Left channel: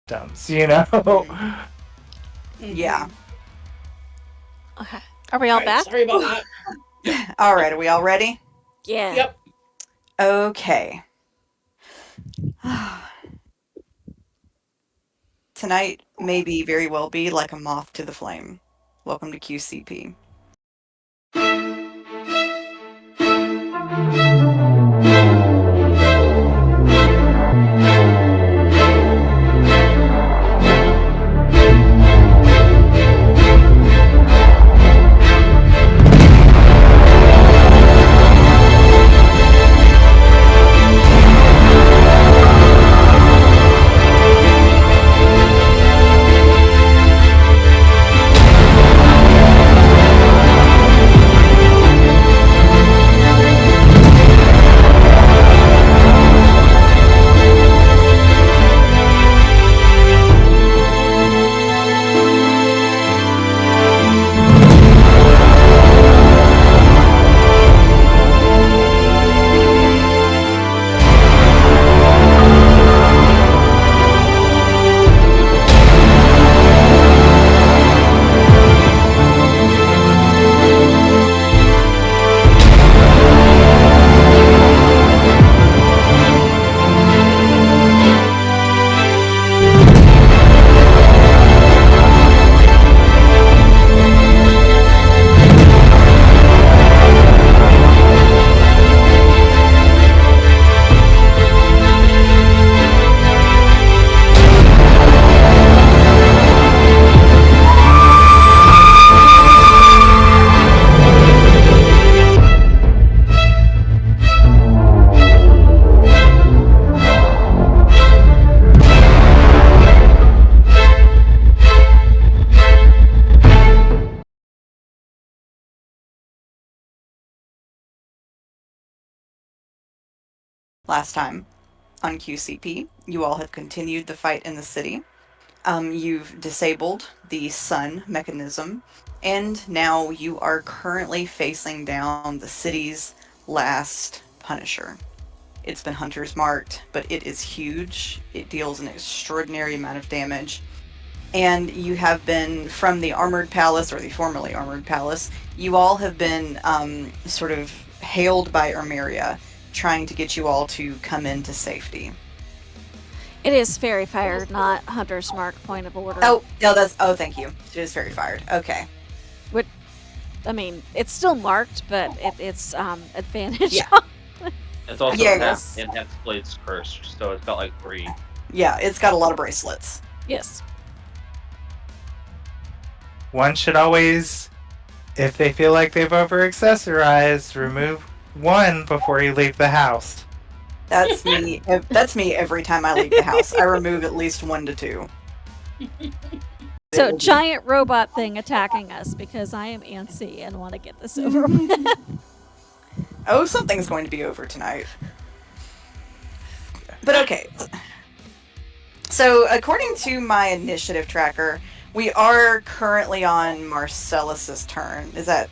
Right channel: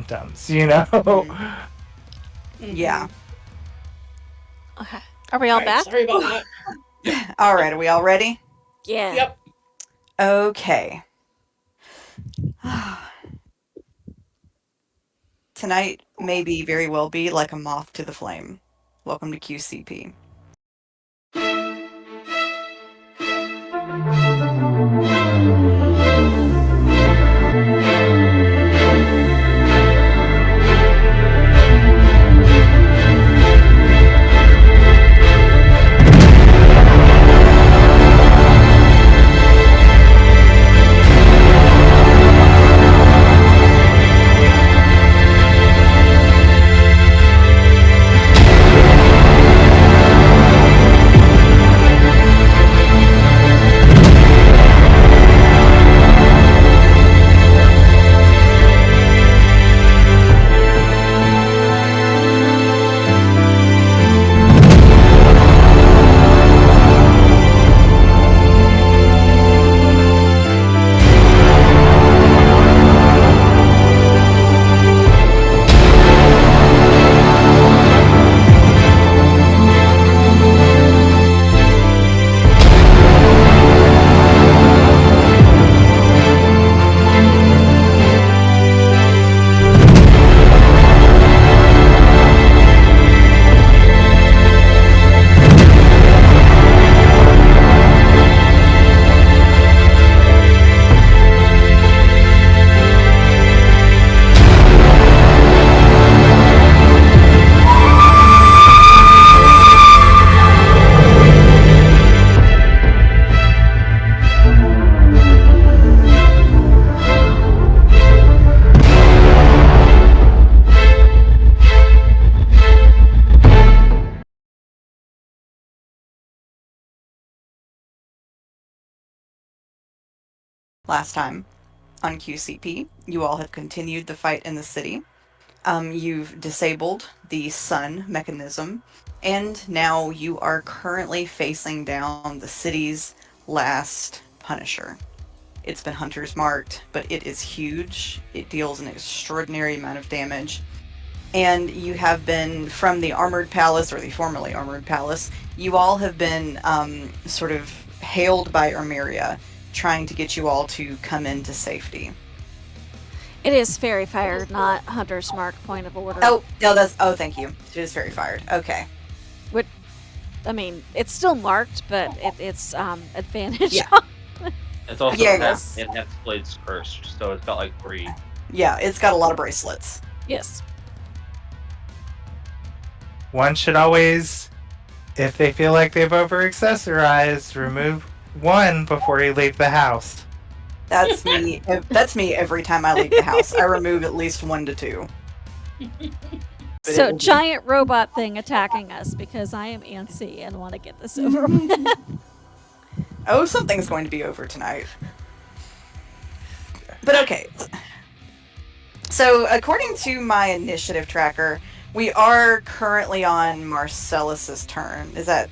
symptoms, you know? Yeah. Okay. Are we all back? Sorry about that. All right, are we all ready? Yeah. Yep. Okay. Tonight may be very well be like a moth to the flame. Welcome to QCP. Last time on QCP, you all have continued the fight in the city. You've disabled the sun mechanism, and now you are currently facing down the city's last Punisher. It's been Hunter's marked, but it is huge. It deals an extraordinary amount of damage. And you have been from the Armored Palace, or the formerly Armored Palace, you all have been sort of hailed by Ermeria, trying to get you all to come into safety. It is fairy fire, not hunter's mark. Point of order. Oh, no, thank you. It is very fired. Okay. Which, I mean, it's still marked, but it's advantage. Yeah. It's also Yeah, enhanced blades cursed, so it's got like 3. Yeah, it's got a lot of bracelets. Yes. One should always, if they feel like they've over-accessorized, remove one before you leave the house. That's me. That's me every time I leave the house. I remove at least 1 to 2. So, giant robot thing attacking us because I am antsy and want to get this over with. Oh, something's going to be over tonight. But okay. So, according to my initiative tracker, we are currently on Marcellus's turn. Does that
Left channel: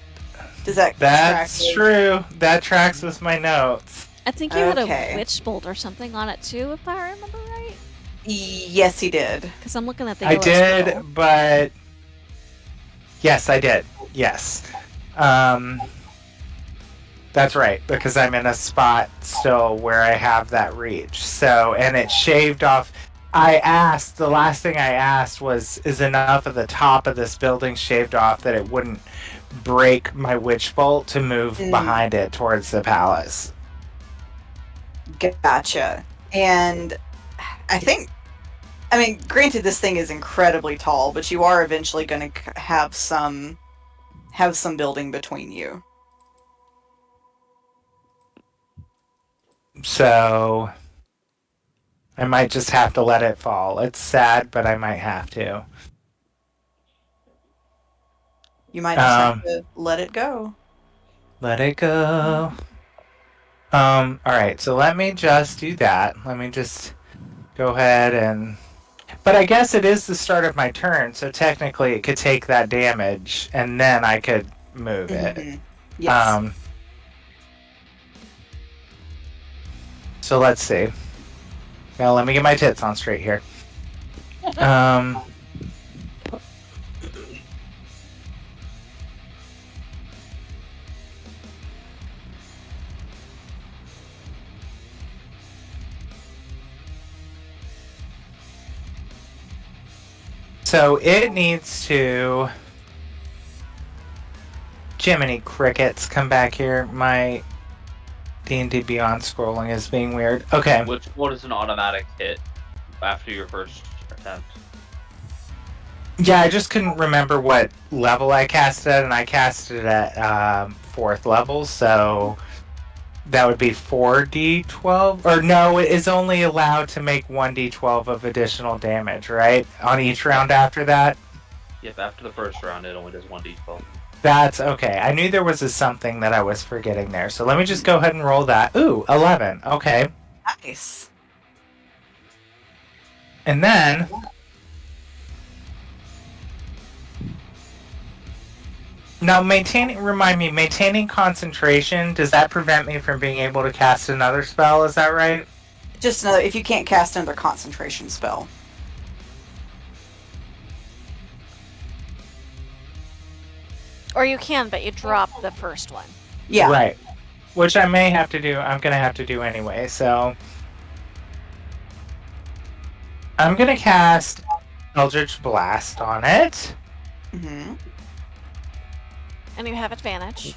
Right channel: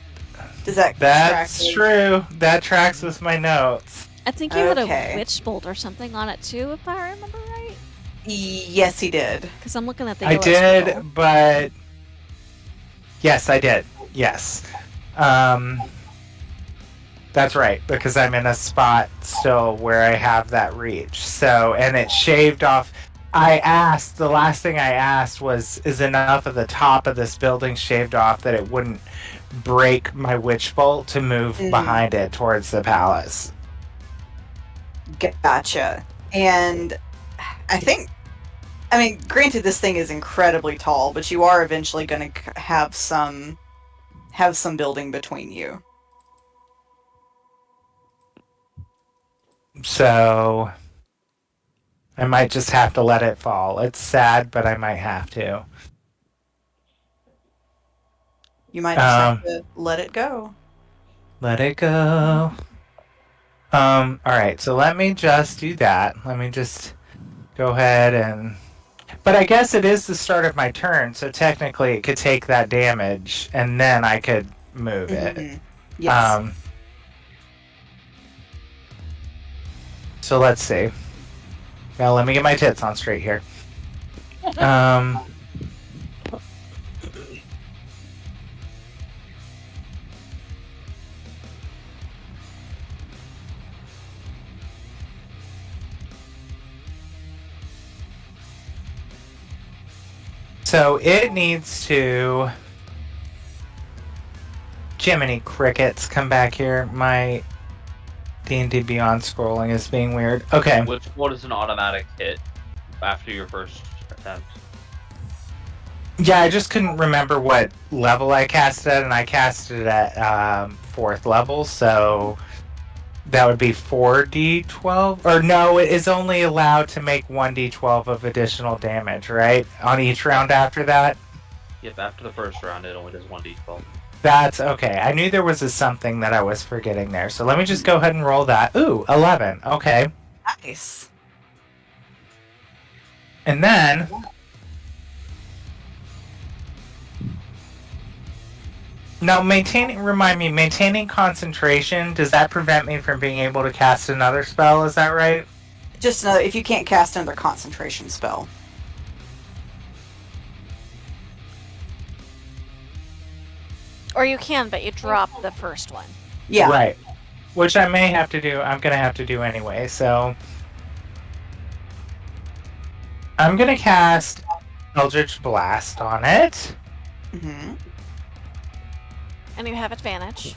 That's track true. That tracks with my notes. I think you had Okay. a witch bolt or something on it too, if I remember right. Yes, he did. Because I'm looking at the I yellow did, scribble. but yes, I did. Yes. That's right, because I'm in a spot still where I have that reach. So, and it shaved off. The last thing I asked was, is enough of the top of this building shaved off that it wouldn't break my witch bolt to move behind it towards the palace? Gotcha. And I mean, granted, this thing is incredibly tall, but you are eventually going to have some building between you. So I might just have to let it fall. It's sad, but I might have to. You might just have to let it go. Let it go. All right, so let me just do that. Let me just go ahead and... But I guess it is the start of my turn, so technically it could take that damage, and then I could move it. Yes. So let's see. Now let me get my tits on straight here. Um. So it needs to. Jiminy crickets, come back here. My D&D Beyond scrolling is being weird. Okay. Which one is an automatic hit after your first attempt? Yeah, I just couldn't remember what level I cast it at, and I cast it at 4th level, so that would be 4d12? Or no, it is only allowed to make 1d12 of additional damage, right? On each round after that? Yep, after the first round, it only does 1d12. That's okay. I knew there was a something that I was forgetting there, so let me just go ahead and roll that. Ooh, 11. Okay. Nice. And then... Now, maintaining concentration, does that prevent me from being able to cast another spell? Is that right? Just another, if you can't cast another concentration spell. Or you can, but you drop the first one. Yeah. Right. Which I may have to do. I'm going to have to do anyway, so... I'm going to cast Eldritch Blast on it. Mm-hmm. And you have advantage.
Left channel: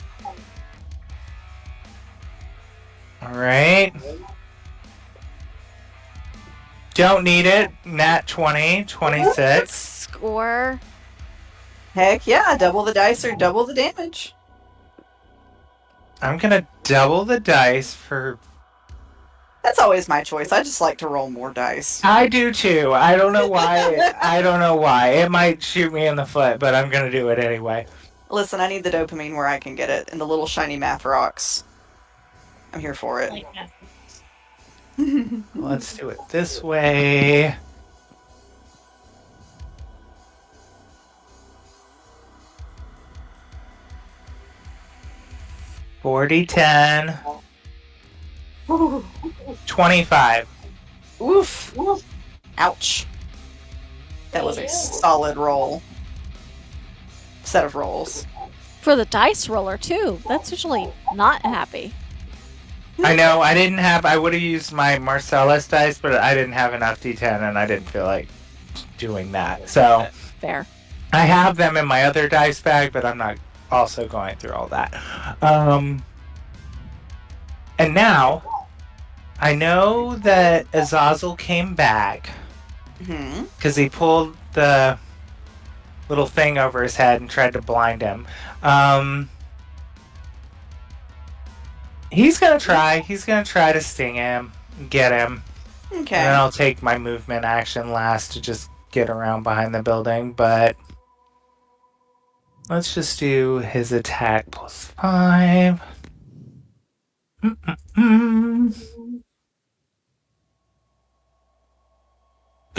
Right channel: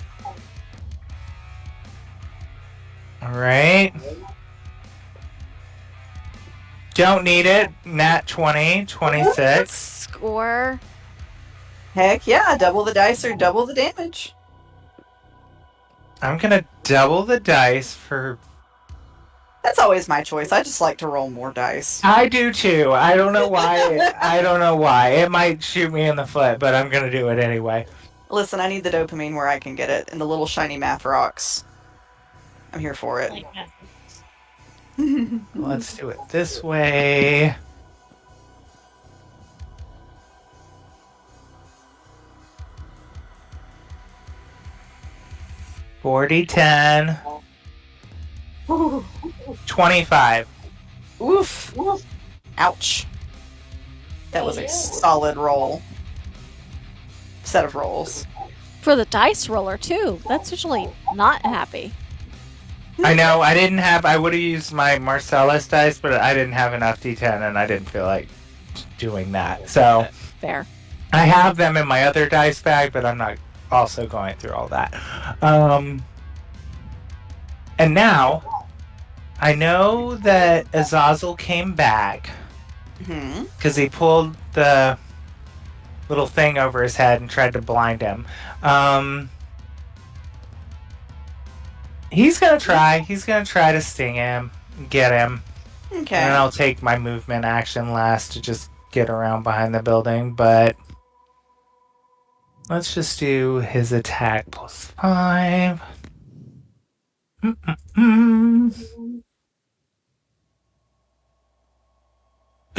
Alright. Don't need it. Nat 20, 26. Score. Heck yeah, double the dice or double the damage. I'm gonna double the dice for... That's always my choice. I just like to roll more dice. I do too. I don't know why. I don't know why. It might shoot me in the foot, but I'm gonna do it anyway. Listen, I need the dopamine where I can get it, and the little shiny math rocks. I'm here for it. Let's do it this way. $40, $10, 25. Oof. Ouch. That was a solid roll. Set of rolls. For the dice roller, too. That's usually not happy. I know, I would have used my Marcellus dice, but I didn't have enough D10 and I didn't feel like doing that. So, Fair. I have them in my other dice bag, but I'm not also going through all that. And now, I know that Azazel came back Mm-hmm. because he pulled the little thing over his head and tried to blind him. He's gonna try. He's gonna try to sting him, get him, Okay. and then I'll take my movement action last to just get around behind the building. But let's just do his attack plus 5.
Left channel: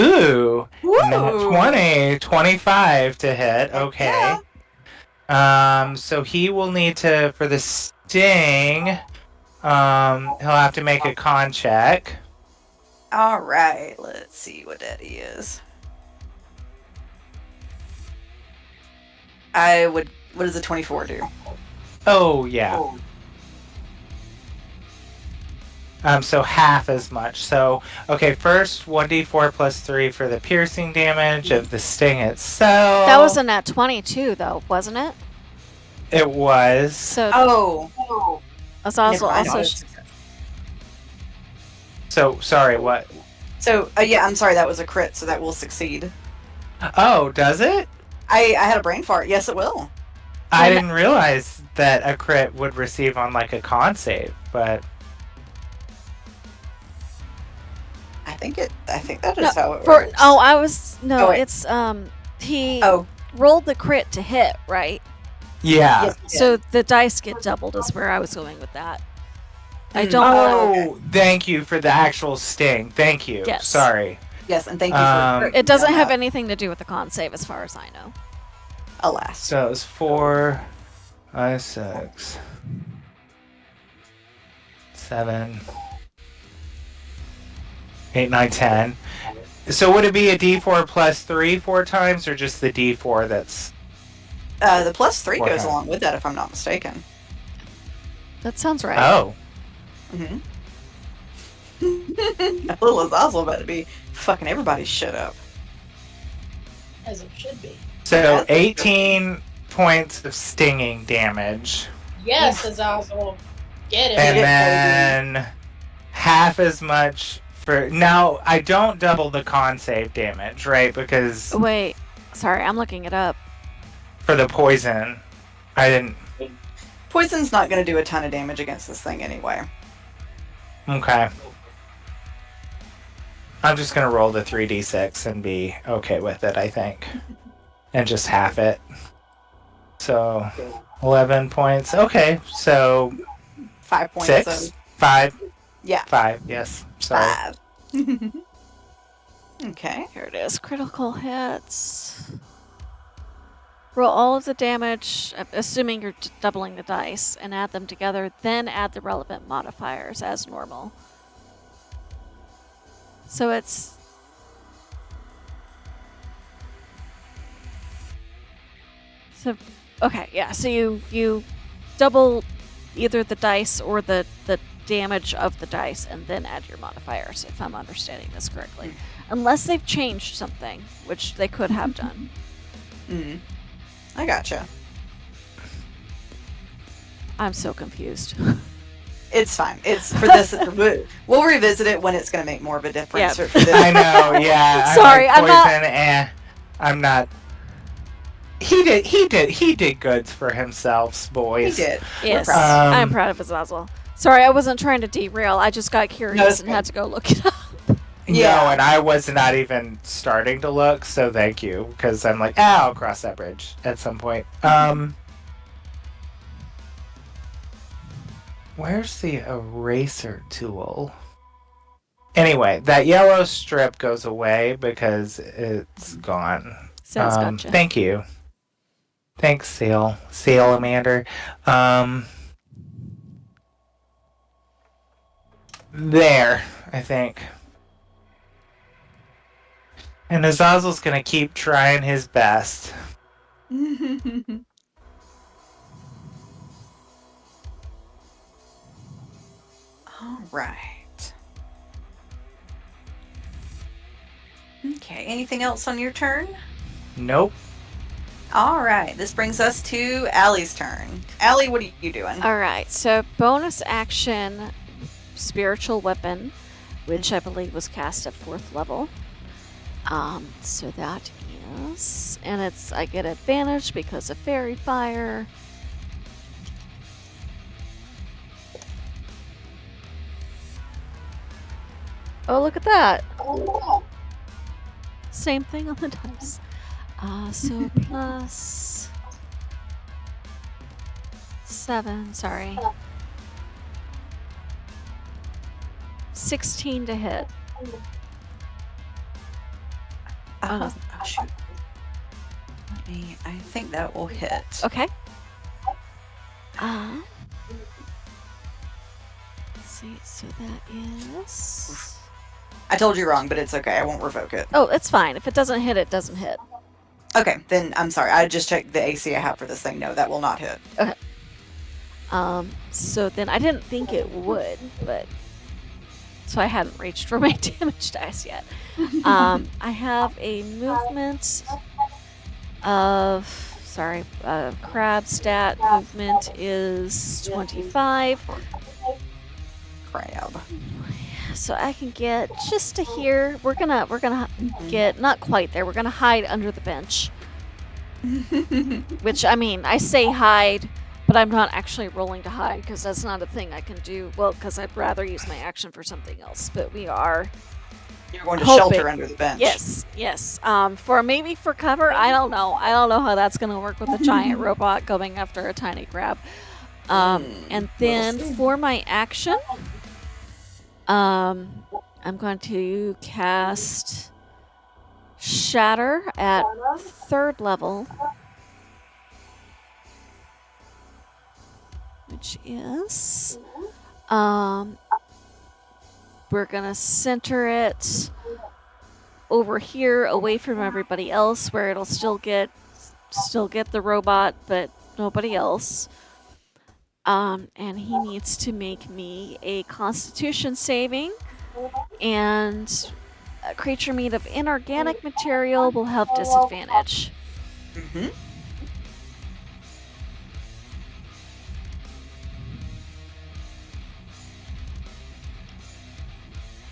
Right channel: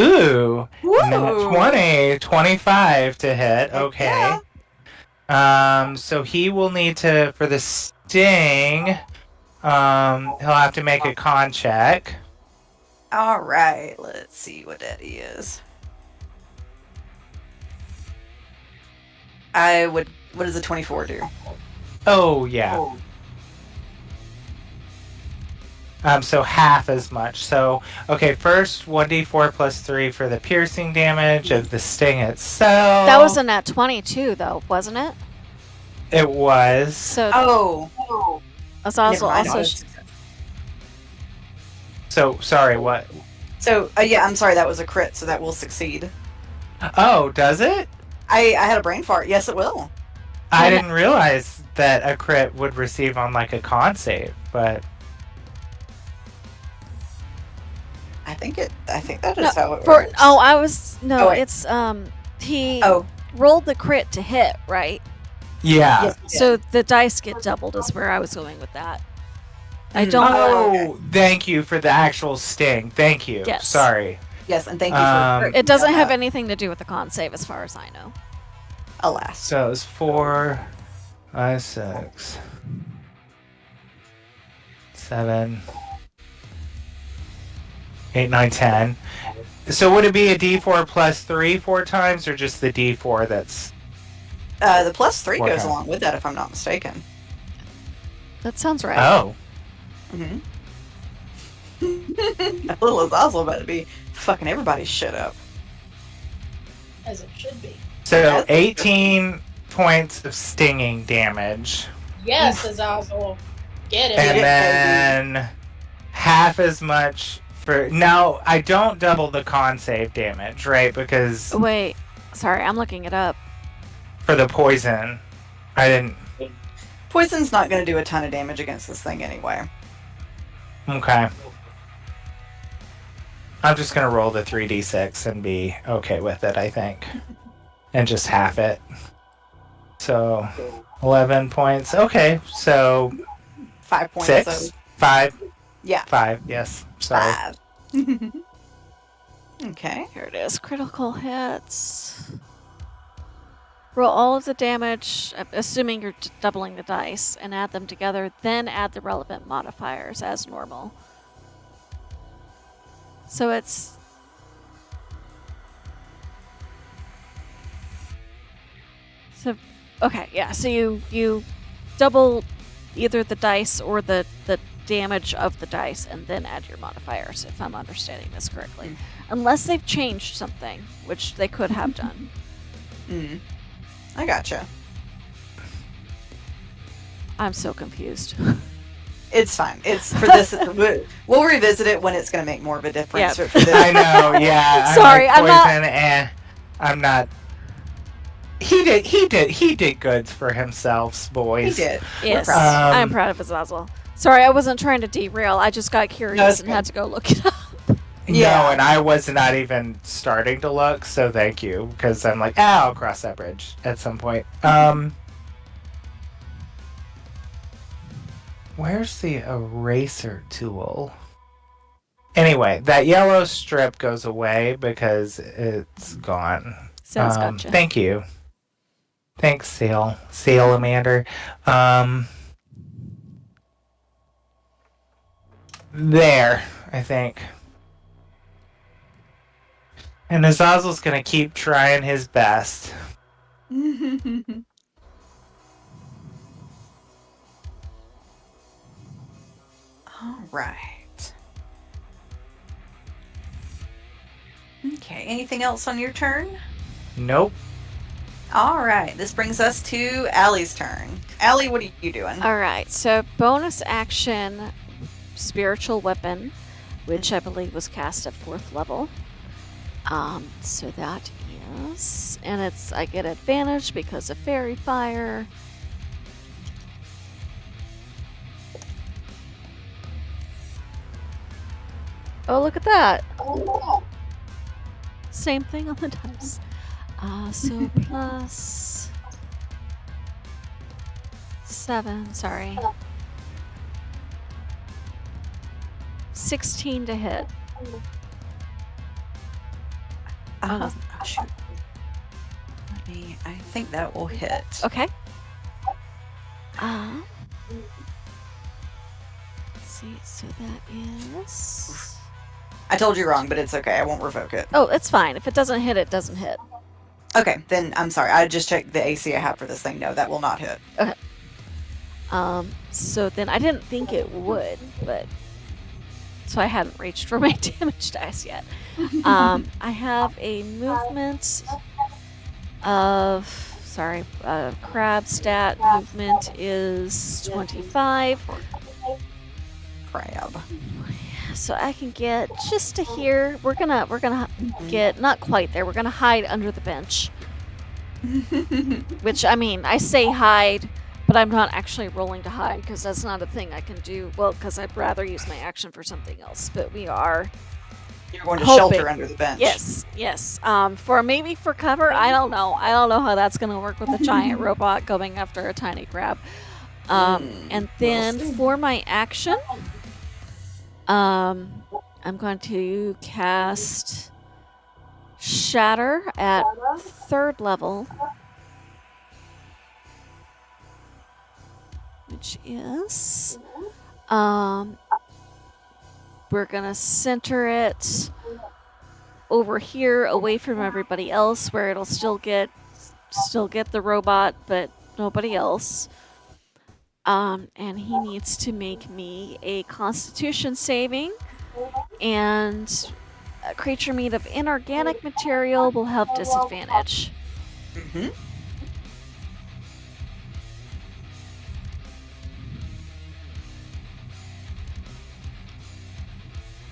Ooh, nat 20, 25 to hit. Okay. So he will need to, for the sting, he'll have to make a con check. Alright, let's see what that is. What does a 24 do? Oh, yeah. So half as much. So, okay, first 1d4 plus 3 for the piercing damage of the sting itself. That was a nat 22, though, wasn't it? It was. So Oh. Azazel Never mind. also... So, sorry, what? So, yeah, I'm sorry, that was a crit, so that will succeed. Oh, does it? I had a brain fart. Yes, it will. I didn't realize that a crit would receive on, like, a con save, but... I think that is how it For works. I was no. Oh, wait. It's he Oh. rolled the crit to hit, right? Yeah. Yes, So the dice get doubled. Is where I was going with that. I don't. Oh, thank you for the actual sting. Thank you. Yes. Sorry. Yes, and thank you for It doesn't have anything to do with the con save, as far as I know. Alas. So it was 4, 5, 6, 7, 8, 9, 10. So would it be a D4 plus 3 4 times, or just the D4 that's... The plus 3 Four goes times. along with that, if I'm not mistaken. That sounds right. Oh. Mm-hmm. Little Azazel about to be fucking everybody's shit up. As it should be. So That's 18 points of stinging damage. Yes, Azazel. Get it. And it, then half as much for... Now, I don't double the con save damage, right? Because Wait, sorry, I'm looking it up. for the poison, I didn't... Poison's not going to do a ton of damage against this thing anyway. Okay. I'm just going to roll the 3d6 and be okay with it, I think. And just half it. So, 11 points. Okay, so 5 points 6? of... 5? Yeah. 5, yes. Sorry. 5. Okay. Here it is. Critical hits. Roll all of the damage, assuming you're doubling the dice, and add them together, then add the relevant modifiers as normal. So it's... So, okay, yeah, so you double either the dice or the damage of the dice and then add your modifiers, if I'm understanding this correctly. Unless they've changed something, which they could have done. Mm. I gotcha. I'm so confused. It's fine. It's for this. We'll revisit it when it's going to make more of a difference. Yep. For this. I know, yeah. Sorry, I'm not- poison, I'm not... He did good for himself, He boys. did. Yes, proud. I'm proud of Azazel. Sorry, I wasn't trying to derail. I just got curious and had to go look it up. Yeah. No, and I was not even starting to look, so thank you, because I'm like, I'll cross that bridge at some point. Where's the eraser tool? Anyway, that yellow strip goes away because it's gone. Sounds gotcha. Thank you. Thanks, Salamander. There, I think. And Azazel's gonna keep trying his best. All right. Okay. Anything else on your turn? Nope. All right. This brings us to Allie's turn. Allie, what are you doing? All right, so bonus action, spiritual weapon, which I believe was cast at 4th level. So that is, and I get advantage because of fairy fire. Oh, look at that. Same thing on the dice. So plus 7, sorry. 16 to hit. Oh, shoot. I think that will hit. Okay. Let's see, so that is... I told you wrong, but it's okay. I won't revoke it. Oh, it's fine. If it doesn't hit, it doesn't hit. Okay, then I'm sorry. I just checked the AC I have for this thing. No, that will not hit. Okay. So then I didn't think it would, but... So I hadn't reached for my damage dice yet. I have a movement of... Sorry, crab stat movement is 25. Crab. So I can get just to here. We're gonna get not quite there. We're gonna hide under the bench. Which, I mean, I say hide, but I'm not actually rolling to hide because that's not a thing I can do. Well, because I'd rather use my action for something else. But we are. You're going to hoping. shelter under the bench. Yes. For cover. I don't know how that's gonna work with a giant robot going after a tiny crab. And then for my action, I'm going to cast Shatter at 3rd level, which is, we're gonna center it over here, away from everybody else, where it'll still get the robot, but nobody else. And he needs to make me a Constitution saving, and a creature made of inorganic material will have disadvantage. Mm-hmm.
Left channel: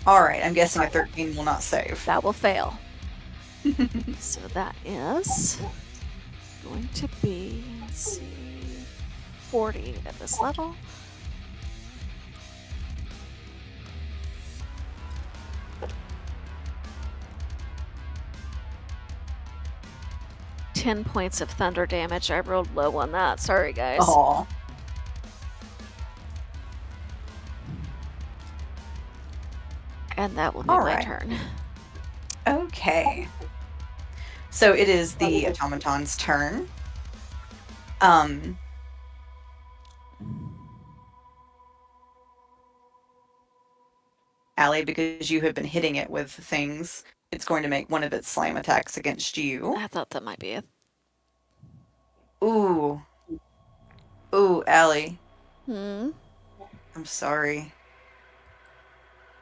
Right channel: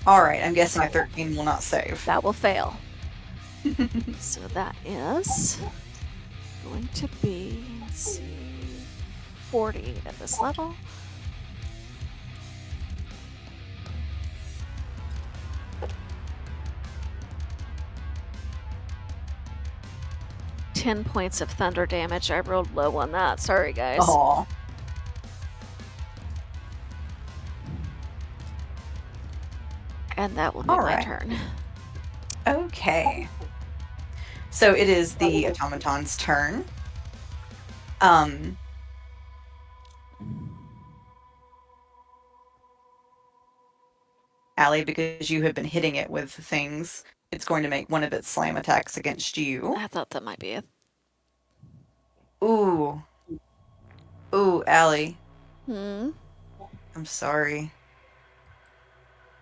All right, I'm guessing a 13 will not save. That will fail. So that is going to be, let's see, 40 at this level. $10 points of thunder damage. I rolled low on that. Sorry, guys. Aw. And that will be All my right. turn. Okay. So it is the automaton's turn. Allie, because you have been hitting it with things, it's going to make one of its slam attacks against you. I thought that might be it. Ooh. Ooh, Allie. Hmm? I'm sorry.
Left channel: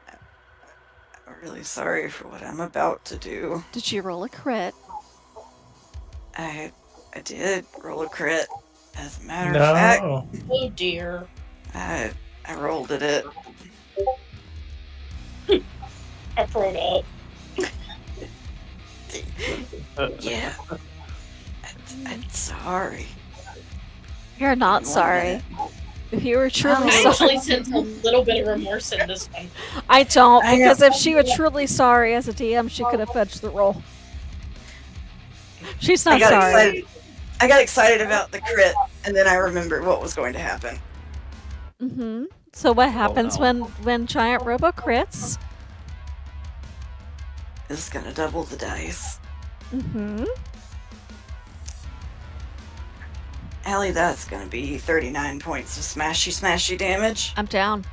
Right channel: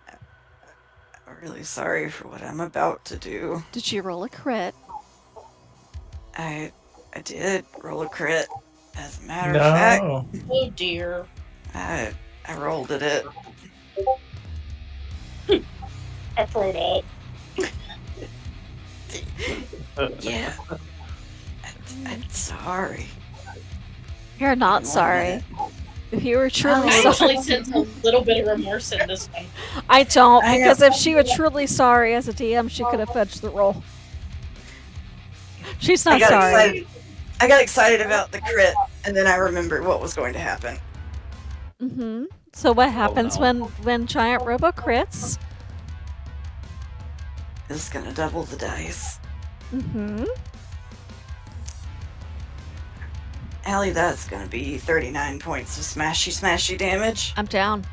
I'm really sorry for what I'm about to do. Did you roll a crit? I did roll a crit. As a matter of fact, No. Oh dear. I rolled at it. That's an 8. Yeah. I'm sorry. You're not sorry. If you were truly I sorry. actually sense a little bit of remorse in this one. I don't, I because if she were truly sorry as a DM, she could have fudged the roll. She's not sorry. Excited. I got excited about the crit, and then I remembered what was going to happen. Mm-hmm. So what happens no. when giant robo crits? It's gonna double the dice. Mm-hmm. Allie, that's gonna be 39 points of smashy damage. I'm down.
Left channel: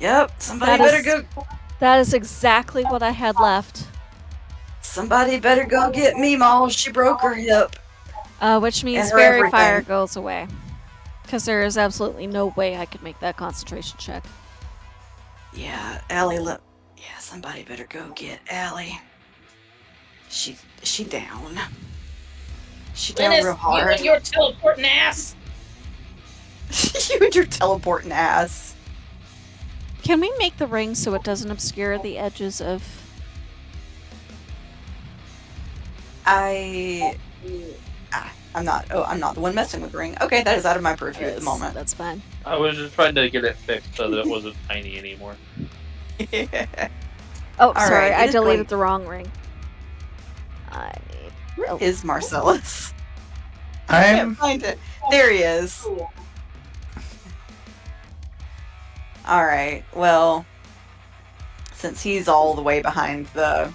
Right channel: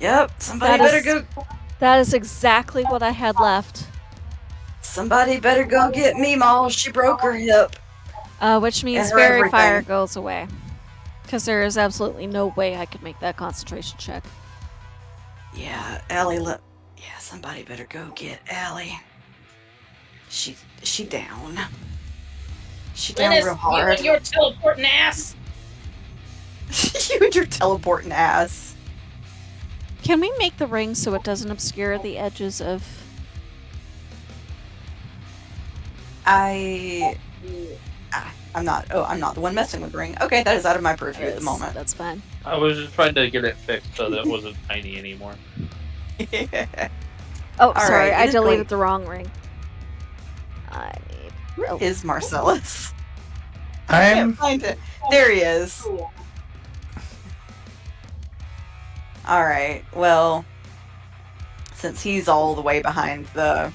Yep, somebody That better is- go. That is exactly what I had left. Somebody better go get Meemaw. She broke her hip. Which means And her fairy everything. fire goes away. Because there is absolutely no way I could make that concentration check. Yeah, Allie. Yeah, somebody better go get Allie. She down. She down Dennis, real you hard. and your teleporting ass. You and your teleporting ass. Can we make the ring so it doesn't obscure the edges of... I'm not the one messing with the ring. Okay, that is out of my purview at the moment. That's fine. I was just trying to get it fixed so that it wasn't tiny anymore. Oh, sorry, right, I it is deleted going- the wrong ring. I need... Where Oh, is Marcellus? I can't I'm find it. There he is. Alright, well, since he's all the way behind the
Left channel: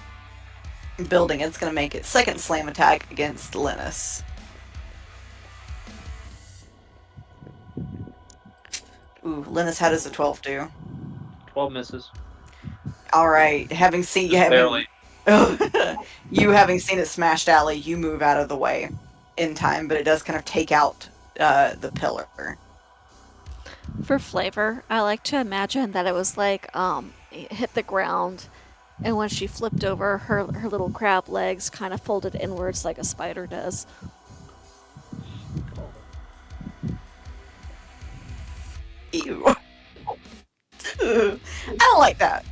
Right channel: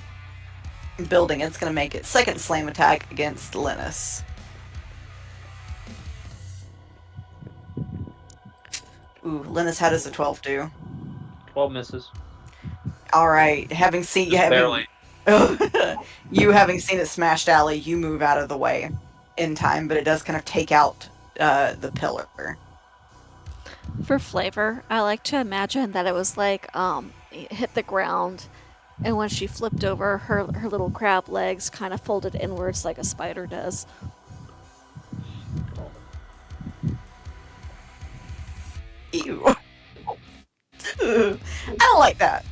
building, it's going to make its second slam attack against Linus. Ooh, Linus, how does a 12 do? 12 misses. Alright, having seen Just barely. you having seen it smashed alley, you move out of the way in time, but it does kind of take out the pillar. for flavor, I like to imagine that it was like, it hit the ground, and when she flipped over, her little crab legs kind of folded inwards like a spider does. Ew. I don't like that.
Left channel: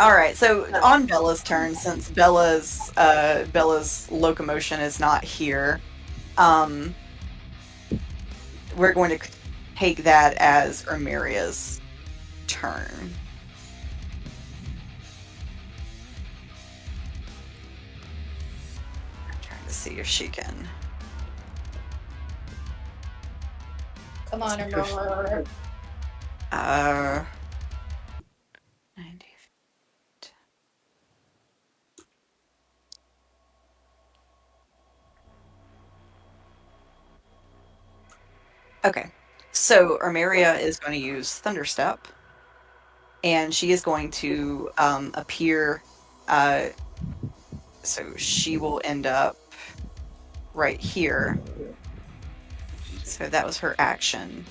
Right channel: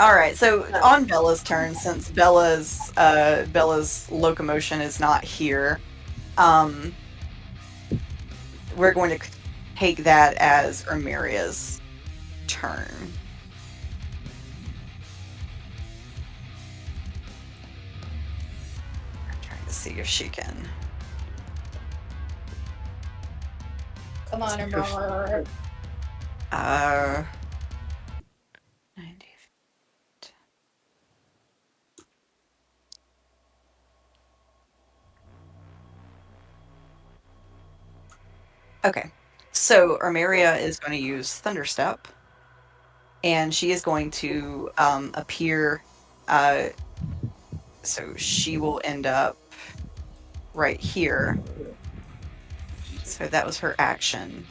Alright, so on Bella's turn, since Bella's locomotion is not here, we're going to take that as Ermiria's turn. I'm trying to see if she can. Come on, Aurora. 90. Okay, so Armeria is going to use Thunderstep. and she is going to appear. So she will end up right here. So that was her action.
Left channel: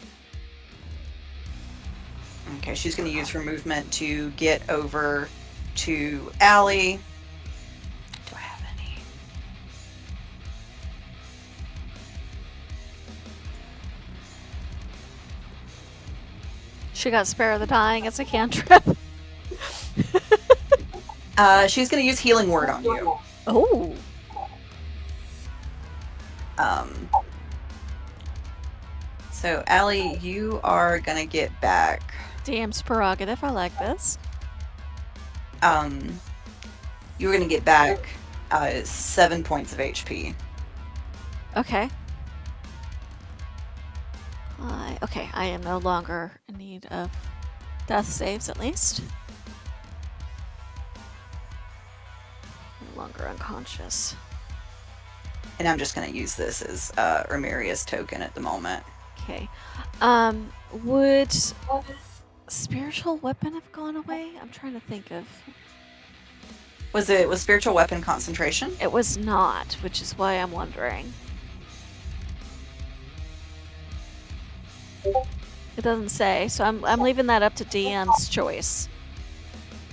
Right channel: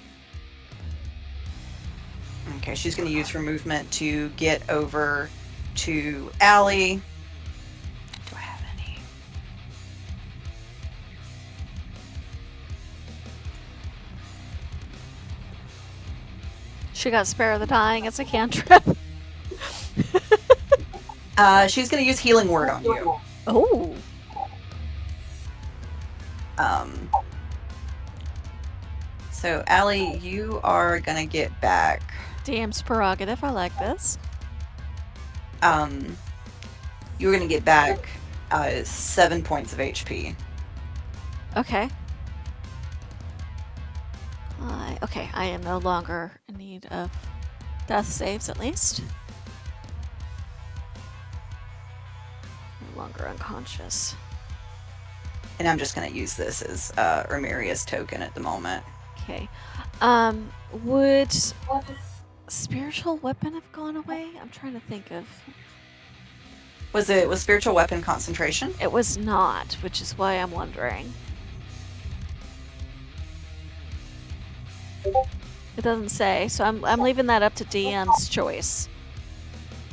Okay, she's going to use her movement to get over to Allie. Do I have any? She got Spare the Dying. It's a cantrip. She's going to use Healing Word on you. Oh. So, Allie, you are going to get back. DM's prerogative. I like this. You're going to get back 7 points of HP. Okay. Okay, I am no longer in need of death saves, at least. No longer unconscious. And I'm just going to use this as Ramiria's token at the moment. Okay. Would spiritual weapon have gone away? I'm trying to think of. Was spiritual weapon concentration? It was not, which is why I'm wondering. It doesn't say, so I'm leaving that up to DM's choice.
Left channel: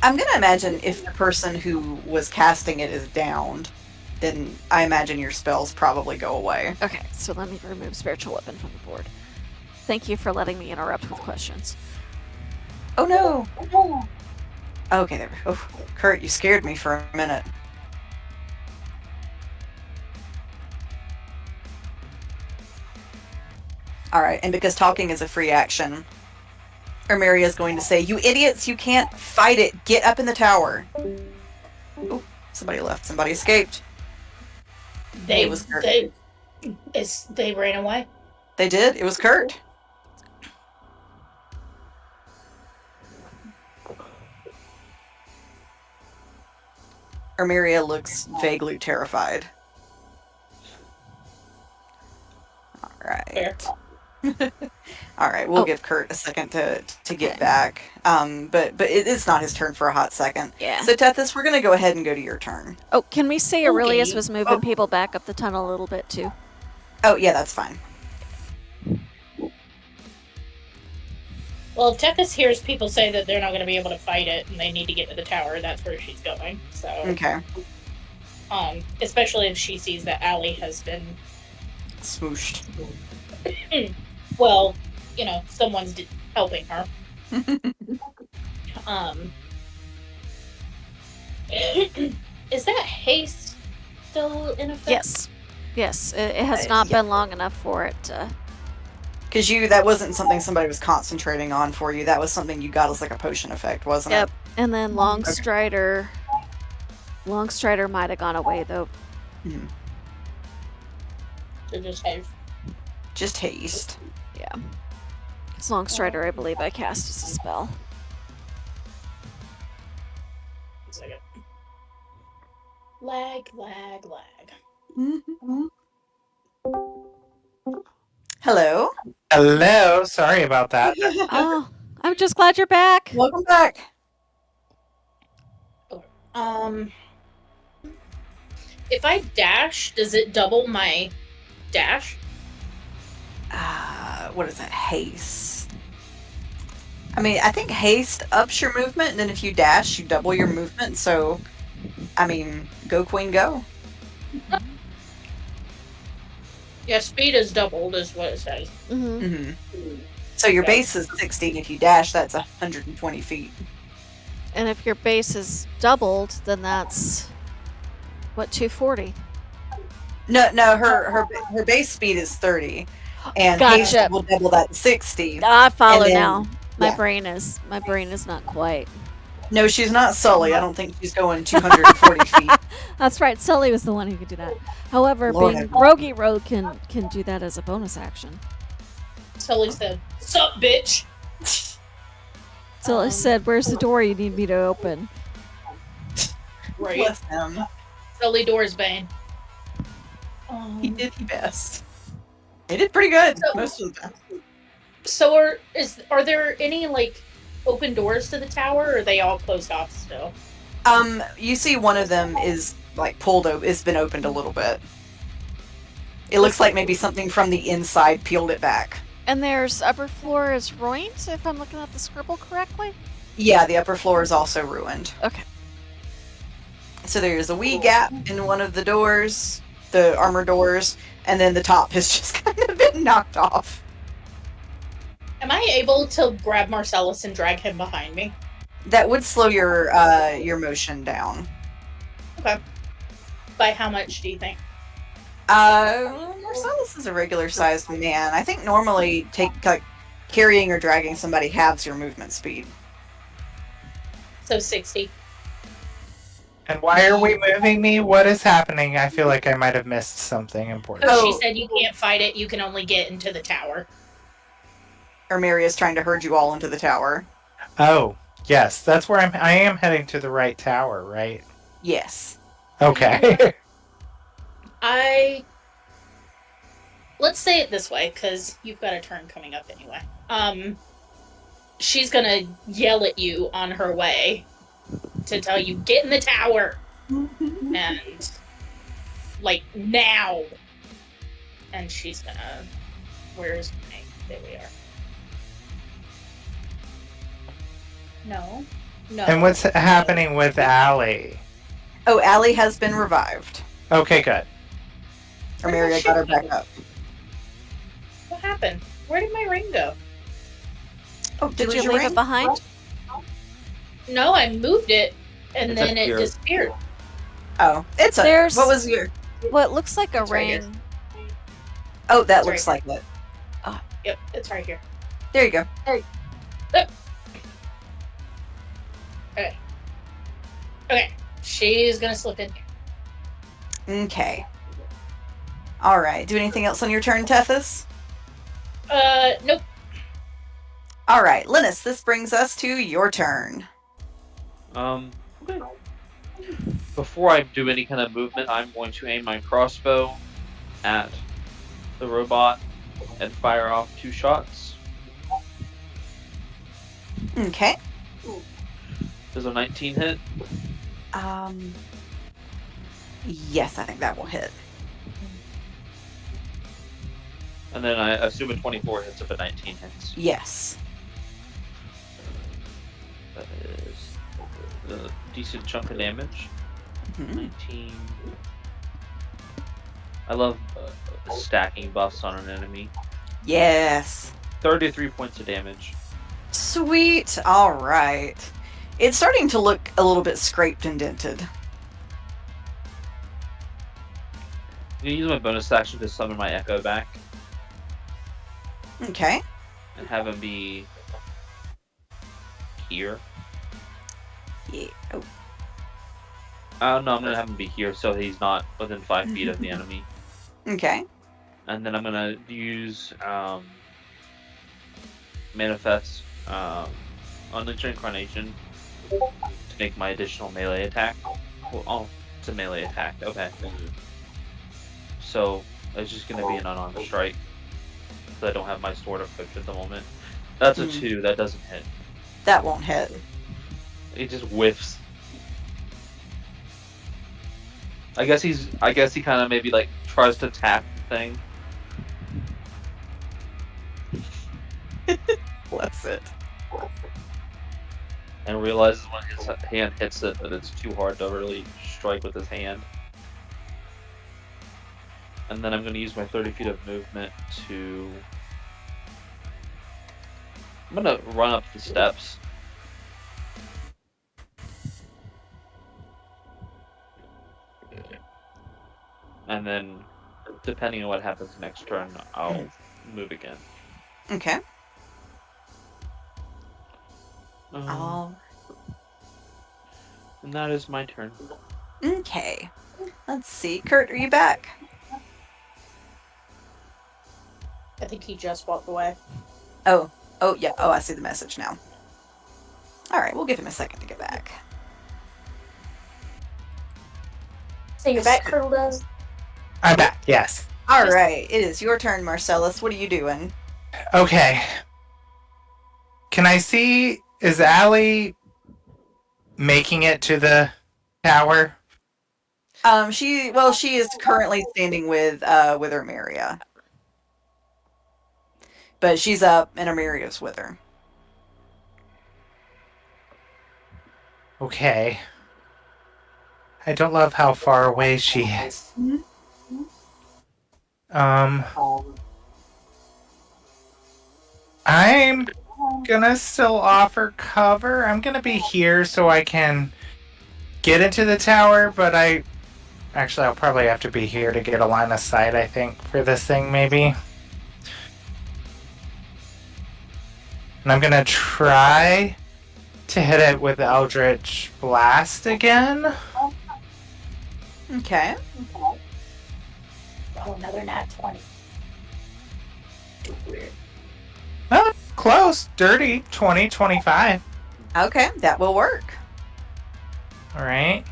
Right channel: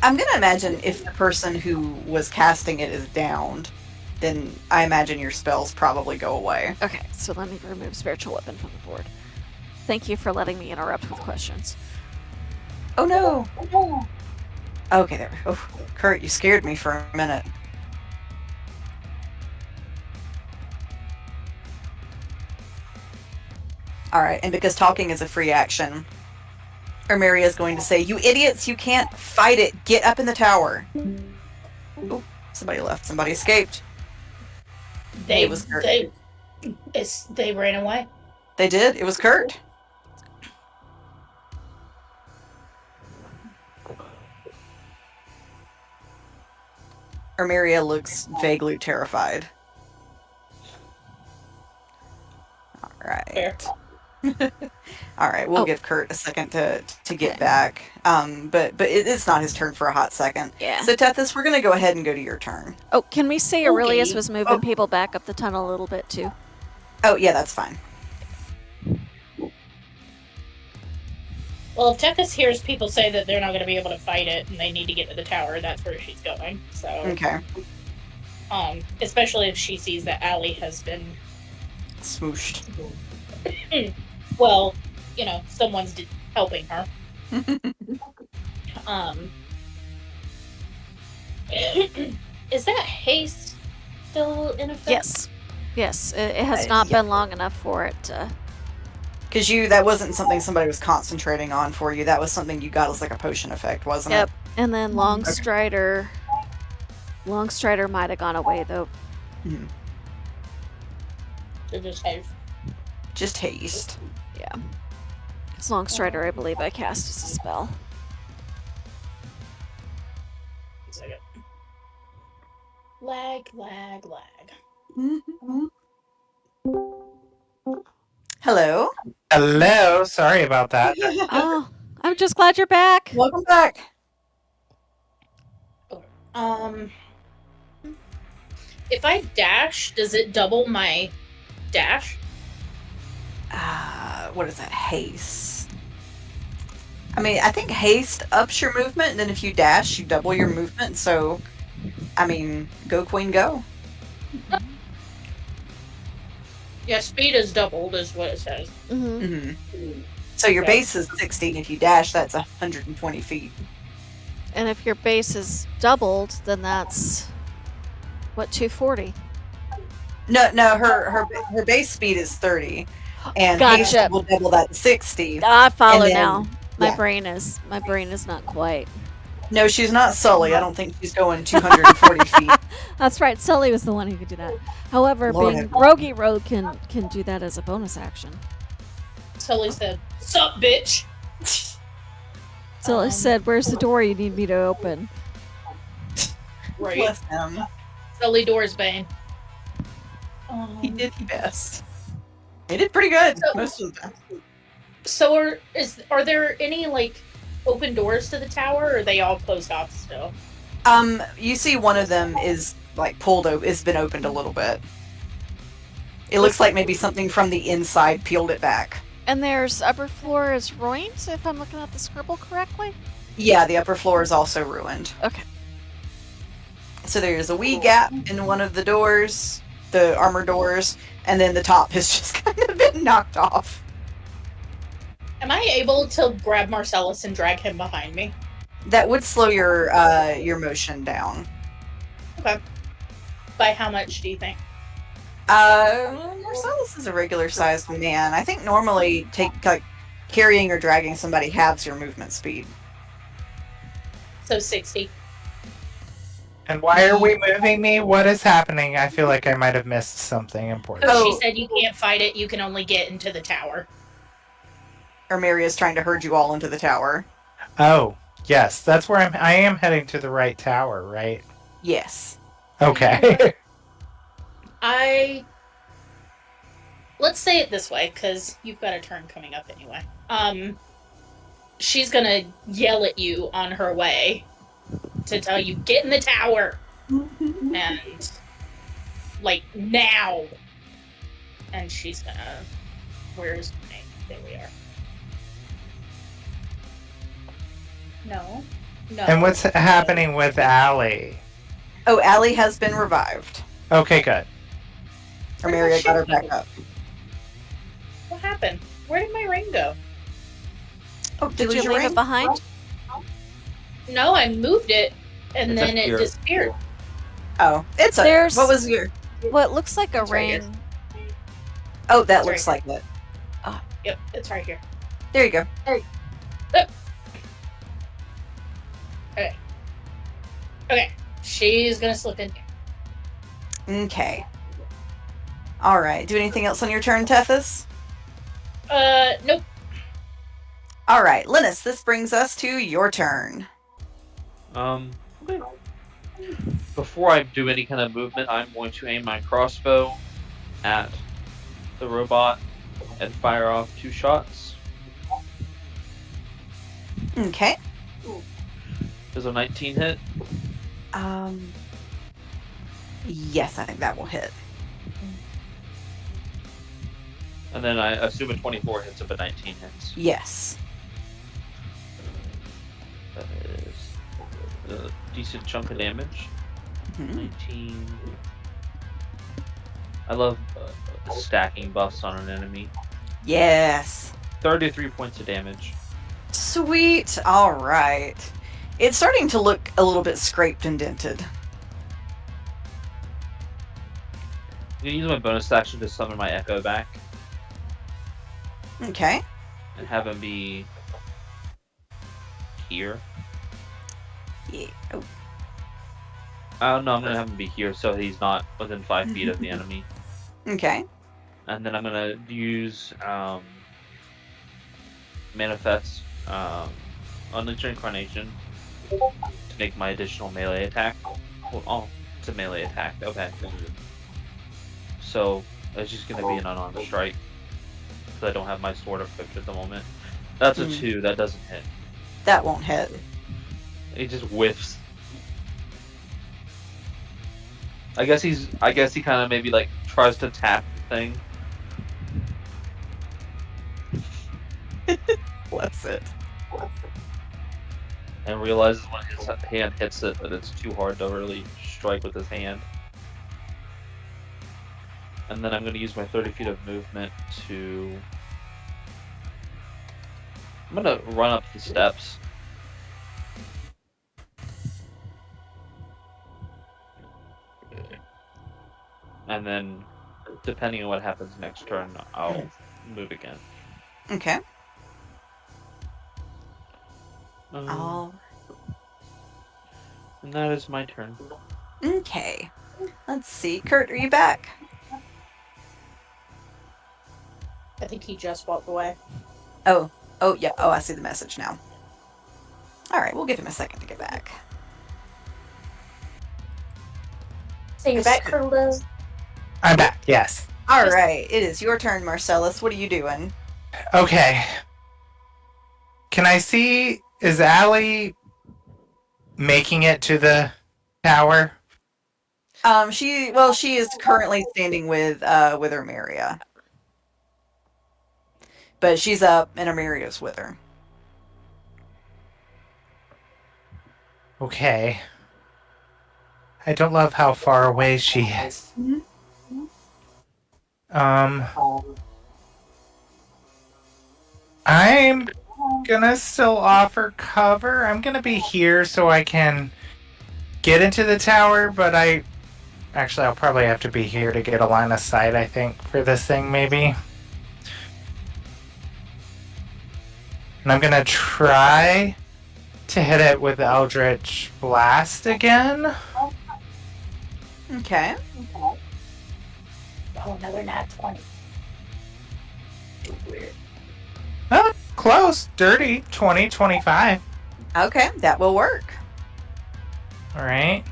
I'm going to imagine if the person who was casting it is downed, then I imagine your spells probably go away. Okay, so let me remove spiritual weapon from the board. Thank you for letting me interrupt with questions. Oh no! Okay, there. Oh, Kurt, you scared me for a minute. Alright, and because talking is a free action, Armeria is going to say, "You idiots, you can't fight it! Get up in the tower!" Oh, somebody left. Somebody escaped. They It was Kurt. they ran away. They did? It was Kurt. Armeria looks vaguely terrified. Alright. Alright, we'll give Kurt a second to get Okay. back. But it's not his turn for a hot second. Yeah. So Tethys, we're gonna go ahead and go to your turn. Oh, can we say Aurelius Okay. was moving people back up the tunnel a little bit too? Oh yeah, that's fine. Well, if Tethys hears people say that they're not going to be able to fight it and they need to get to the tower, that's where she's going. So, Okay. Especially if she sees that Allie has been, Smooshed. well, someone's helping her. Is that haste still in effect? Yes. Yes, it has not been long enough for it to... Because that wasn't something somebody was concentrating on for you. That was something you got as like a potion effect, wasn't Yep. it? And then Longstrider... Longstrider might have gone away, though. Mm-hmm. So just haste. Just haste. Yeah. Because Longstrider, I believe I cast as a spell. 1 second. Lag. Hello. Hello. Sorry about that. Oh, I'm just glad you're back. Welcome back. If I dash, does it double my dash? What is that? Haste. I mean, I think haste ups your movement, and then if you dash, you double your movement. So, I mean, go queen, go. Yeah, speed is doubled, is what it says. Mm-hmm. Mm-hmm. So your base is 60, and if you dash, that's 120 feet. And if your base is doubled, then that's... What, 240? No, her base speed is 30, and Gotcha. haste will double that to 60. I follow And then- now. My yeah. brain is not quite. No, she's not Sully. I don't think she's going 240 feet. That's right. Sully was the one who could do that. However, Lord being have- Rogue Rogue can do that as a bonus action. Sully said, "Sup, bitch." Sully said, "Where's the door you need me to open?" Right. Bless him. Sully Dorsbane. He did his best. He did pretty good So- most of the time. So are there any open doors to the tower, or are they all closed off still? You see one of them is like pulled open. It's been opened a little bit. It looks like maybe something from the inside peeled it back. And there's upper floor is ruined, if I'm looking at the scribble correctly? Yeah, the upper floor is also ruined. Okay. So there's a wee gap in one of the doors, the armor doors, and then the top has just kind of been knocked off. Am I able to grab Marcellus and drag him behind me? That would slow your motion down. Okay. By how much do you think? Marcellus is a regular-sized man. I think normally carrying or dragging somebody halves your movement speed. So 60. And why are we moving me? What is happening? I feel like I might have missed something important. Oh, she said you can't fight it, you can only get into the tower. Armeria's trying to herd you all into the tower. Oh, yes, that's where I am heading to the right tower, right? Yes. Okay. Let's say it this way, because you've got a turn coming up anyway. She's gonna yell at you on her way to tell you, get in the tower! And, like, now! And she's gonna... Where's my name? There we are. No. No. And what's happening with Allie? Oh, Allie has been revived. Okay, good. Armeria got her back up. What happened? Where did my ring go? Oh, Did you leave it behind? No, I moved it, and It's then up it here. disappeared. Oh, it's a... There's- What was your... What looks like a It's right ring. Oh, that It's looks right like it. Yep, it's right here. There you go. Okay, she's gonna slip in here. Okay. Alright, do anything else on your turn, Tethys? Nope. Alright, Linus, this brings us to your turn. Okay. Before I do any kind of movement, I'm going to aim my crossbow at the robot and fire off 2 shots. Okay. Does a 19 hit? Yes, I think that will hit. And then I assume a 24 hits if a 19 hits. Yes. That is a decent chunk of damage. Mhm. 19. I love stacking buffs on an enemy. Yes. 33 points of damage. Sweet. Alright. It's starting to look a little bit scraped and dented. I'm gonna use my bonus action to summon my Echo back Okay. and have him be here. Yeah. Oh. No, I'm gonna have him be here so he's not within 5 feet of the enemy. Okay. And then I'm gonna use Manifest Unleash Incarnation to make my additional melee attack. Well, oh, it's a melee attack. Okay. So it's just gonna be an unarmed strike. Because I don't have my sword equipped at the moment. That's a 2. That doesn't hit. That won't hit. It just whiffs. I guess he kind of maybe like tries to tap the thing. Bless it. And realizes when his hand hits it that it's too hard to really strike with his hand. And then I'm going to use my 30 feet of movement to... I'm going to run up the steps. And then, depending on what happens next turn, I'll move again. Okay. Um, All. And that is my turn. Okay. Let's see. Kurt, are you back? I think he just walked away. Oh. Oh, yeah. Oh, I see the message now. Alright, we'll give him a second to get back. So you're back, Curtle? I'm back, yes. Alright, it is your turn, Marcellus. What are you doing? Okay. Can I see Is Allie making it to the tower? She is currently standing with Ermeria. But she's up and Ermeria's with her. Okay. I don't love how far away she is. I'm gonna still offer cover. I'm gonna be here so I can get into the tower, but I'll probably have to be here to get a line of sight, I think, for this thing, maybe. And I'm gonna try to hit it with Eldritch Blast again. Okay. Oh, another nat 20. Too weird. Oh, close. Dirty. 20, 25. Okay, that will work. All right.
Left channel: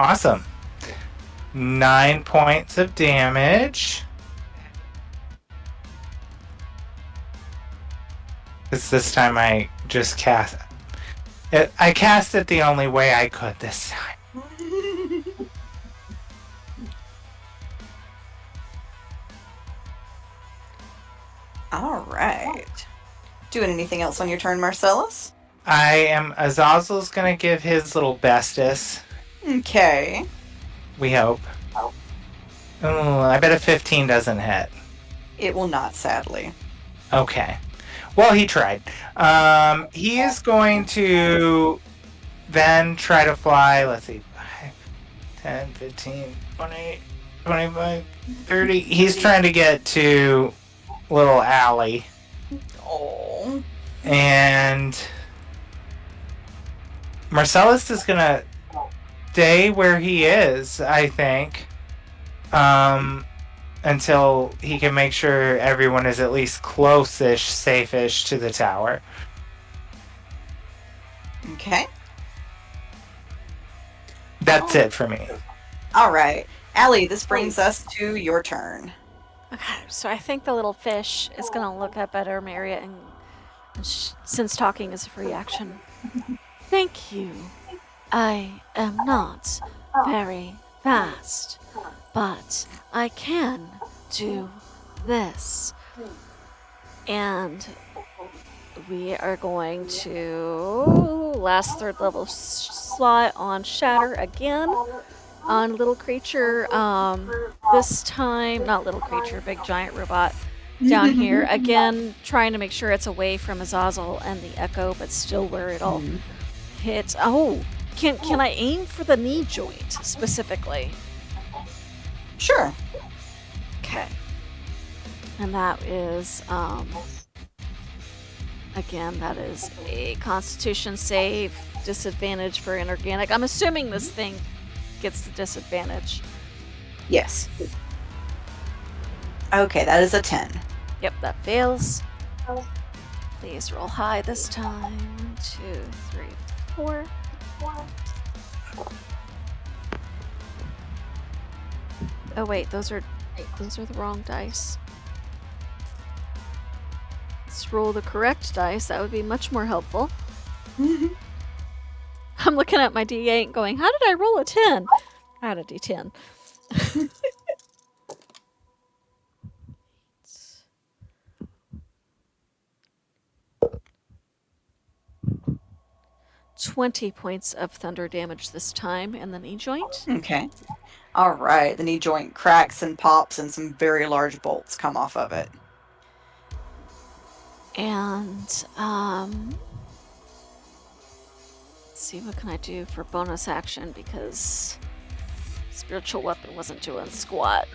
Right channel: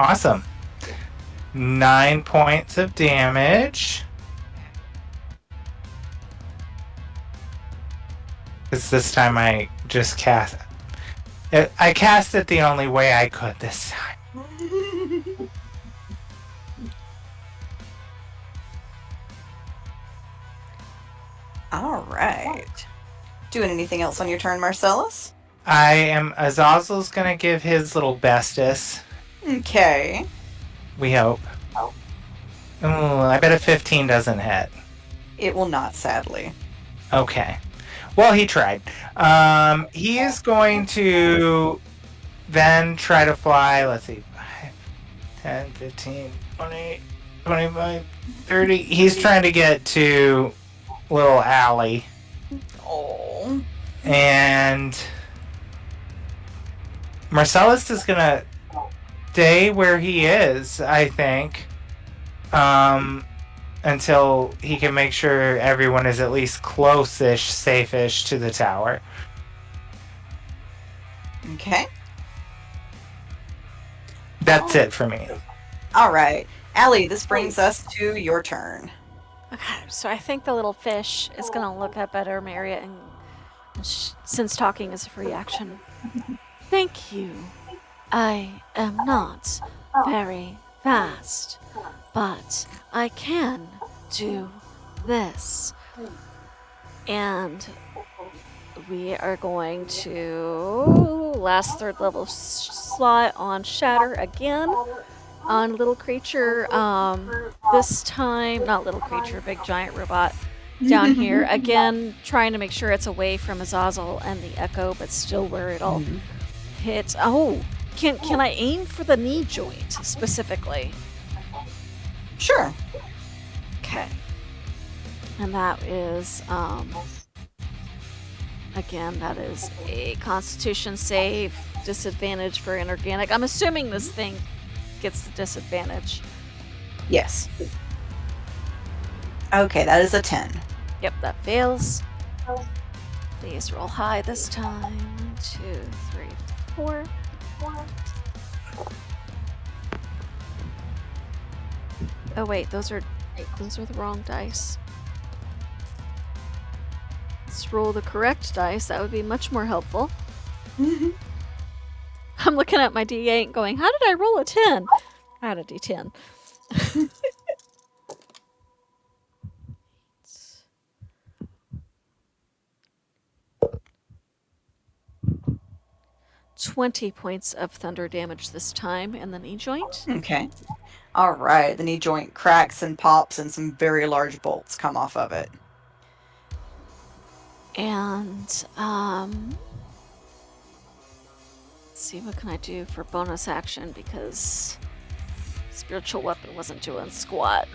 Awesome. 9 points of damage. Because this time I just cast it. I cast it the only way I could this time. All right. Doing anything else on your turn, Marcellus? Azazel's gonna give his little bestest. Okay. We hope. Oh, I bet a 15 doesn't hit. It will not, sadly. Okay. Well, he tried. He is going to then try to fly, let's see, 5, 10, 15, 20, 25, 30. He's trying to get to little Allie. Oh. And Marcellus is going to stay where he is, I think. Until he can make sure everyone is at least close-ish, safe-ish to the tower. Okay. That's it for me. All right. Allie, this brings us to your turn. Okay, so I think the little fish is gonna look up at Ermeria and since talking is a free action. Thank you. I am not very fast, but I can do this. And we are going to last third level slot on Shatter again on little creature. This time, not little creature, big giant robot down here. Again, trying to make sure it's away from Azazel and the echo, but still where it'll hit. Oh, can I aim for the knee joint specifically? Sure. Okay. And that is, again, that is a Constitution save, disadvantage for inorganic. I'm assuming this thing gets the disadvantage. Yes. Okay, that is a 10. Yep, that fails. Please roll high this time. 1, 2, 3, 4. Oh wait, those are the wrong dice. Let's roll the correct dice. That would be much more helpful. I'm looking at my D8 going, how did I roll a 10? I had a D10. 20 points of thunder damage this time in the knee joint. Okay. All right. The knee joint cracks and pops, and some very large bolts come off of it. And let's see, what can I do for bonus action, because spiritual weapon wasn't doing squat.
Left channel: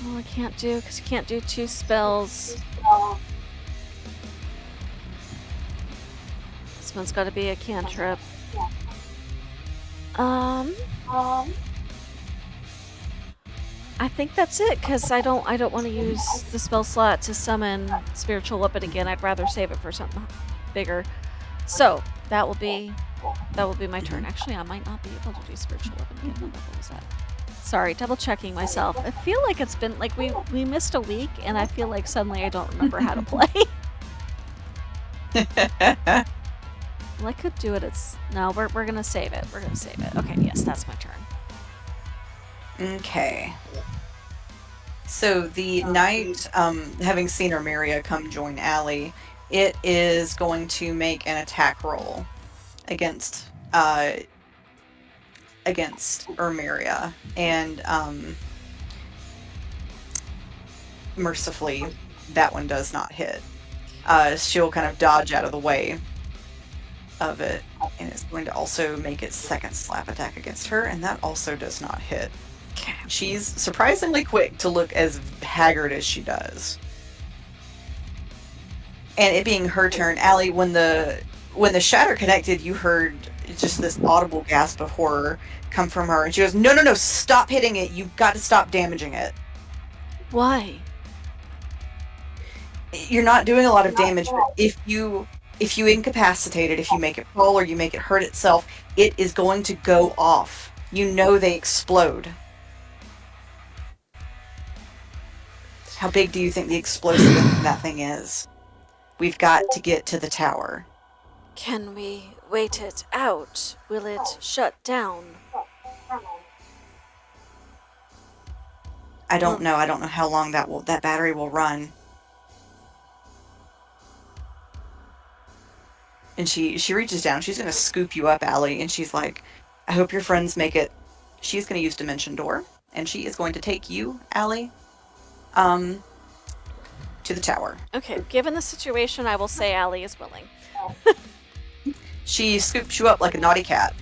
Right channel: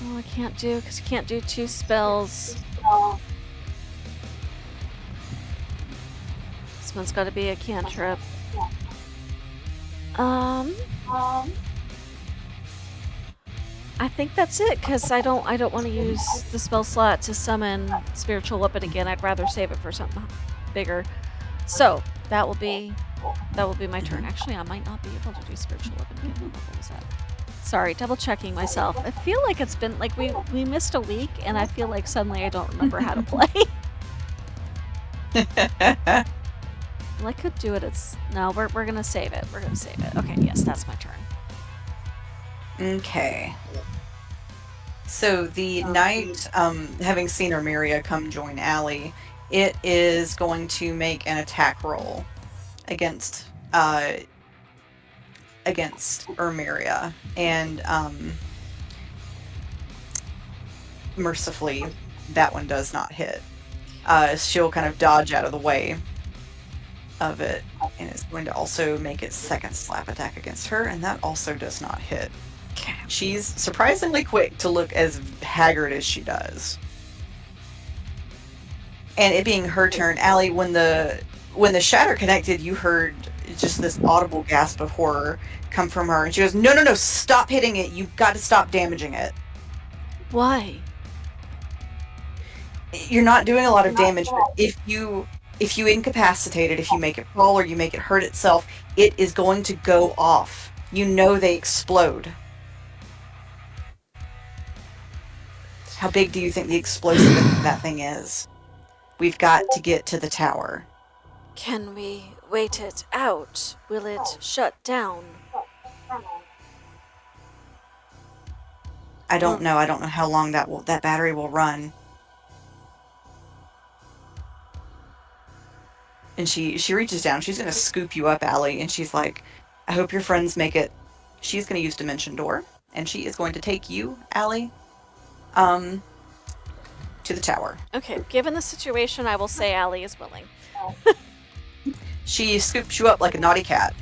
Well, I can't do, because you can't do 2 spells. This one's got to be a cantrip. I think that's it, because I don't want to use the spell slot to summon spiritual weapon again. I'd rather save it for something bigger. So that will be That will be my turn. Actually, I might not be able to do spiritual weapon again. What level was that? Sorry, double checking myself. I feel like it's been like we missed a week, and I feel like suddenly I don't remember how to play. Well, I could do it. No, we're gonna save it. We're gonna save it. Okay, yes, that's my turn. Okay. So the knight, having seen Armeria come join Allie, it is going to make an attack roll against Armeria, and mercifully, that one does not hit. She'll kind of dodge out of the way of it, and it's going to also make its second slap attack against her, and that also does not hit. Okay. She's surprisingly quick to look as haggard as she does. And it being her turn, Allie, when the shatter connected, you heard just this audible gasp of horror come from her, and she goes, No, stop hitting it. You've got to stop damaging it. Why? You're not doing a lot of damage, but if you incapacitate it, if you make it fall or you make it hurt itself, it is going to go off. You know they explode. How big do you think the explosive in that thing is? We've got to get to the tower. Can we wait it out? Will it shut down? I don't know. I don't know how long that battery will run. And she reaches down. She's going to scoop you up, Allie, and she's like, I hope your friends make it. She's going to use Dimension Door, and she is going to take you, Allie, to the tower. Okay, given the situation, I will say Allie is willing. She scoops you up like a naughty cat.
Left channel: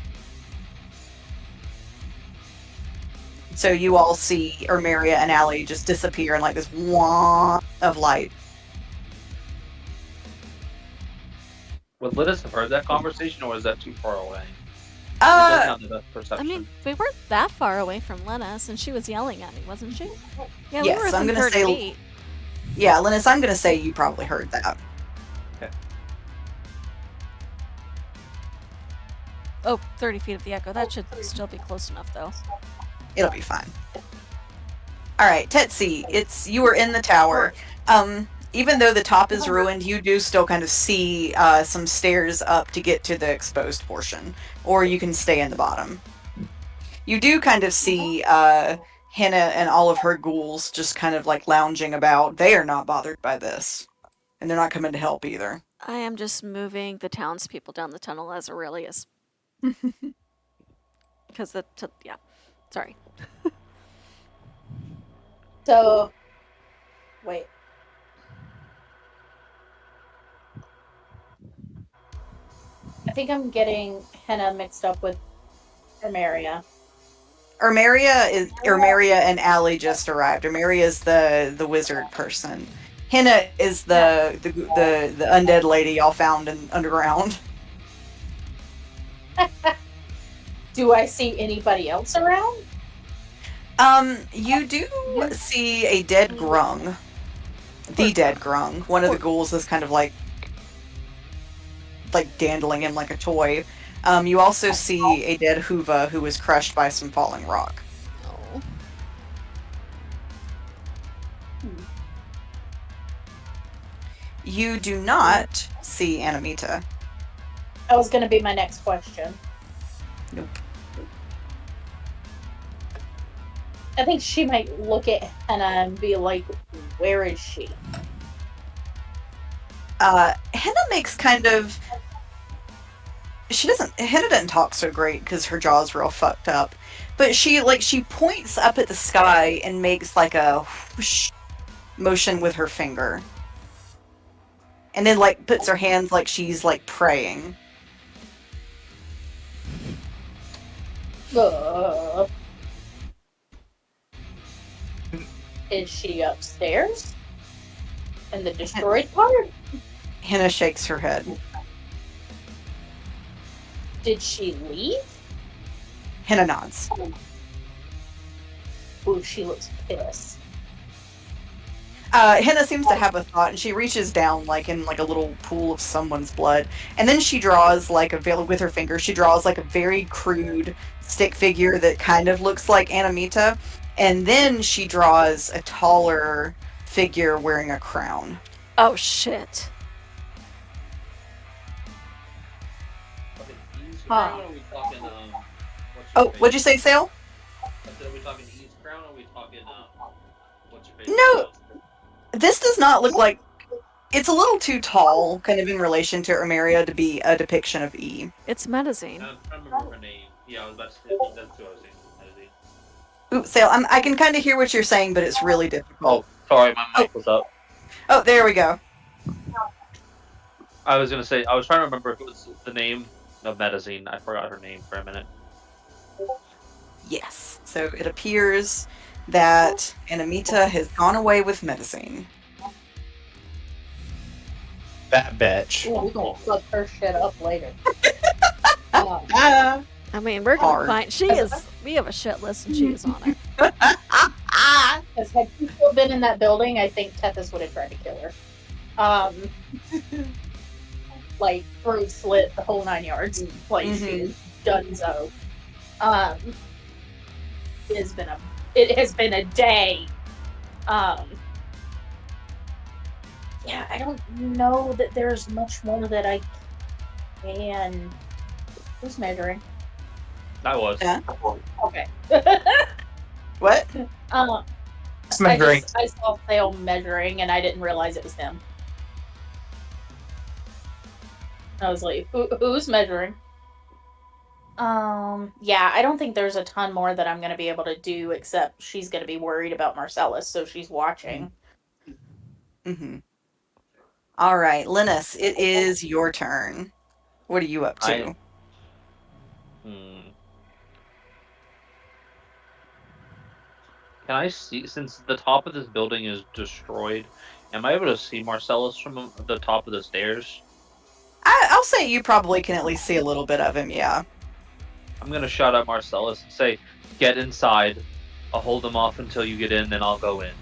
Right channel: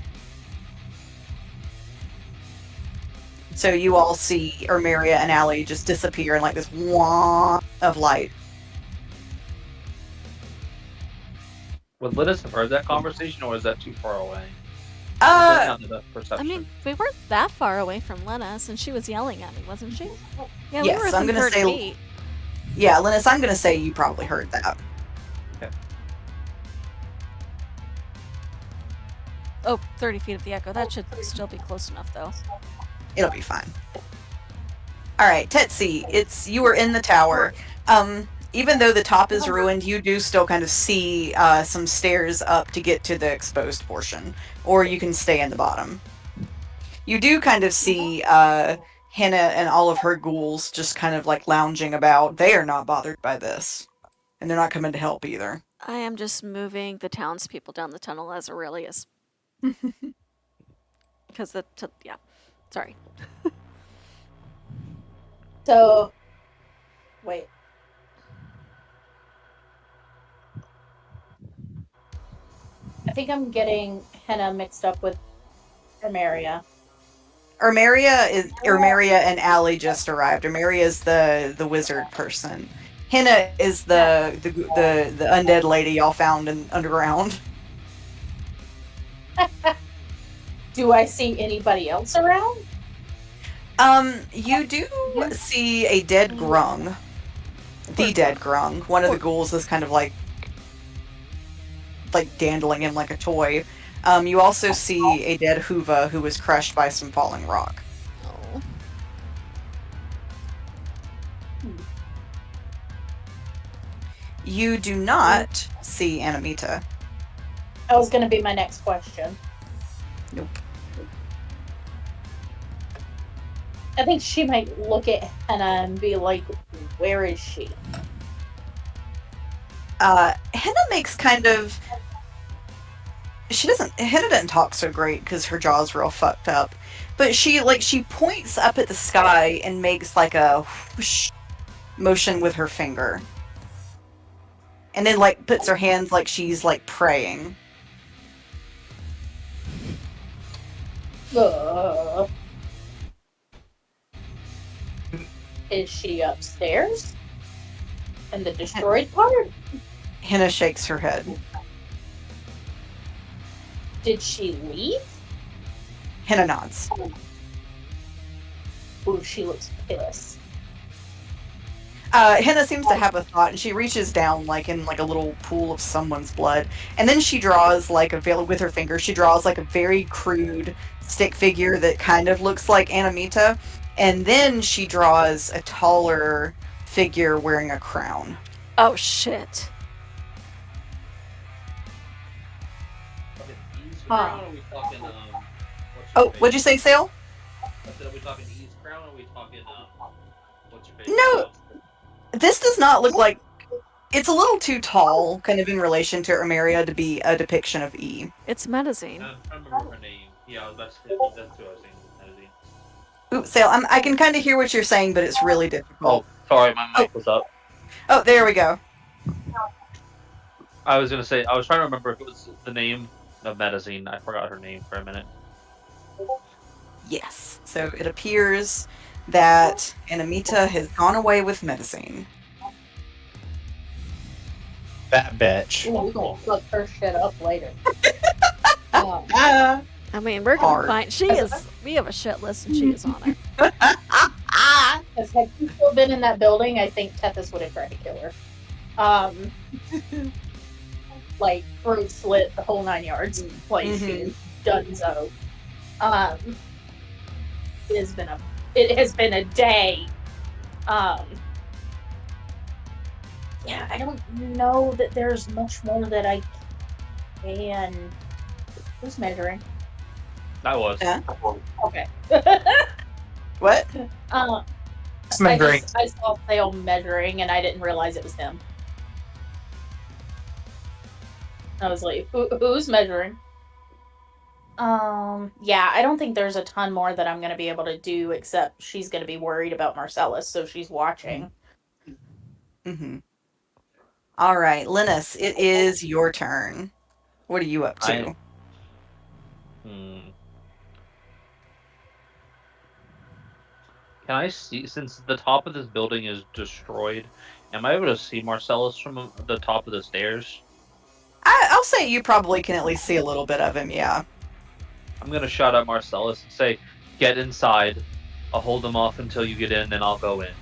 So you all see Armeria and Allie just disappear in like this wah of light. Would Linus have heard that conversation, or is that too far away? Uh, I mean, we weren't that far away from Linus, and she was yelling at me, wasn't she? Yeah, we Yes, were I'm within gonna 30 say- feet. yeah, Linus, I'm gonna say you probably heard that. Oh, 30 feet of the echo. That should still be close enough, though. It'll be fine. All right, Tetsi, you were in the tower. Even though the top is ruined, you do still kind of see some stairs up to get to the exposed portion, or you can stay in the bottom. You do kind of see Henna and all of her ghouls just kind of like lounging about. They are not bothered by this, and they're not coming to help either. I am just moving the townspeople down the tunnel as Aurelius. Because yeah. Sorry. So, wait. I think I'm getting Henna mixed up with Armeria. Armeria and Allie just arrived. Armeria is the wizard person. Henna is the undead lady y'all found underground. Do I see anybody else around? You do see a dead grung. The dead grung. One of the ghouls is kind of like dandling him like a toy. You also see a dead Huva who was crushed by some falling rock. Oh. You do not see Anamita. That was going to be my next question. Nope. I think she might look at Henna and be like, where is she? Henna makes kind of... Henna doesn't talk so great because her jaw's real fucked up. But she points up at the sky and makes like a whoosh motion with her finger. And then like puts her hands like she's like praying. Is she upstairs? In the destroyed part? Henna shakes her head. Did she leave? Henna nods. Ooh, she looks pissed. Henna seems to have a thought, and she reaches down, like in like a little pool of someone's blood, and then she draws like with her finger. She draws like a very crude stick figure that kind of looks like Anamita, and then she draws a taller figure wearing a crown. Oh shit. Talking E's Huh. crown, or are we talking, what's Oh, your what'd you say, Sale? Are we talking E's crown, or are we talking, what's your face? No, this does not look like. It's a little too tall, kind of in relation to Emeria, to be a depiction of E. It's Medicine. I'm trying to remember her name. Yeah, I was about to say, that's who I was thinking. Ooh, Sale, I can kind of hear what you're saying, but it's really difficult. Oh, sorry, my mic was up. Oh, there we go. I was gonna say, I was trying to remember if it was the name of Medicine. I forgot her name for a minute. Yes. So it appears that Anamita has gone away with Medicine. That bitch. Ooh, we're gonna fuck her shit up later. Uh, Ah. I mean, we're gonna Hard. find. She is. We have a shit list, and she is on it. Because had she still been in that building, I think Tethys would have tried to kill her. Like throat slit, the whole 9 yards. Like she is done so. It has been a day. Yeah, I don't know that there's much more that I can. Who's measuring? I was. Yeah. Okay. What? Smuggling. I saw Theo measuring and I didn't realize it was him. I was like, who's measuring? Yeah, I don't think there's a ton more that I'm gonna be able to do except she's gonna be worried about Marcellus, so she's watching. Mm-hmm. All right, Linus, it is your turn. What are you up to? Can I see, since the top of this building is destroyed, am I able to see Marcellus from the top of the stairs? I'll say you probably can at least see a little bit of him, yeah. I'm gonna shout at Marcellus and say, "Get inside. I'll hold them off until you get in, then I'll go in."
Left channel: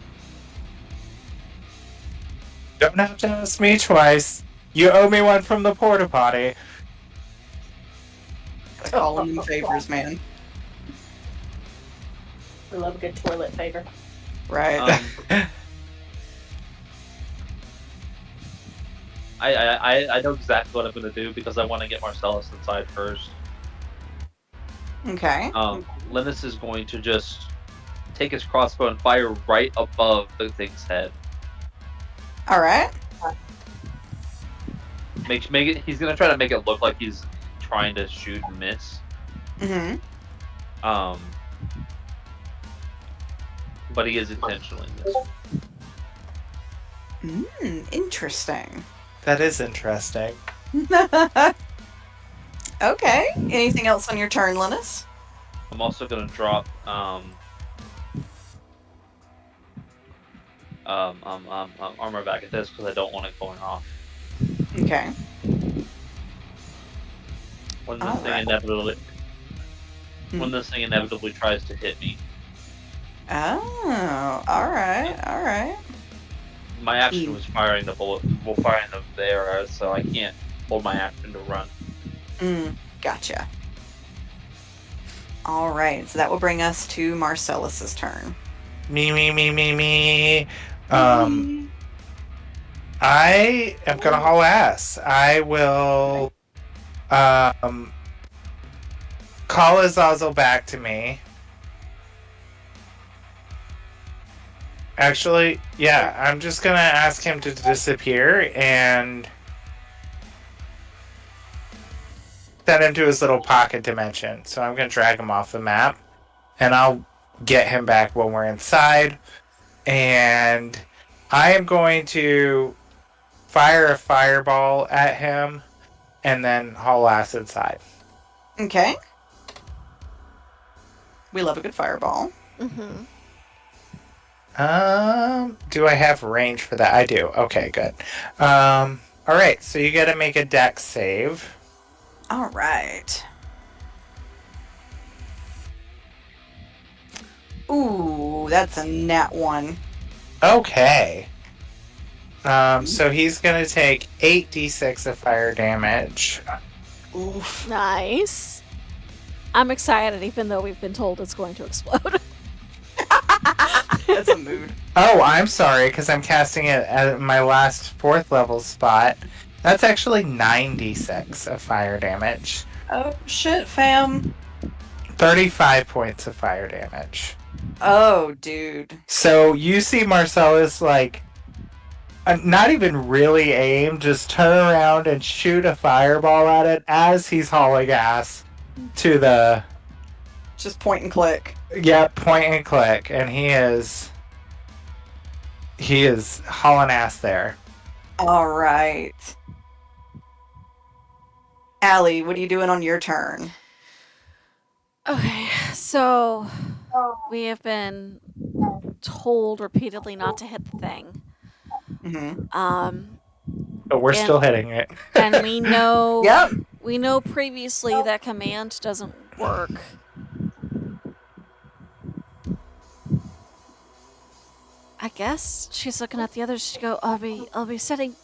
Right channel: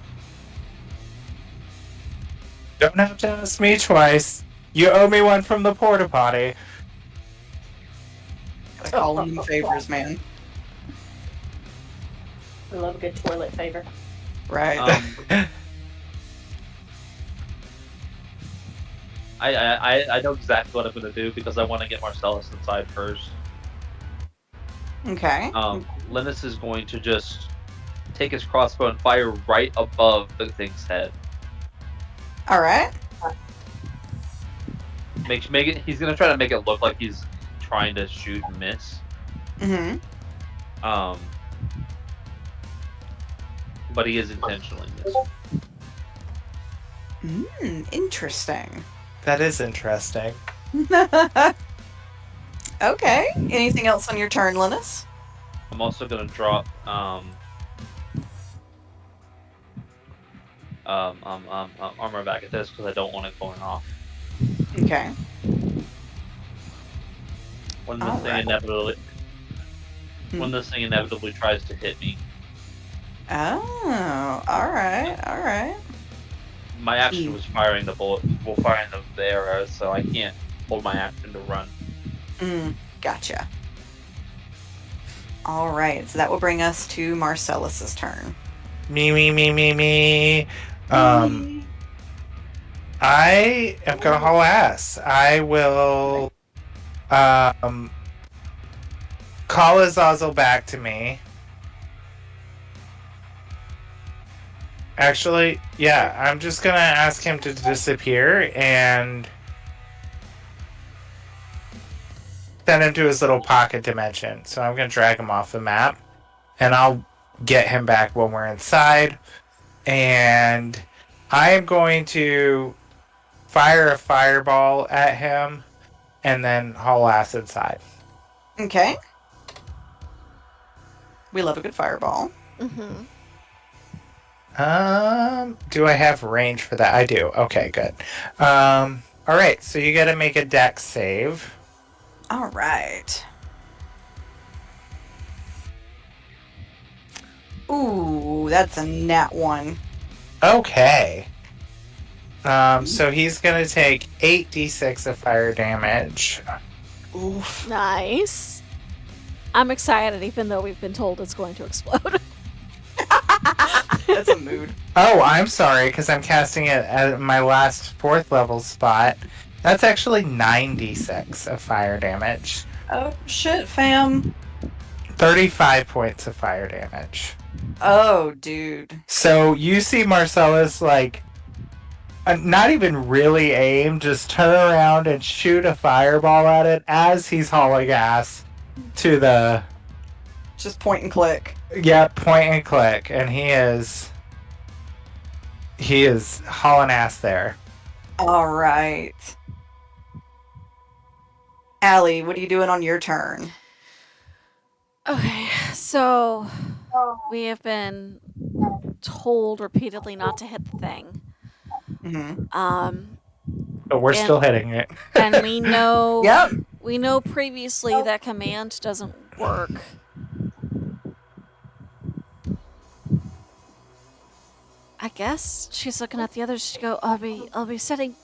Don't have to ask me twice. You owe me one from the porta potty. Calling them favors, man. We love a good toilet favor. Right. I know exactly what I'm gonna do because I want to get Marcellus inside first. Okay. Linus is going to just take his crossbow and fire right above the thing's head. All right. Make it. He's gonna try to make it look like he's trying to shoot and miss. Mm-hmm. But he is intentionally missing. Interesting. That is interesting. Okay. Anything else on your turn, Linus? I'm also gonna drop armor back at this because I don't want it going off. Okay. When this thing inevitably tries to hit me, Oh, all right, all right. my action was firing the bullet, firing the arrows, so I can't hold my action to run. Gotcha. All right, so that will bring us to Marcellus's turn. Me. I am gonna haul ass. I will call Azazel back to me. Actually, yeah, I'm just gonna ask him to disappear and send him to his little pocket dimension. So I'm gonna drag him off the map, and I'll get him back when we're inside. And I am going to fire a fireball at him and then haul ass inside. Okay. We love a good fireball. Mm-hmm. Do I have range for that? I do. Okay, good. All right, so you got to make a dex save. All right. Ooh, that's a nat 1. Okay. So he's gonna take 8d6 of fire damage. Oof. Nice. I'm excited, even though we've been told it's going to explode. That's a mood. Oh, I'm sorry, because I'm casting it at my last 4th level spot. That's actually 9d6 of fire damage. Oh shit, fam. 35 points of fire damage. Oh, dude. So you see Marcellus, like, not even really aim, just turn around and shoot a fireball at it as he's hauling ass to the, Just point and click. point and click, and he is hauling ass there. All right. Allie, what are you doing on your turn? Okay, so we have been told repeatedly not to hit the thing. Mm-hmm. But we're And- still hitting it. And we know Yep. we know previously that command doesn't work. I guess she's looking at the others to go, are we setting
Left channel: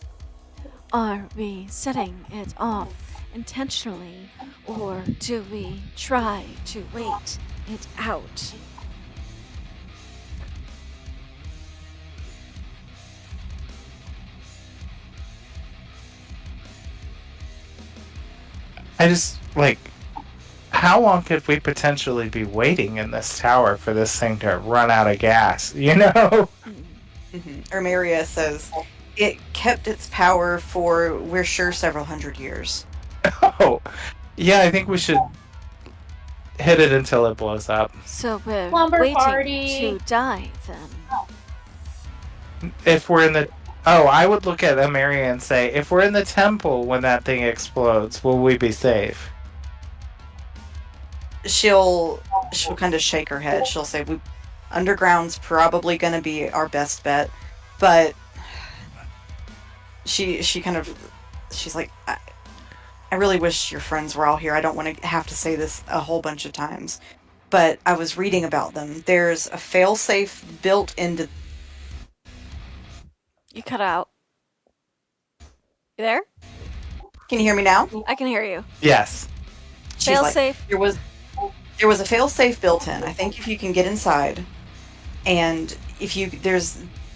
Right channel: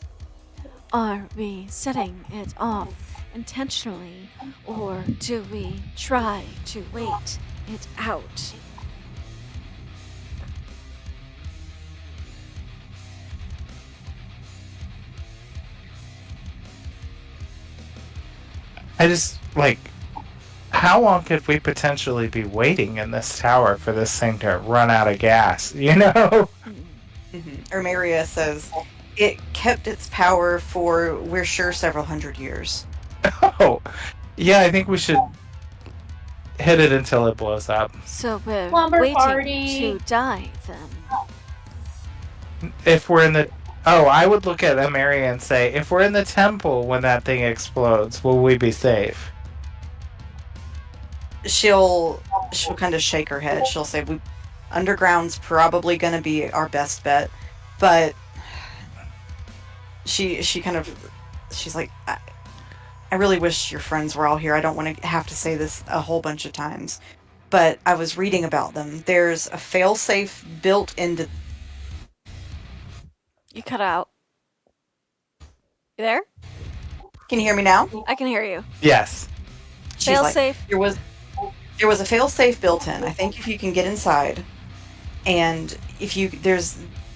it off intentionally, or do we try to wait it out? I just, like, how long could we potentially be waiting in this tower for this thing to run out of gas? You know? Mm-hmm. Ermeria says it kept its power for, we're sure, several hundred years. Oh, yeah, I think we should hit it until it blows up. So we're Slumber waiting party. to die then. If we're in the... Oh, I would look at Amari and say, if we're in the temple when that thing explodes, will we be safe? She'll kind of shake her head. She'll say, underground's probably going to be our best bet, but she's like, I really wish your friends were all here. I don't want to have to say this a whole bunch of times, but I was reading about them. There's a failsafe built into... You cut out. You there? Can you hear me now? I can hear you. Yes. She's Fail like, safe. There was a fail-safe built in. I think if you can get inside, and if you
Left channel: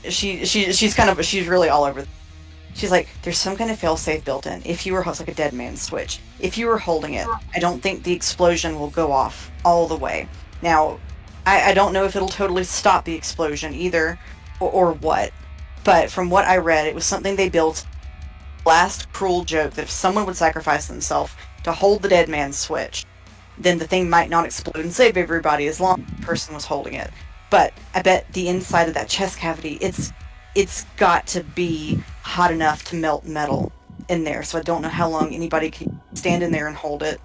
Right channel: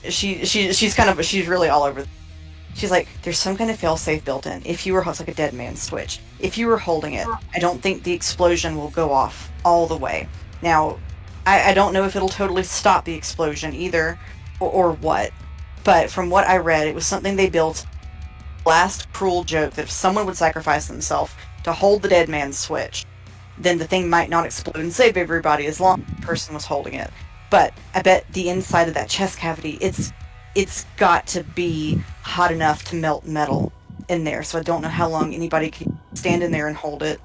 she's really all over. She's like, there's some kind of fail-safe built in. If you were, it's like a dead man's switch. If you were holding it, I don't think the explosion will go off all the way. Now, I don't know if it'll totally stop the explosion either, or what. But from what I read, it was something they built. Last cruel joke that if someone would sacrifice themselves to hold the dead man's switch, then the thing might not explode and save everybody as long as the person was holding it. But I bet the inside of that chest cavity, it's got to be hot enough to melt metal in there. So I don't know how long anybody can stand in there and hold it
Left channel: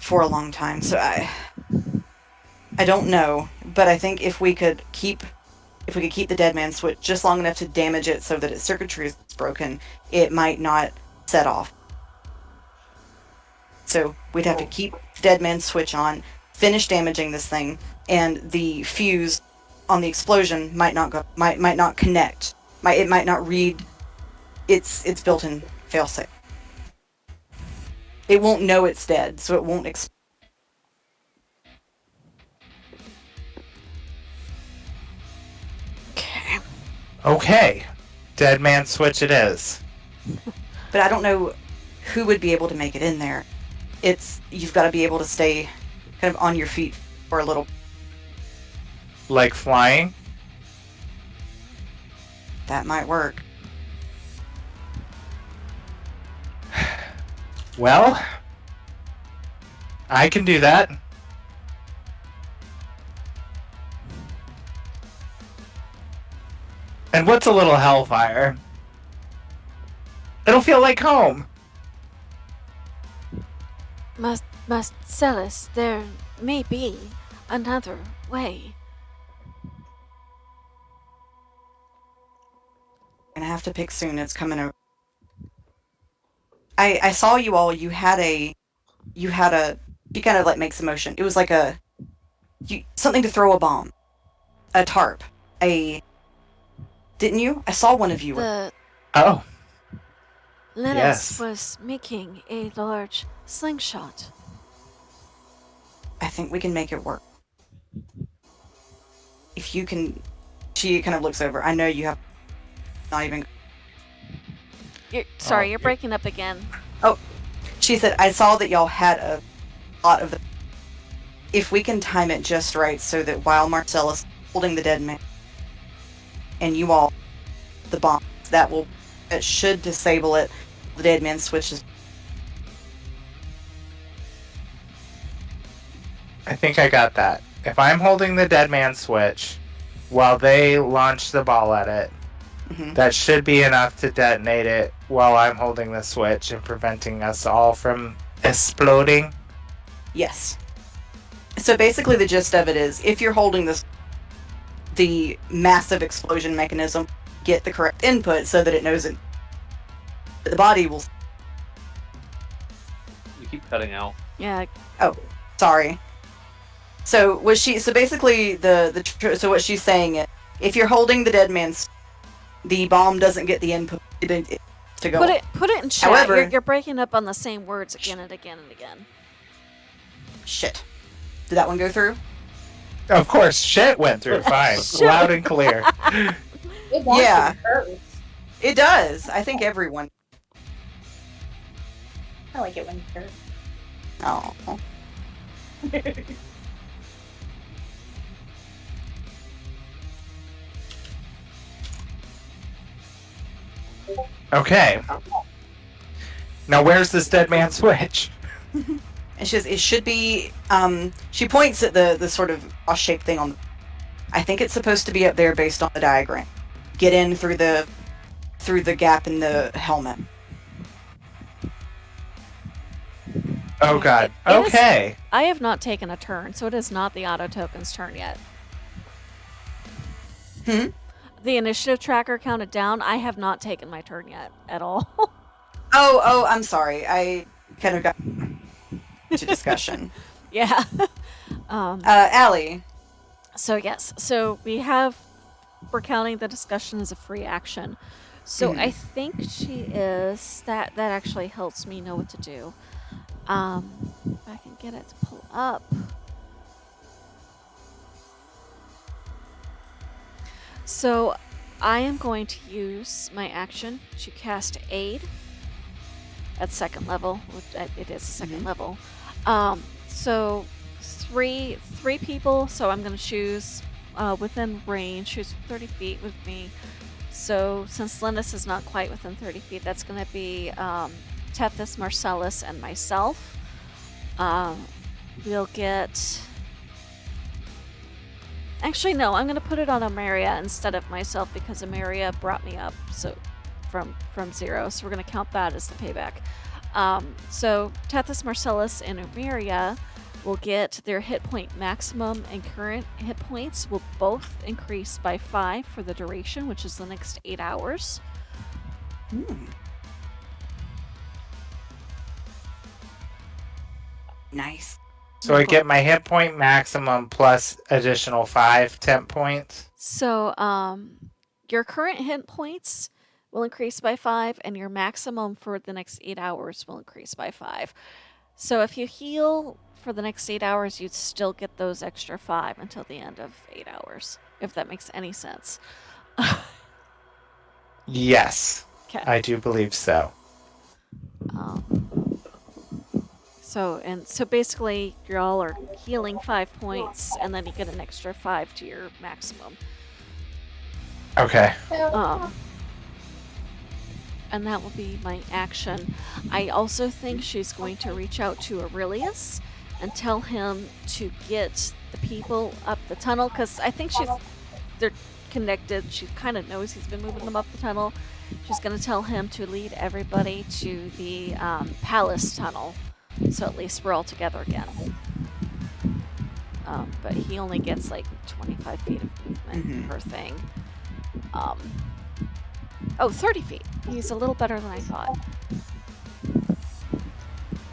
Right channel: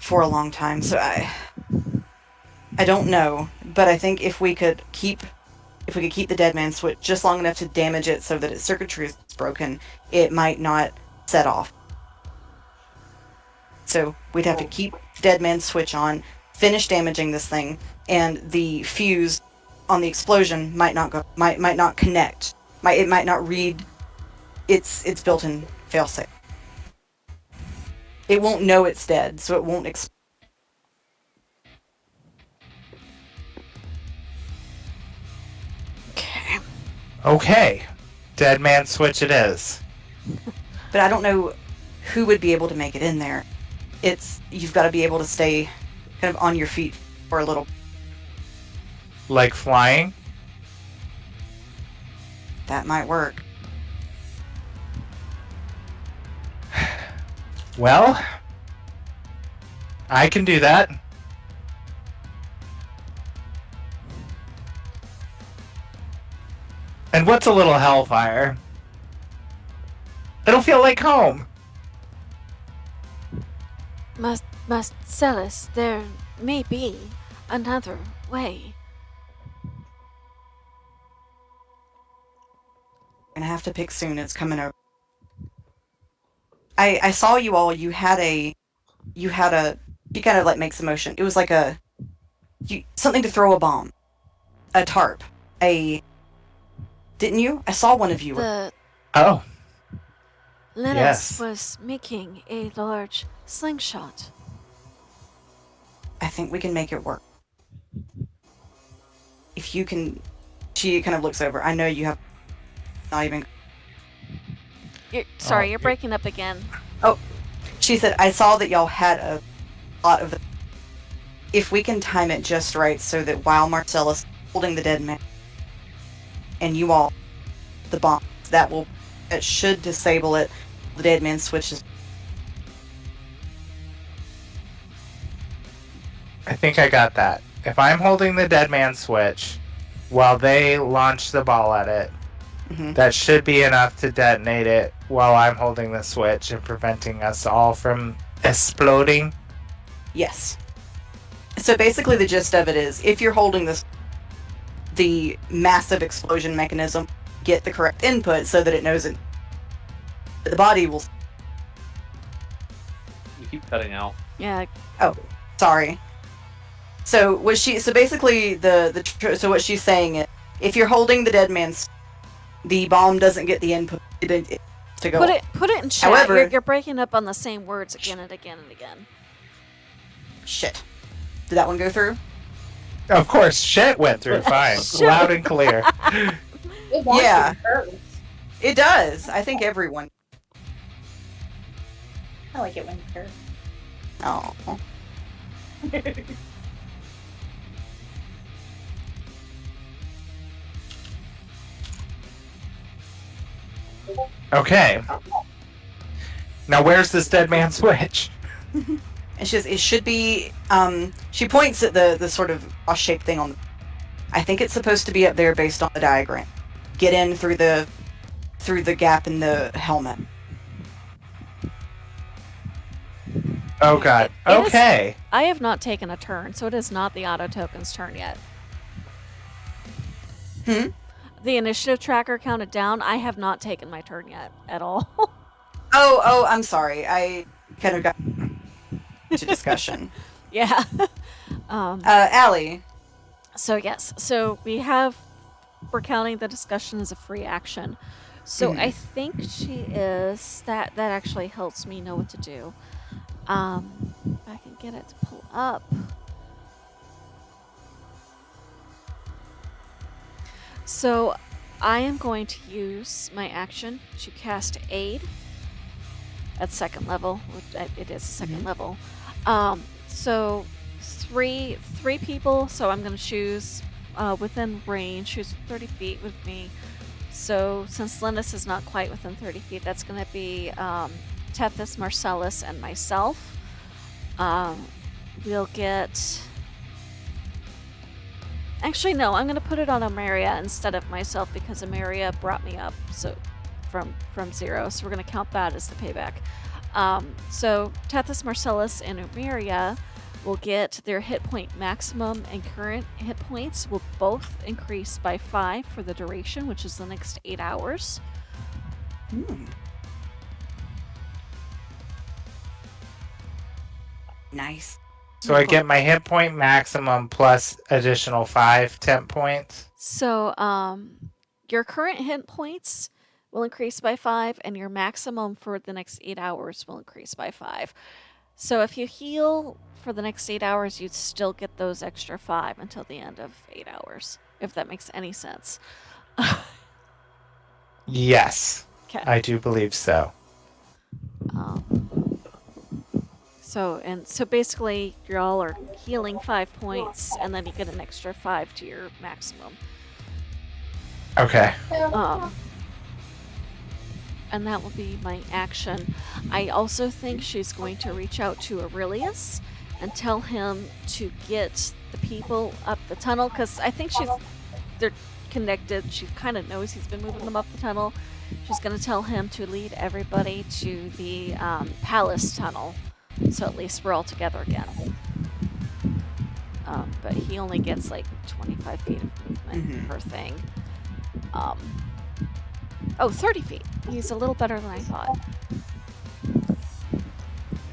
for a long time. So I don't know, but I think if we could keep the dead man's switch just long enough to damage it so that its circuitry is broken, it might not set off. So we'd have to keep the dead man's switch on, finish damaging this thing, and the fuse on the explosion might not connect. It might not read its built-in failsafe. It won't know it's dead, so it won't explode. Okay. Okay. Dead man switch it is. But I don't know who would be able to make it in there. You've got to be able to stay kind of on your feet for a little. Like flying? That might work. Well, I can do that. And what's a little hellfire? It'll feel like home. Marcellus, there may be another way. Gonna have to pick soon. It's coming over. I saw you all. You kind of like makes a motion. It was like something to throw a bomb, a tarp, Didn't you? I saw one of you. The Oh, Lennis Yes. was making a large slingshot. I think we can make it work. If you can... She kind of looks over. I know you have not even... Sorry, Oh, you're breaking up again. She said, I saw that y'all had a lot of... If we can time it just right so that while Marcellus holding the dead man and you all the bomb, it should disable it. The dead man switches. I think I got that. If I'm holding the dead man switch while they launch the ball at it, Mhm. that should be enough to detonate it while I'm holding the switch and preventing us all from exploding. Yes. So basically the gist of it is, if you're holding the massive explosion mechanism, get the correct input so that it knows it. The body will... You keep cutting out. Yeah, Sorry. So basically so what she's saying is, if you're holding the dead man's, the bomb doesn't get the input to go. put it in chat. However- You're breaking up on the same words again and again and again. Shit. Did that one go through? Of course, shit went through fine. Shit. Loud and clear. It wants Yeah. to hurt. It does. I think everyone. I like it when it hurts. Oh. Okay. Now where's this dead man switch? It's just, it should be, she points at the sort of cross-shaped thing on the... I think it's supposed to be up there based on the diagram. Get in through the gap in the helmet. Oh god. It is- Okay. I have not taken a turn, so it is not the auto token's turn yet. Hmm? The initiative tracker counted down. I have not taken my turn yet at all. Oh, I'm sorry. I kind of got to discussion. Yeah. Allie. So yes, so we're counting the discussion as a free action. So I think she is that actually helps me know what to do. If I can get it to pull up. So I am going to use my action to cast Aid at second level. It is a second level. So three people. So I'm going to choose within range. Choose 30 feet with me. So since Linus is not quite within 30 feet, that's going to be Tethys, Marcellus, and myself. We'll get... Actually, no, I'm going to put it on Amaria instead of myself because Amaria brought me up from 0. So we're going to count that as the payback. So Tethys, Marcellus, and Amaria will get their hit point maximum, and current hit points will both increase by 5 for the duration, which is the next 8 hours. Nice. So I get my hit point maximum plus additional 5 temp points. So, your current hit points will increase by 5, and your maximum for the next 8 hours will increase by 5. So, if you heal for the next 8 hours, you'd still get those extra 5 until the end of 8 hours, if that makes any sense. Yes. Okay. I do believe so. So basically, you all are healing 5 points, and then you get an extra 5 to your maximum. Okay. And that will be my action. I also think she's going to reach out to Aurelius and tell him to get the people up the tunnel, because I think they're connected. She kind of knows he's been moving them up the tunnel. She's going to tell him to lead everybody to the palace tunnel, so at least we're all together again. But he only gets like 25 feet of movement per thing. 30 feet. He's a little better than I thought.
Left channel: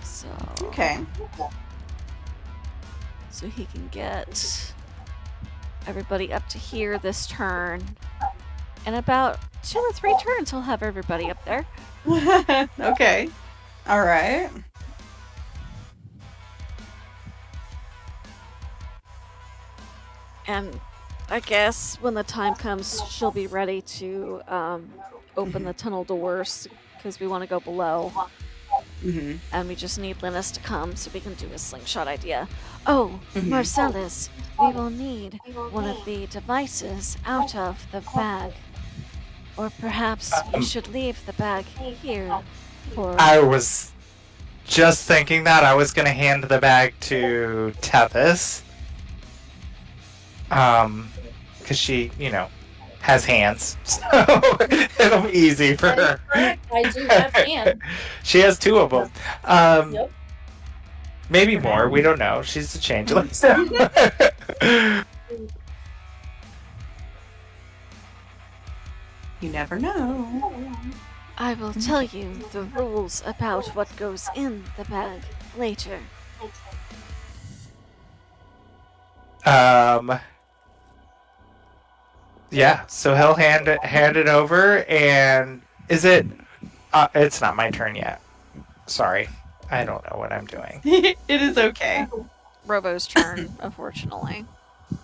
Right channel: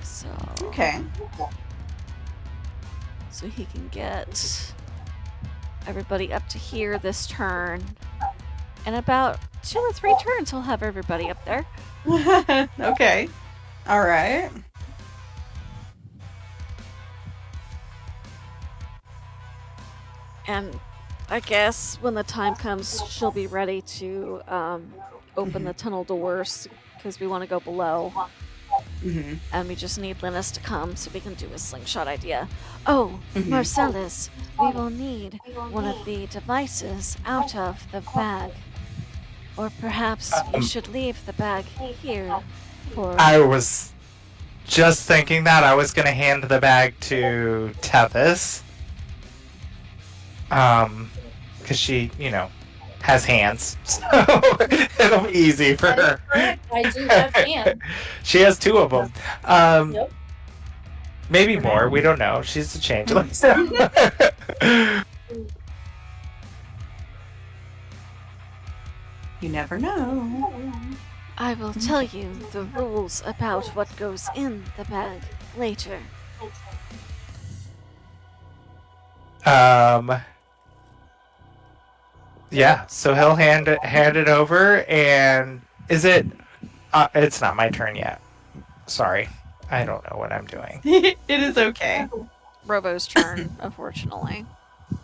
So... Okay. So he can get everybody up to here this turn. In about 2 or 3 turns, he'll have everybody up there. Okay. All right. And I guess when the time comes, she'll be ready to open the tunnel doors because we want to go below. Mm-hmm. And we just need Linus to come so we can do a slingshot idea. Oh, Mhm. Marcellus, we will need one of the devices out of the bag. Or perhaps you should leave the bag here for... I was just thinking that. I was going to hand the bag to Tethys. Because she, has hands. So it'll be easy for That is her. correct. I do have hands. She has 2 of them. Yep. Maybe more. We don't know. She's a changeling. You never know. I will tell you the rules about what goes in the bag later. Yeah. So he'll hand it over, and is it? It's not my turn yet. Sorry, I don't know what I'm doing. It is okay. Robo's turn, unfortunately.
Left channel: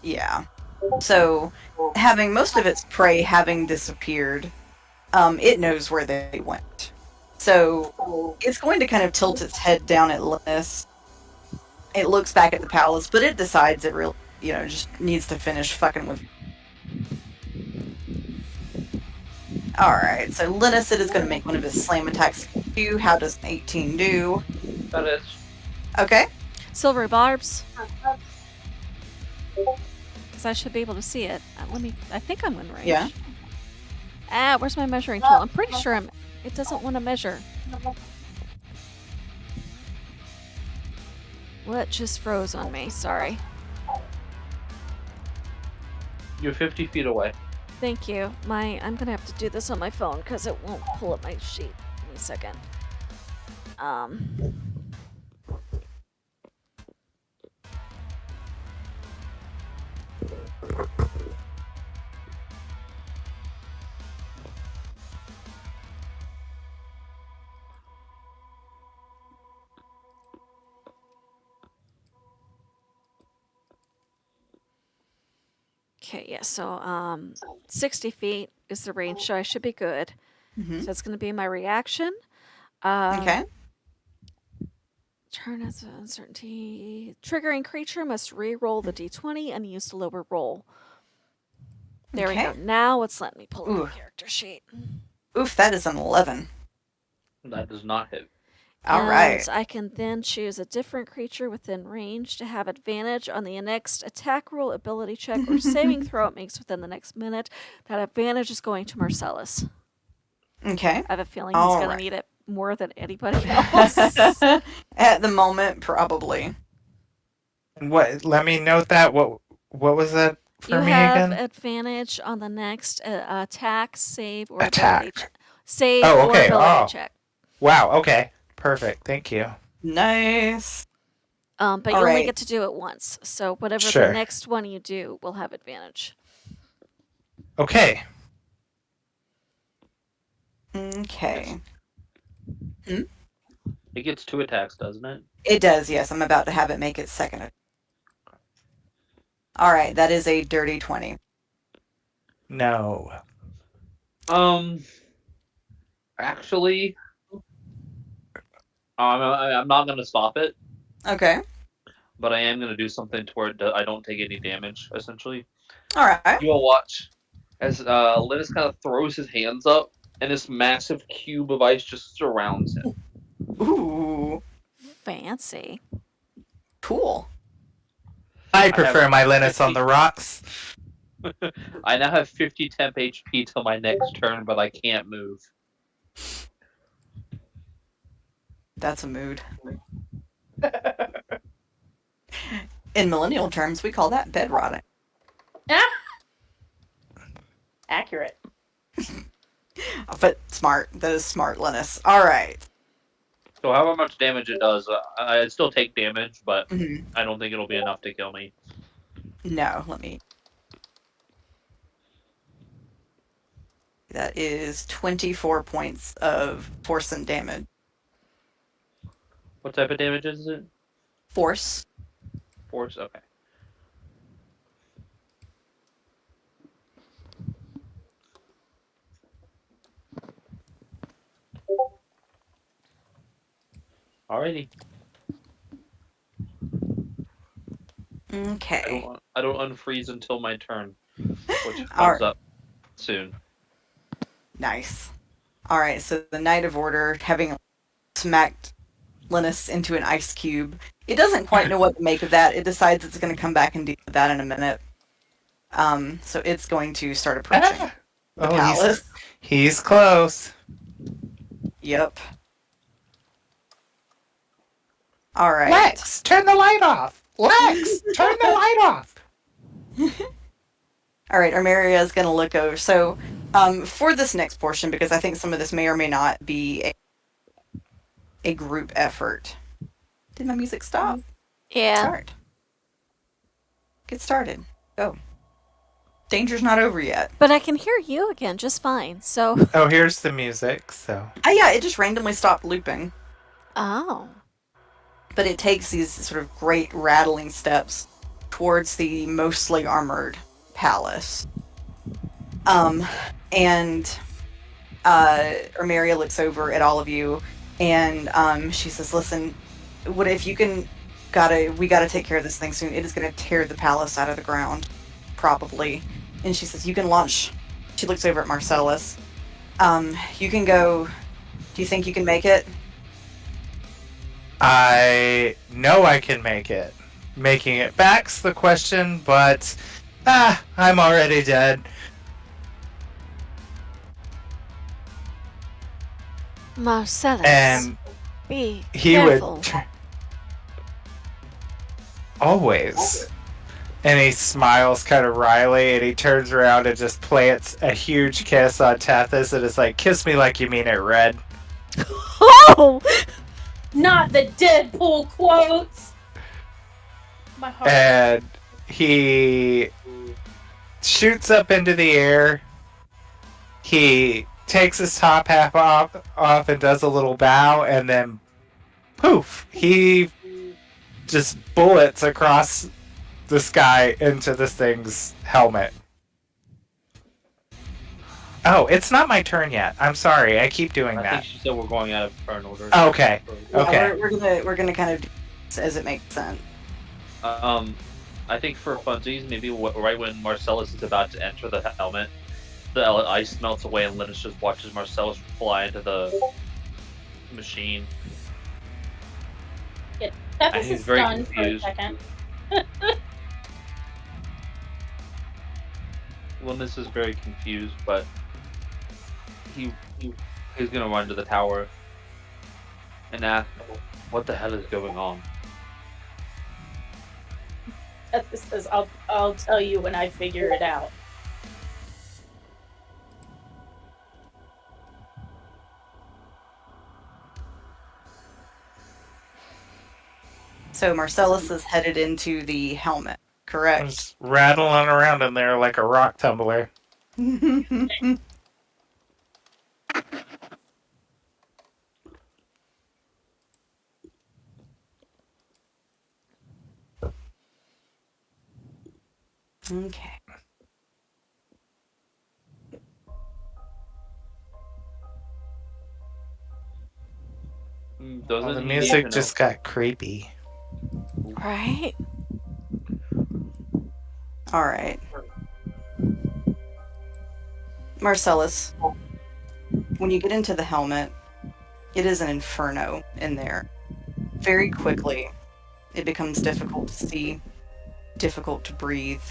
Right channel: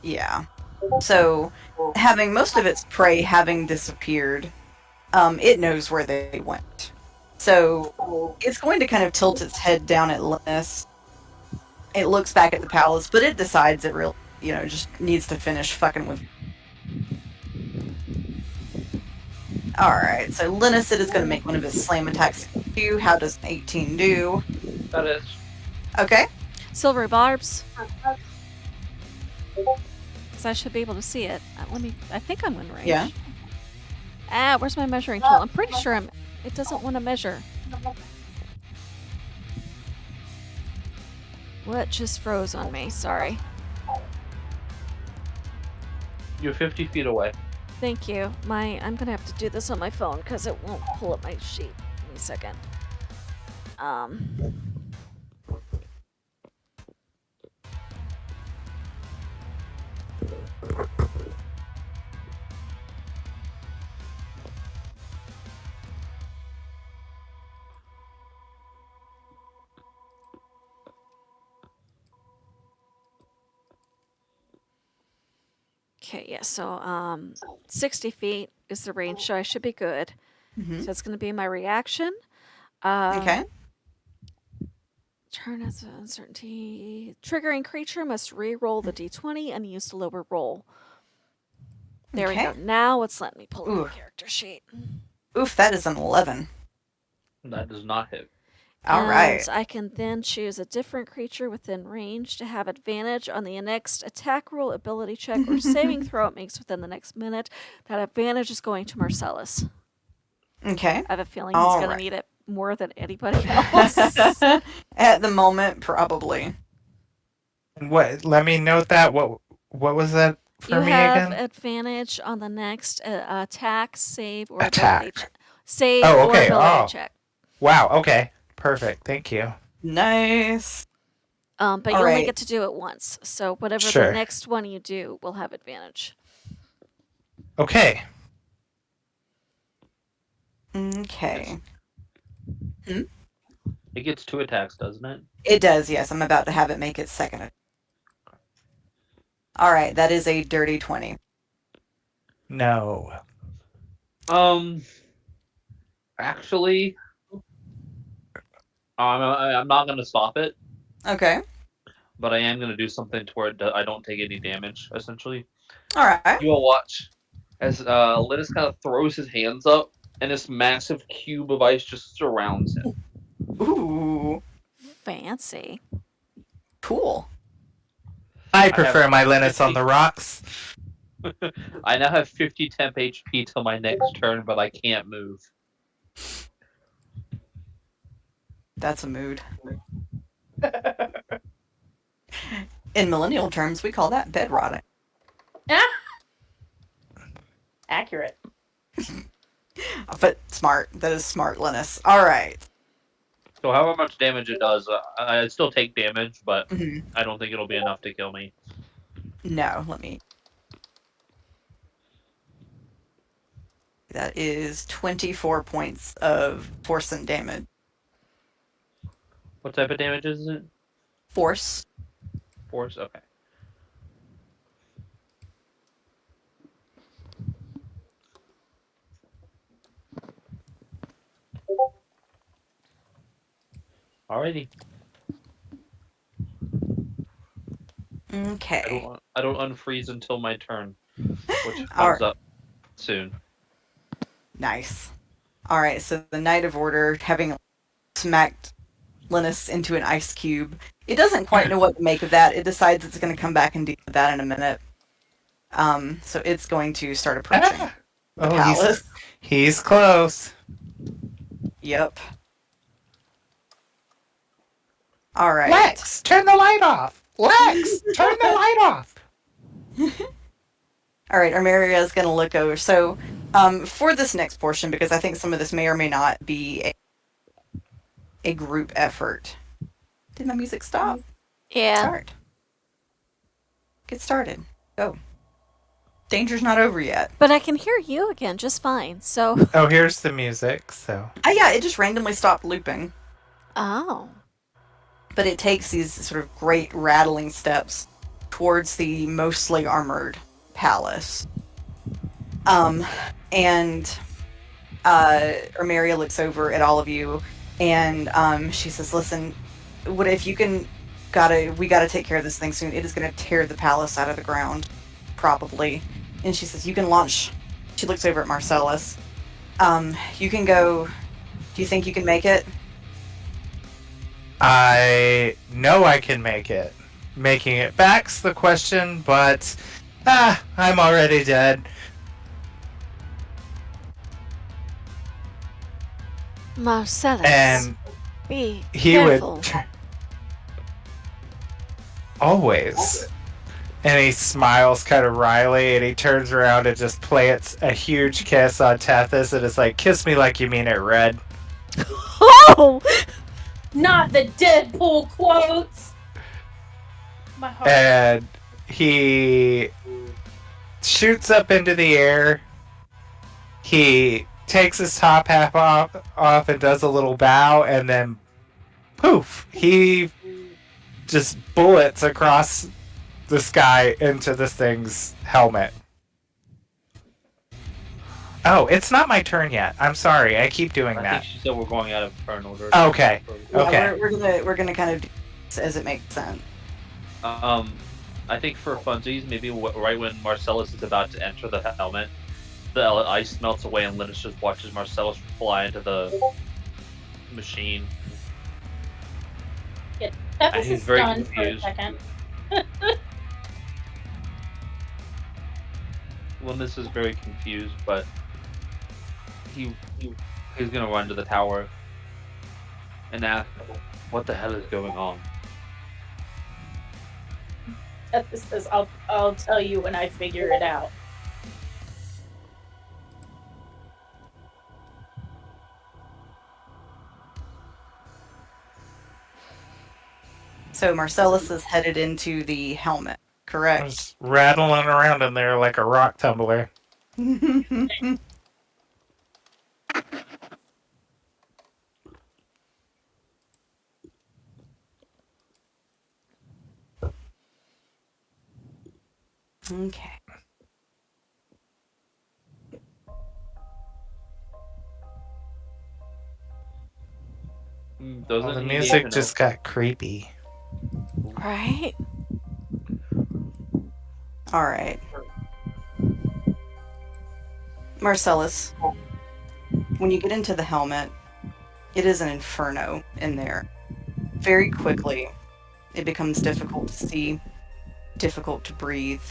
Yeah. So, having most of its prey having disappeared, it knows where they went. So, it's going to kind of tilt its head down at Linus. It looks back at the palace, but it decides it really, just needs to finish fucking with. Alright, so Linus, it is going to make one of its slam attacks. How does an 18 do? That is. Okay. Silvery barbs. Because I should be able to see it. I think I'm in range. Yeah. Where's my measuring tool? I'm pretty sure it doesn't want to measure. What just froze on me? Sorry. You're 50 feet away. Thank you. I'm gonna have to do this on my phone because it won't pull up my sheet. Give me a second. Okay, yeah, so 60 feet is the range, so I should be good. Mm-hmm. So that's going to be my reaction. Okay. Turn as an uncertainty. Triggering creature must re-roll the d20 and use the lower roll. There we Okay. go. Now it's letting me pull up Ooh. the character sheet. Oof, that is an 11. That does not hit. Alright. And I can then choose a different creature within range to have advantage on the next attack roll, ability check, or saving throw it makes within the next minute. That advantage is going to Marcellus. Okay. I have a feeling he's going to Alright. need it more than anybody else. At the moment, probably. What? Let me note that. What was that for You me have again? advantage on the next attack, save, or Attack. ability check. Save Oh, or okay. ability Oh. check. Wow. Okay. Perfect. Thank you. Nice. But you only Alright. get to do it once. So whatever Sure. the next one you do will have advantage. Okay. Okay. It gets 2 attacks, doesn't it? It does, yes. I'm about to have it make its second. Alright, that is a dirty 20. No. Actually, I'm not gonna stop it, Okay. but I am gonna do something to where I don't take any damage. Essentially, Alright. you will watch as Linus kind of throws his hands up, and this massive cube of ice just surrounds him. Ooh. Fancy. Cool. I prefer my Linus 50. on the rocks. I now have 50 temp HP till my next turn, but I can't move. That's a mood. In millennial terms, we call that bed rotting. Accurate. But smart. That is smart, Linus. Alright. So however much damage it does, I still take damage, but Mhm. I don't think it'll be enough to kill me. No, let me. That is 24 points of force and damage. What type of damage is it? Force. Force? Okay. Alrighty. Okay. I don't unfreeze until my turn, which All comes up soon. Nice. All right, so the Knight of Order, having smacked Linus into an ice cube, it doesn't quite know what to make of that. It decides it's going to come back and deal with that in a minute. So it's going to start approaching the palace. He's close. Yep. All right. Lex, turn the light off. Lex, turn the light off. All right, Armeria is going to look over. So, for this next portion, because I think some of this may or may not be a group effort. Did my music stop? Yeah. Start. Get started. Go. Danger's not over yet. But I can hear you again just fine, so. Oh, here's the music, so. Yeah, it just randomly stopped looping. Oh. But it takes these sort of great rattling steps towards the mostly armored palace. And Armeria looks over at all of you, and she says, "Listen, what if you can? We gotta take care of this thing soon. It is gonna tear the palace out of the ground, probably." And she says, "You can launch." She looks over at Marcellus. You can go. Do you think you can make it? I know I can make it. Making it back's the question, but I'm already dead. Marcellus, And be he careful. would always. And he smiles kind of wryly, and he turns around and just plants a huge kiss on Tethys, and is like, "Kiss me like you mean it, Red." Oh! Not the Deadpool quotes. My heart. And he shoots up into the air. He takes his top half off and does a little bow, and then poof, he just bullets across the sky into this thing's helmet. Oh, it's not my turn yet. I'm sorry. I keep doing I that. think she said we're going out of turn order. Okay. Yeah, Okay. we're gonna kind of do this as it makes sense. I think for funsies, maybe right when Marcellus is about to enter the helmet, the ice melts away and Linus just watches Marcellus fly into the machine. That And was he's very stunned for a confused. second. Linus is very confused, but he's gonna run to the tower and ask, "What the hell is going on?" This says, I'll tell you when I figure it out. So Marcellus is headed into the helmet, correct? Just rattling around in there like a rock tumbler. Okay. Doesn't The he music need to just got creepy. Right? All right. Marcellus, when you get into the helmet, it is an inferno in there. Very quickly, it becomes difficult to see, difficult to breathe.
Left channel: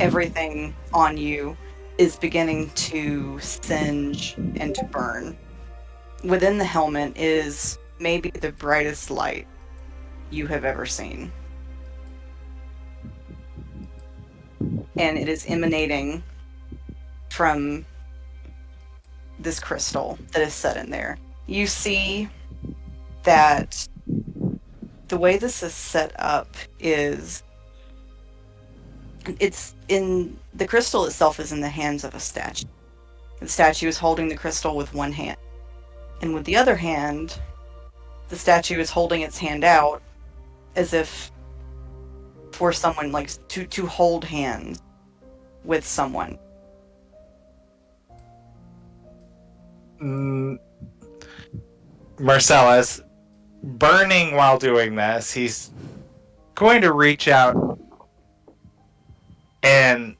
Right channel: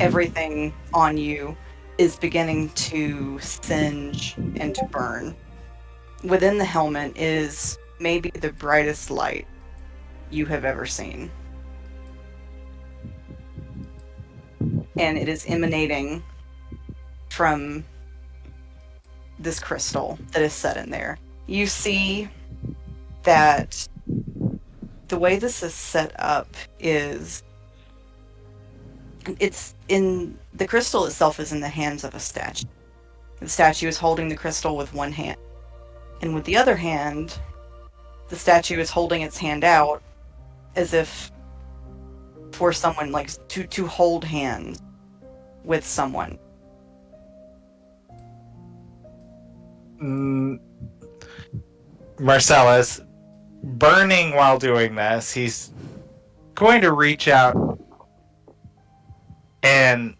Everything on you is beginning to singe and to burn. Within the helmet is maybe the brightest light you have ever seen. And it is emanating from this crystal that is set in there. You see that the way this is set up is the crystal itself is in the hands of a statue. The statue is holding the crystal with one hand. And with the other hand, the statue is holding its hand out as if for someone, like, to hold hands with someone. Marcellus, burning while doing this, he's going to reach out and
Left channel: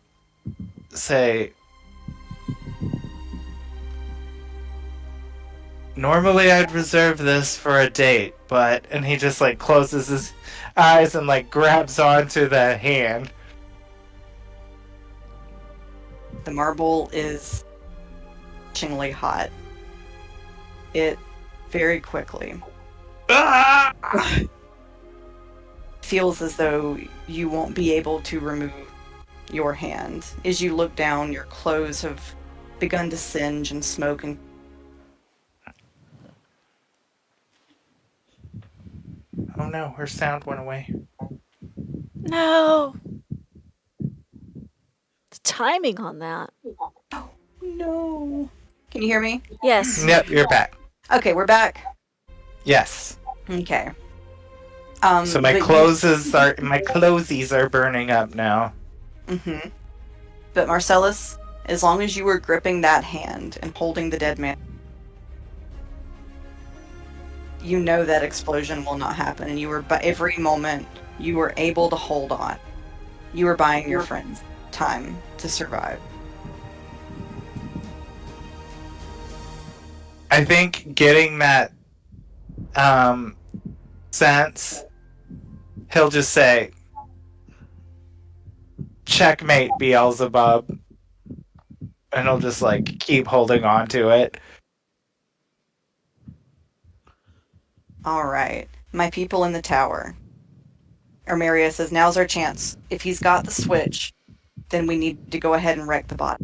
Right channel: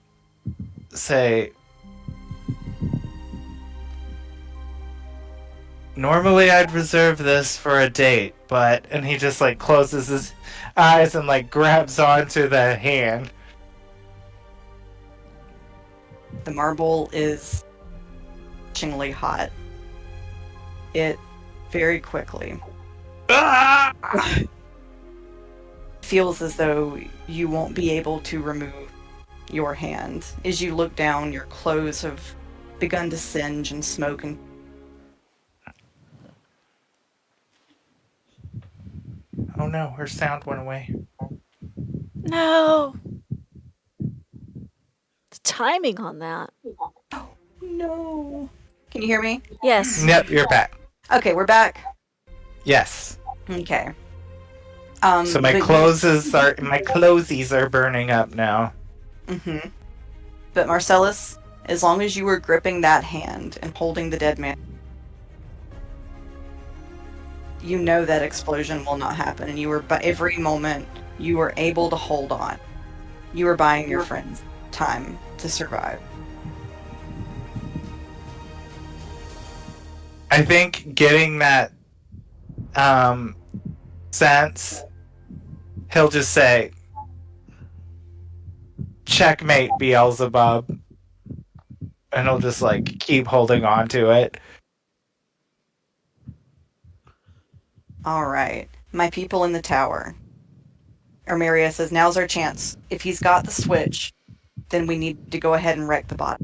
say, normally I'd reserve this for a date, but... And he just, like, closes his eyes and, like, grabs onto the hand. The marble is itchingly hot. It very quickly Ah! feels as though you won't be able to remove your hand. As you look down, your clothes have begun to singe and smoke and Oh no, her sound went away. No. The timing on that. no. Can you hear me? Yes. Yep, you're back. Okay, we're back. Yes. Okay. So my but clothies are burning up now. Mm-hmm. But Marcellus, as long as you were gripping that hand and holding the dead man, you know that explosion will not happen, and you were, by every moment, you were able to hold on. You were buying your friends time to survive. I think getting that sense, he'll just say, checkmate, Beelzebub. And he'll just, like, keep holding on to it. Alright. My people in the tower. Armeria says, now's our chance. If he's got the switch, then we need to go ahead and wreck the bot.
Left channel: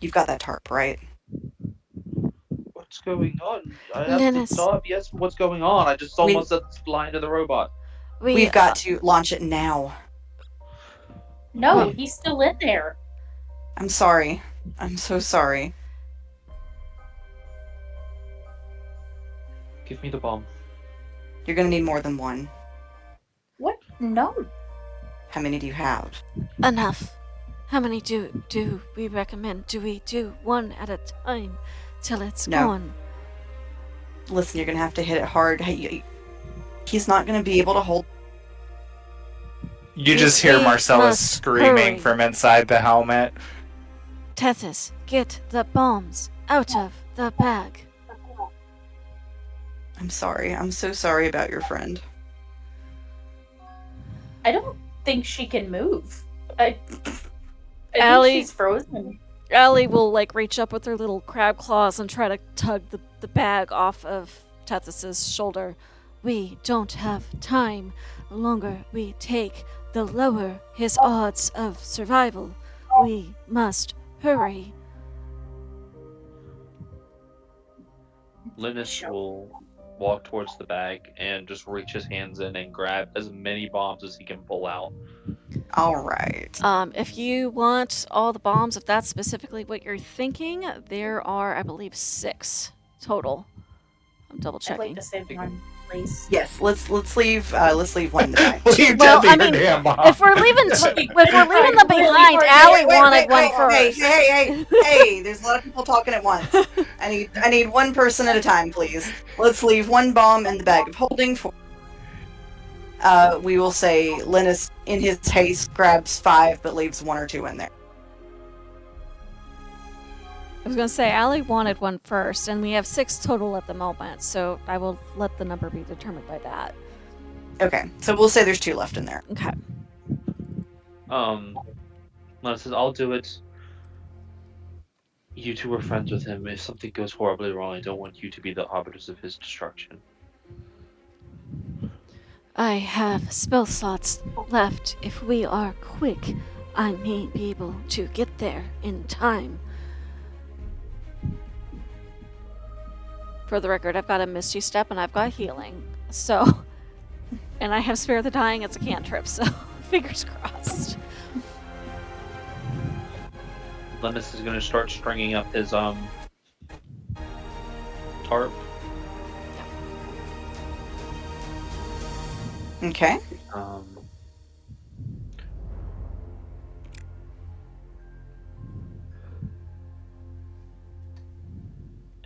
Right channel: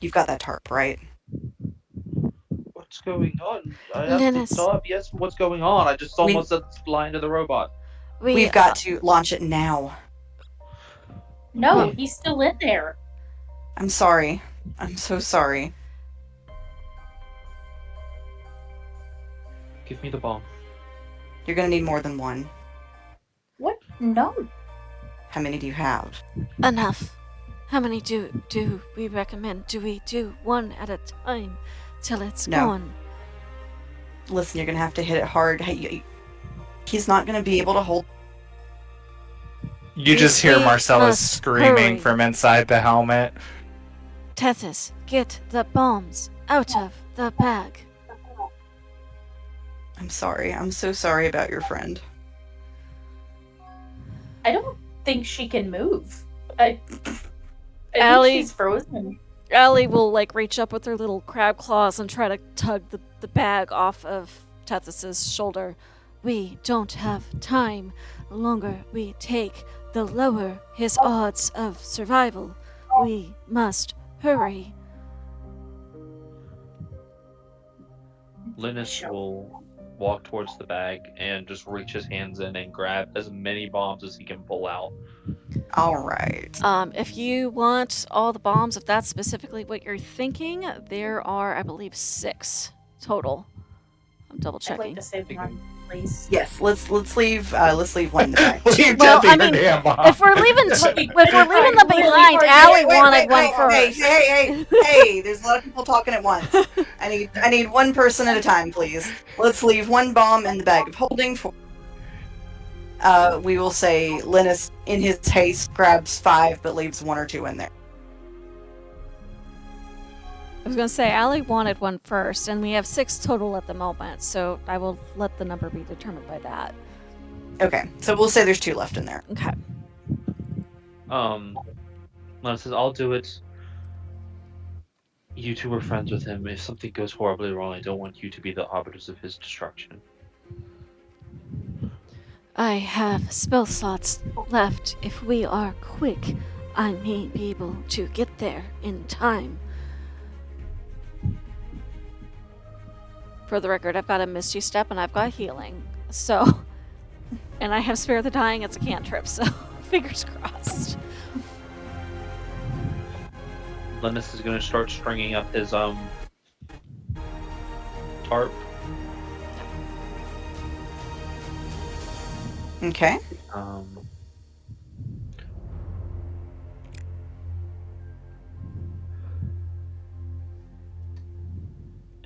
You've got that tarp, right? What's going on? I have Linus. to stop. Yes, what's going on? I just almost said flying to the robot. We've got to launch it now. No, he's still in there. I'm sorry. I'm so sorry. Give me the bomb. You're gonna need more than one. What? No. How many do you have? enough. How many do we recommend? Do we do one at a time till it's No. gone? Listen, you're gonna have to hit it hard. He's not gonna be able to hold. You just hear We Marcellus must screaming hurry. from inside the helmet. Tethys, get the bombs out of the bag. I'm sorry. I'm so sorry about your friend. I don't think she can move. I Allie- think she's frozen. Allie will reach up with her little crab claws and try to tug the bag off of Tethys's shoulder. We don't have time. The longer we take, the lower his odds of survival. We must hurry. Linus will walk towards the bag and just reach his hands in and grab as many bombs as he can pull out. All right. If you want all the bombs, if that's specifically what you're thinking, there are, I believe, 6 total. I'm double I'd like checking. to save one, please. Yes. Let's leave one back. Leave Well, Debbie I her mean, damn bomb. If we're leaving them behind, Allie wanted one first. Hey! There's a lot of people talking at once. I need one person at a time, please. Let's leave one bomb in the bag of holding for. We will say Linus, in his haste, grabs 5 but leaves 1 or 2 in there. I was going to say, Allie wanted one first, and we have 6 total at the moment, so I will let the number be determined by that. Okay, so we'll say there's 2 left in there. Okay. Linus says, I'll do it. You two were friends with him. If something goes horribly wrong, I don't want you to be the arbiters of his destruction. I have spell slots left. If we are quick, I may be able to get there in time. For the record, I've got a Misty Step and I've got healing. So, and I have Spare the Dying as a cantrip, so fingers crossed. Linus is going to start stringing up his tarp. Okay.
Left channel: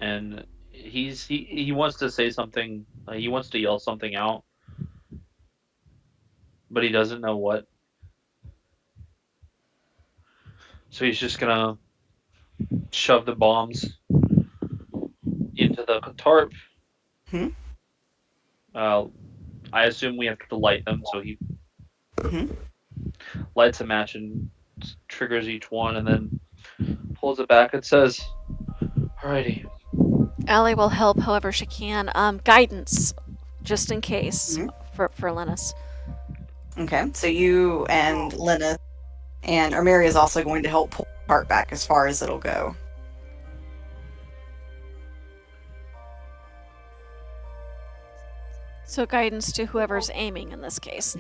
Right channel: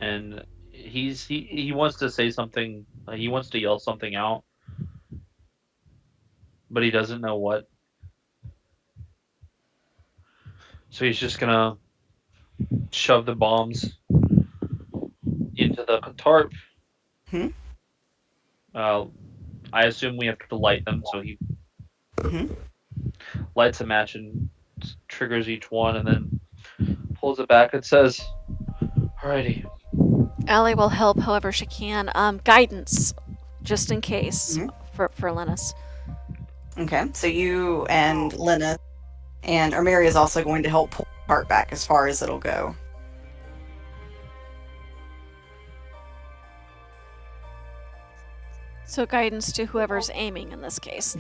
And he wants to say something. He wants to yell something out, but he doesn't know what. So he's just gonna shove the bombs into the tarp. Hmm? I assume we have to light them, so he Hmm? lights a match and triggers each one, and then pulls it back and says, "Alrighty." Allie will help however she can. Guidance, just in case, Mhm. for Linus. Okay. So you and Linus and Armeri is also going to help pull the cart back as far as it'll go. So guidance to whoever's aiming in this case.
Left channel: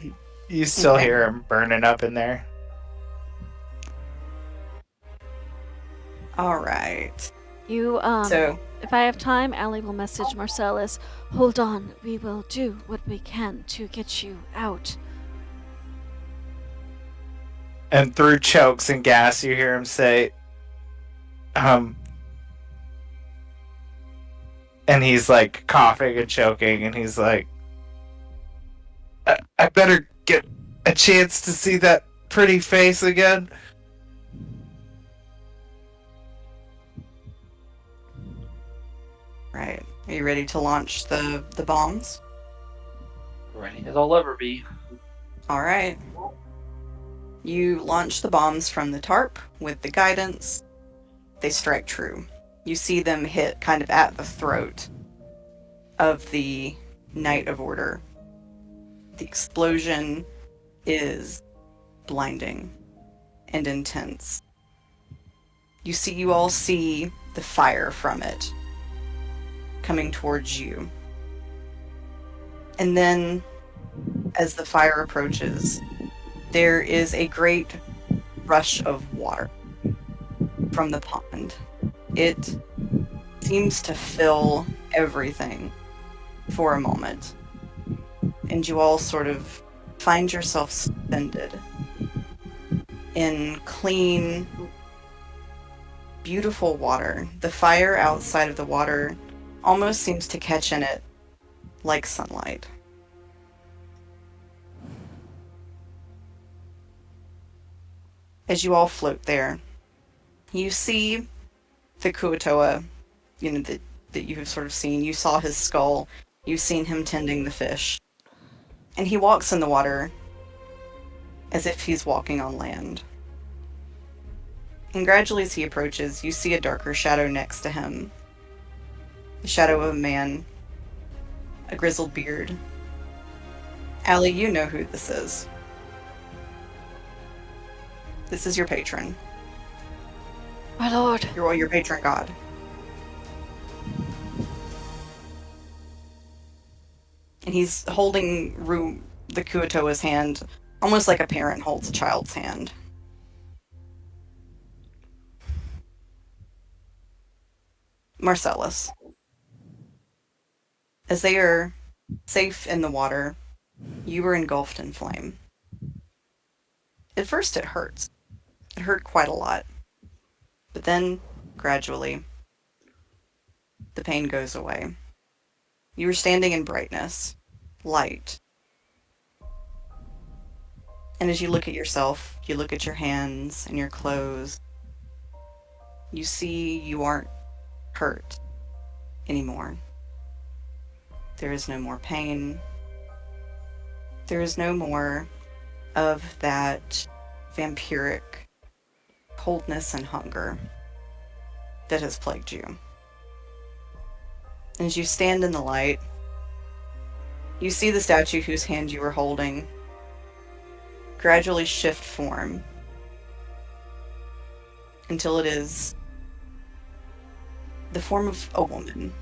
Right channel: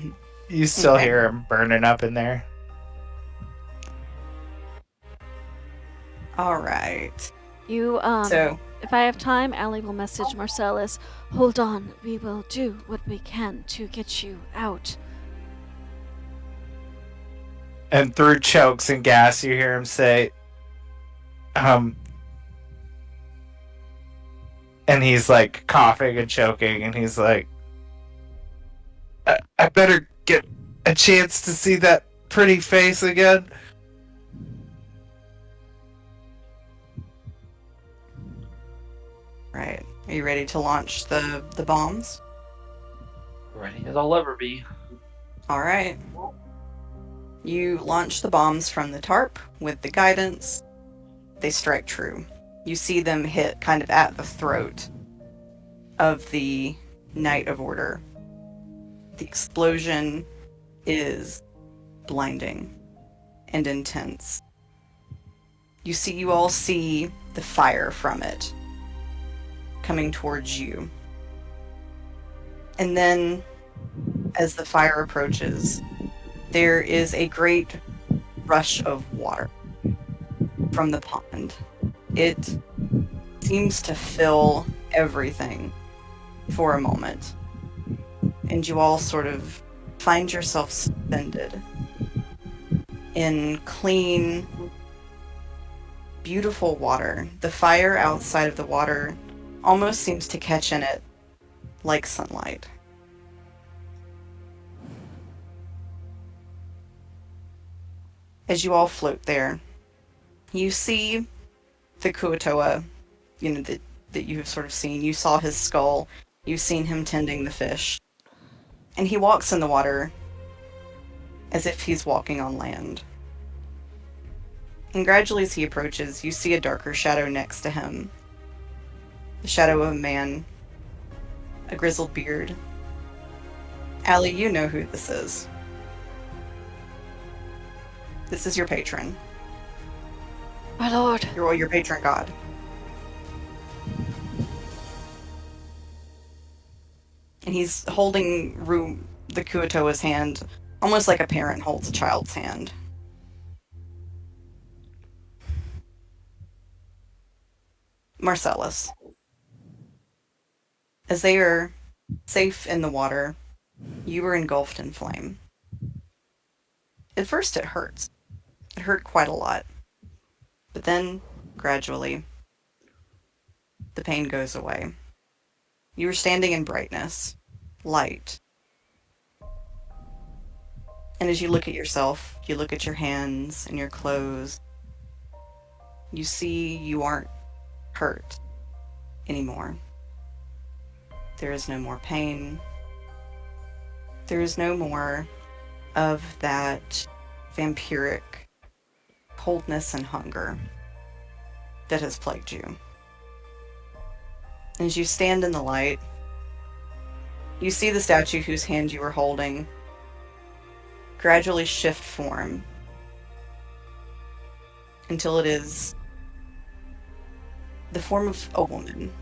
You still Okay. hear him burning up in there. All right. You, So, if I have time, Allie will message Marcellus. Hold on, we will do what we can to get you out. And through chokes and gas, you hear him say, and he's like coughing and choking, and he's like, I better get a chance to see that pretty face again. right. Are you ready to launch the bombs? Ready as I'll ever be. All right. You launch the bombs from the tarp with the guidance. They strike true. You see them hit kind of at the throat of the Knight of Order. The explosion is blinding and intense. You all see the fire from it coming towards you. And then, as the fire approaches, there is a great rush of water from the pond. It seems to fill everything for a moment. And you all sort of find yourself suspended in clean, beautiful water. The fire outside of the water almost seems to catch in it like sunlight. As you all float there, you see the Kuatoa, that you have sort of seen. You saw his skull. You've seen him tending the fish. And he walks in the water as if he's walking on land. And gradually as he approaches, you see a darker shadow next to him. The shadow of a man, a grizzled beard. Allie, you know who this is. This is your patron. My lord. Your patron god. And he's holding the Kuatoa's hand, almost like a parent holds a child's hand. Marcellus. As they are safe in the water, you were engulfed in flame. At first it hurts. It hurt quite a lot. But then, gradually, the pain goes away. You are standing in brightness, light. And as you look at yourself, you look at your hands and your clothes, you see you aren't hurt anymore. There is no more pain. There is no more of that vampiric coldness and hunger that has plagued you. As you stand in the light, you see the statue whose hand you were holding gradually shift form until it is the form of a woman.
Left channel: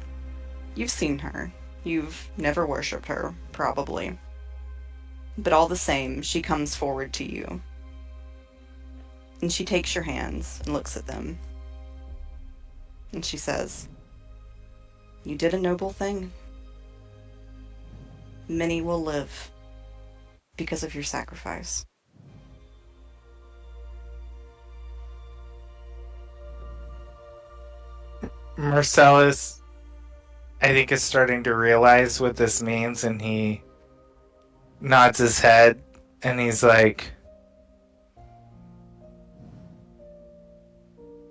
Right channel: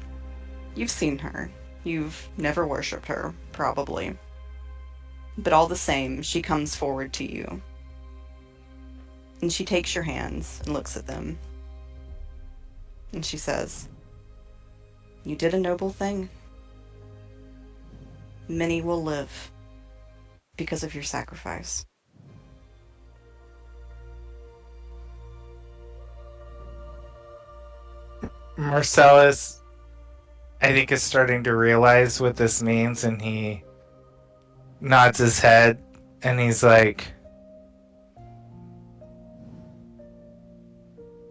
You've seen her. You've never worshipped her, probably. But all the same, she comes forward to you. And she takes your hands and looks at them. And she says, "You did a noble thing. Many will live because of your sacrifice." Marcellus, I think, is starting to realize what this means, and he nods his head, and he's like,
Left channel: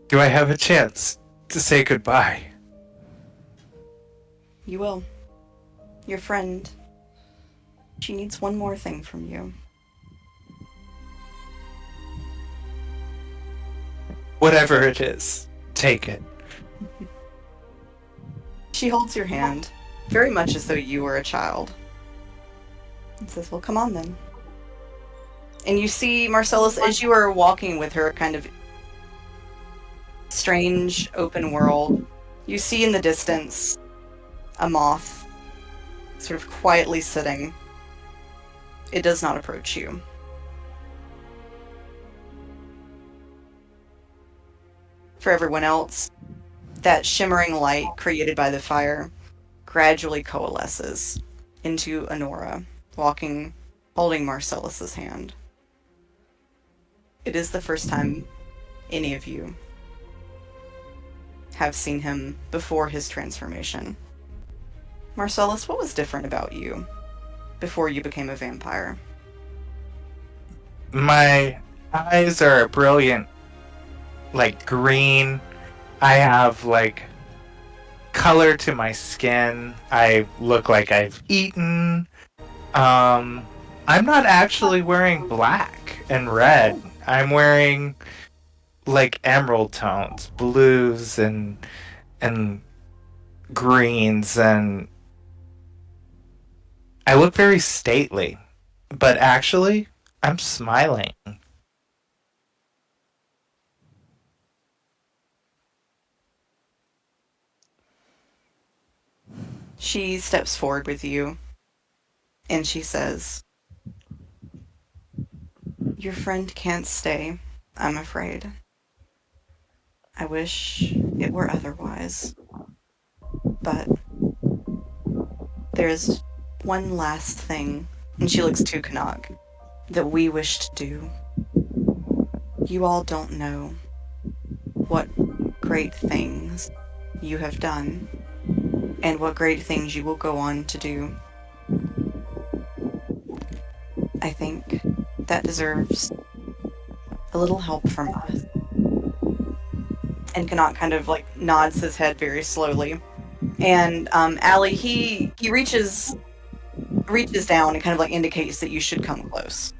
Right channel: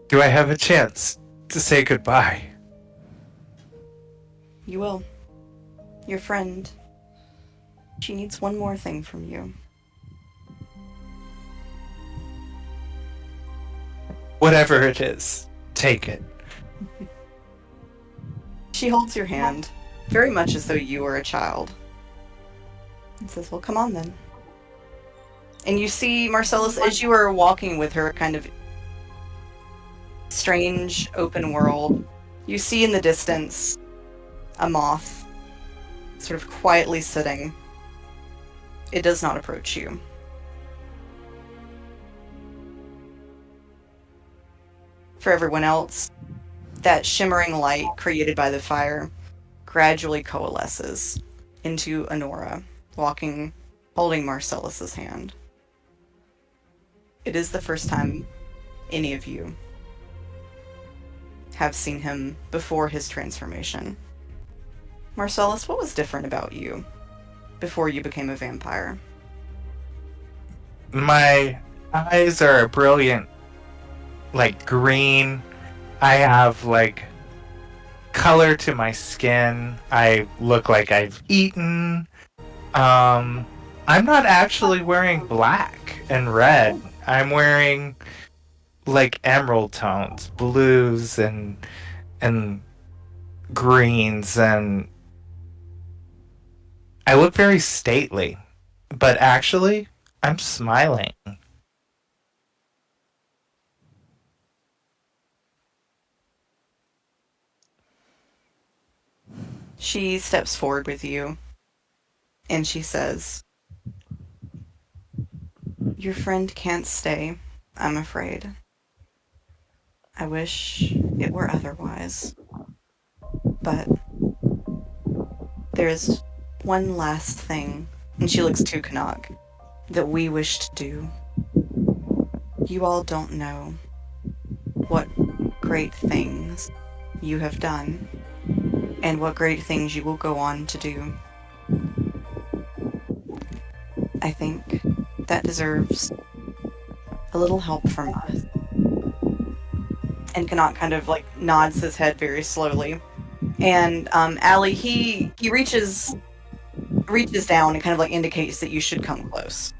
"Do I have a chance to say goodbye?" You will. Your friend, she needs one more thing from you. Whatever it is, take it. She holds your hand, very much as though you were a child, and says, "Well, come on then." And you see, Marcellus, as you are walking with her, kind of strange open world, you see in the distance a moth sort of quietly sitting. It does not approach you. For everyone else, that shimmering light created by the fire gradually coalesces into Honora, holding Marcellus's hand. It is the first time any of you have seen him before his transformation. Marcellus, what was different about you before you became a vampire? My eyes are a brilliant, like, green. I have, like, color to my skin. I look like I've eaten. I'm not actually wearing black and red. I'm wearing, like, emerald tones, blues and greens, and I look very stately. But actually, I'm smiling. She steps forward with you, and she says, "Your friend can't stay, I'm afraid. I wish it were otherwise. But there's one last thing," and she looks to Canuck, "that we wish to do. You all don't know what great things you have done, and what great things you will go on to do. I think that deserves a little help from us." And Canuck kind of like nods his head very slowly. And Allie, he reaches down and kind of like indicates that you should come close.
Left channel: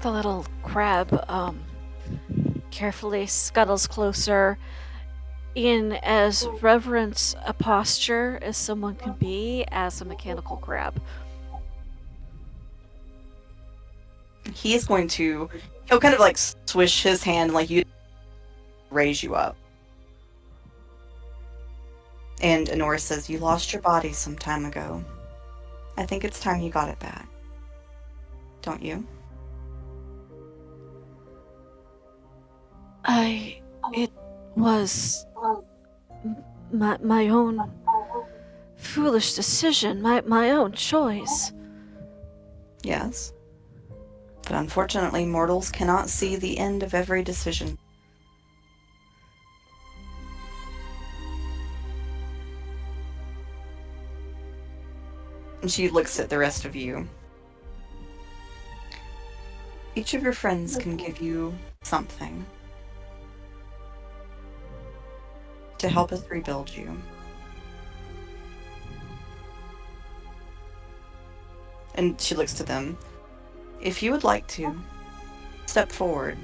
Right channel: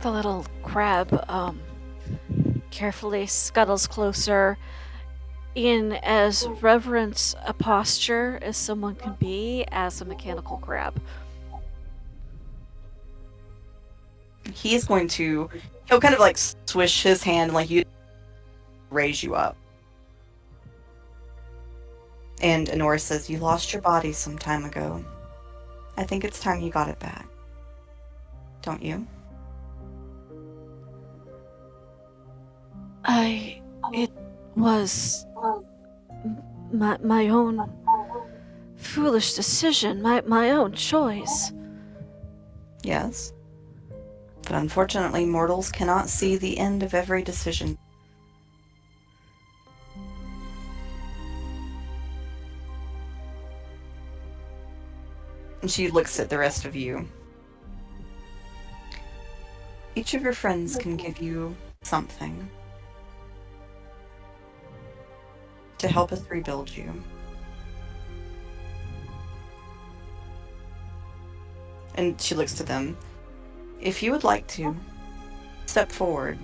The little crab carefully scuttles closer in as reverent a posture as someone can be as a mechanical crab. He'll kind of like swish his hand like you, raise you up. And Honora says, "You lost your body some time ago. I think it's time you got it back. Don't you?" It was my own foolish decision, my own choice. "Yes. But unfortunately, mortals cannot see the end of every decision." And she looks at the rest of you. "Each of your friends can give you something to help us rebuild you. And she looks to them. "If you would like to, step forward.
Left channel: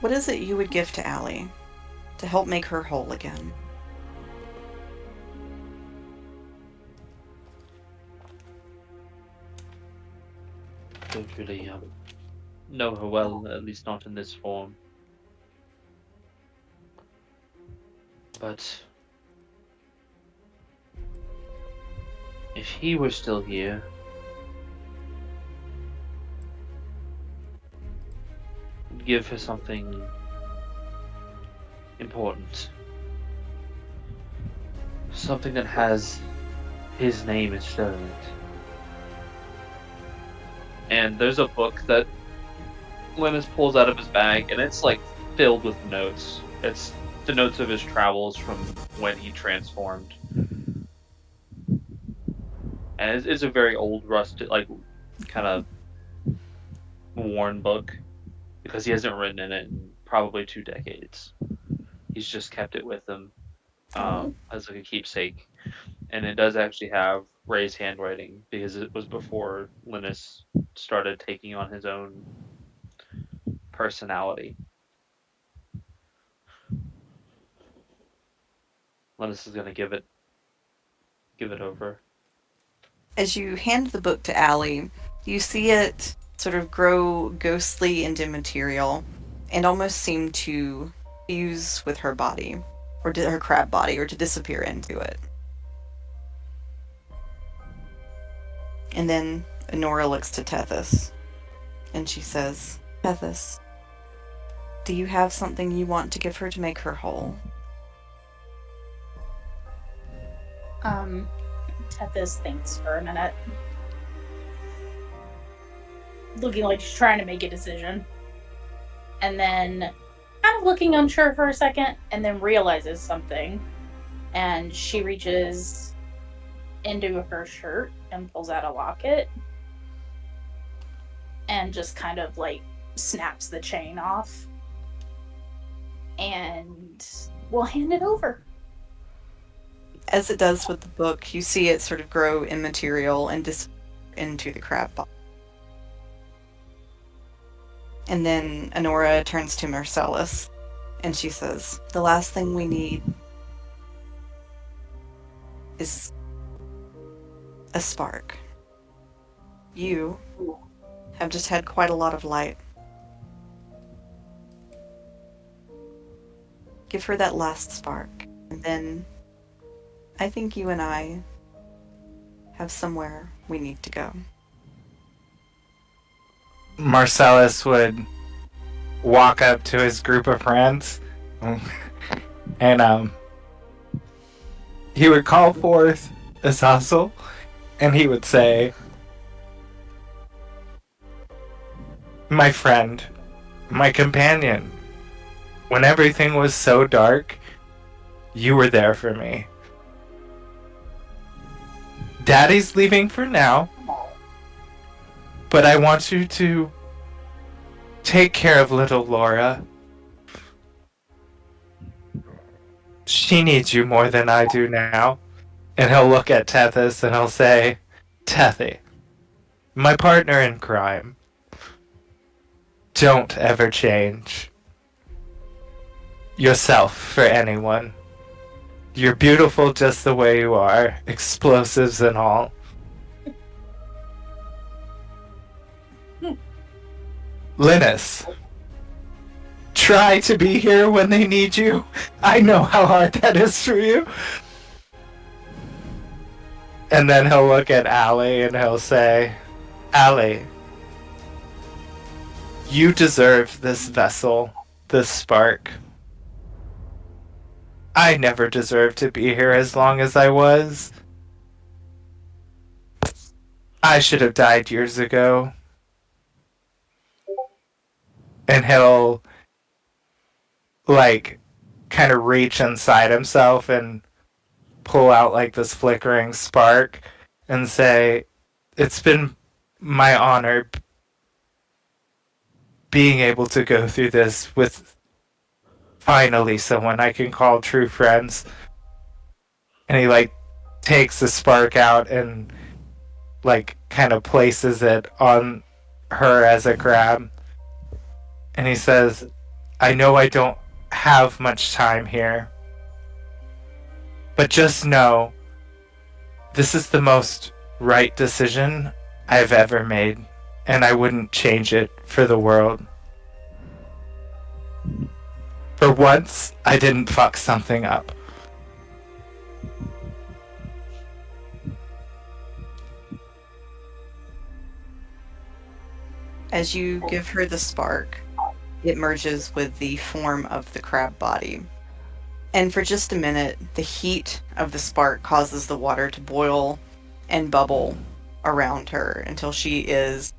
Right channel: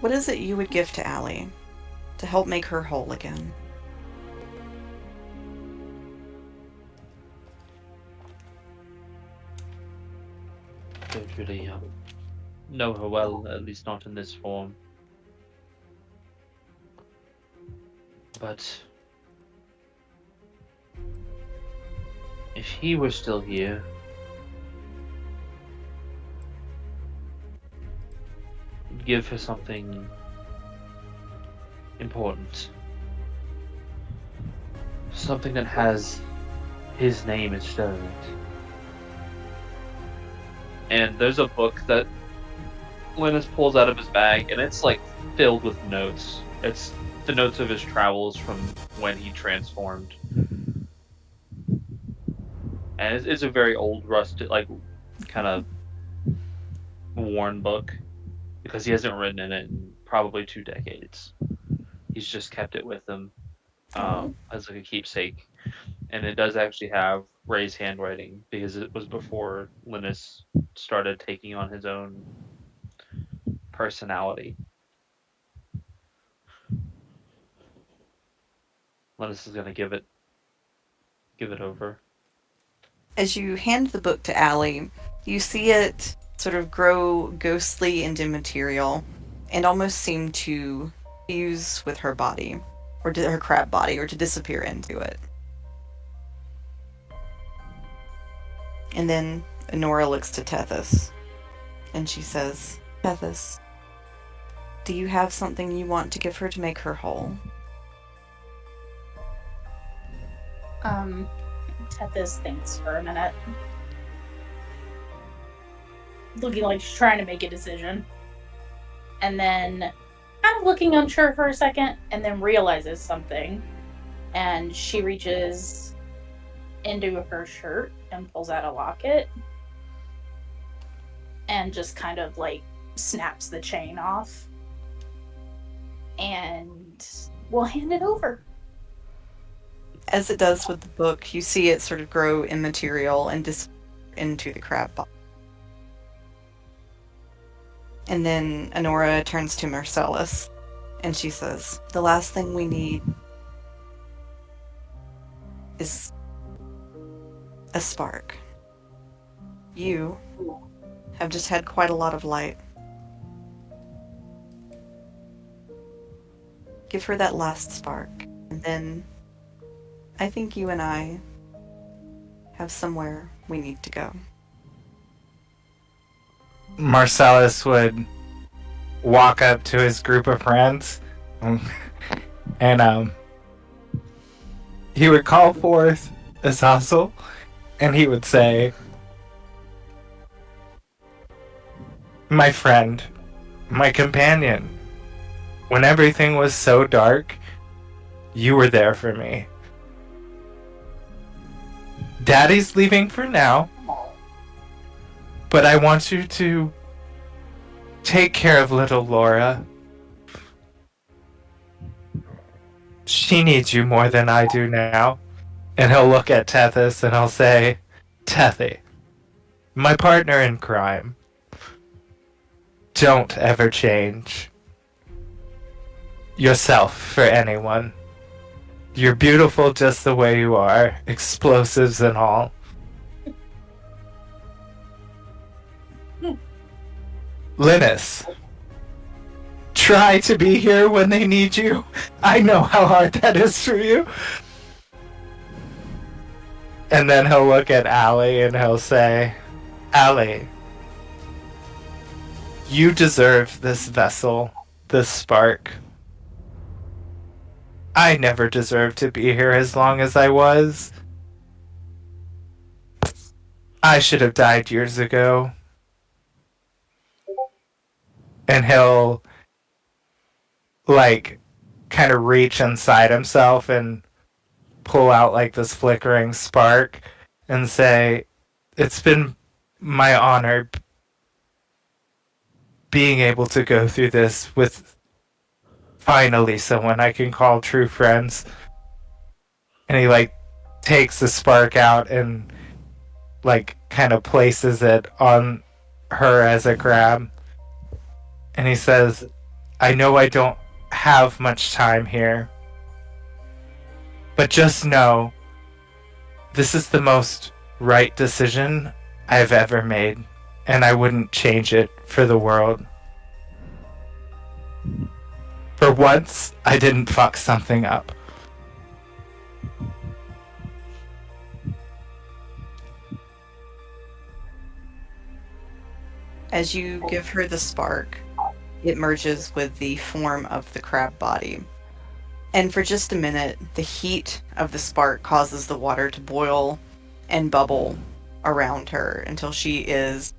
What is it you would give to Allie to help make her whole again?" Don't really know her well, at least not in this form. But if he were still here, give her something important. Something that has his name instead of it. And there's a book that Linus pulls out of his bag, and it's like filled with notes. It's the notes of his travels from when he transformed. And it's a very old, rusted, like, kind of worn book, because he hasn't written in it in probably 2 decades. He's just kept it with him as like a keepsake. And it does actually have Ray's handwriting, because it was before Linus started taking on his own personality. Linus is gonna give it over. As you hand the book to Allie, you see it sort of grow ghostly and immaterial, and almost seem to fuse with her body, or her crab body, or to disappear into it. And then Honora looks to Tethys, and she says, Tethys, do you have something you want to give her to make her whole? Tethys thinks for a minute. Looking like she's trying to make a decision. And then kind of looking unsure for a second, and then realizes something. And she reaches into her shirt and pulls out a locket. And just kind of like snaps the chain off. And we'll hand it over. As it does with the book, you see it sort of grow immaterial and disappear into the crab body. And then Honora turns to Marcellus, and she says, the last thing we need is a spark. You have just had quite a lot of light. Give her that last spark, and then I think you and I have somewhere we need to go. Marcellus would walk up to his group of friends and he would call forth Azazel, and he would say, my friend, my companion, when everything was so dark, you were there for me. Daddy's leaving for now, but I want you to take care of little Laura. She needs you more than I do now. And he'll look at Tethys and he'll say, Tethy, my partner in crime, don't ever change yourself for anyone. You're beautiful just the way you are, explosives and all. Linus, try to be here when they need you. I know how hard that is for you. And then he'll look at Allie and he'll say, Allie, you deserve this vessel, this spark. I never deserved to be here as long as I was. I should have died years ago. And he'll, like, kind of reach inside himself and pull out, like, this flickering spark and say, it's been my honor being able to go through this with finally someone I can call true friends. And he, like, takes the spark out and, like, kind of places it on her as a grab. And he says, I know I don't have much time here, but just know this is the most right decision I've ever made, and I wouldn't change it for the world. For once, I didn't fuck something up. As you give her the spark, it merges with the form of the crab body. And for just a minute, the heat of the spark causes the water to boil and bubble around her until she is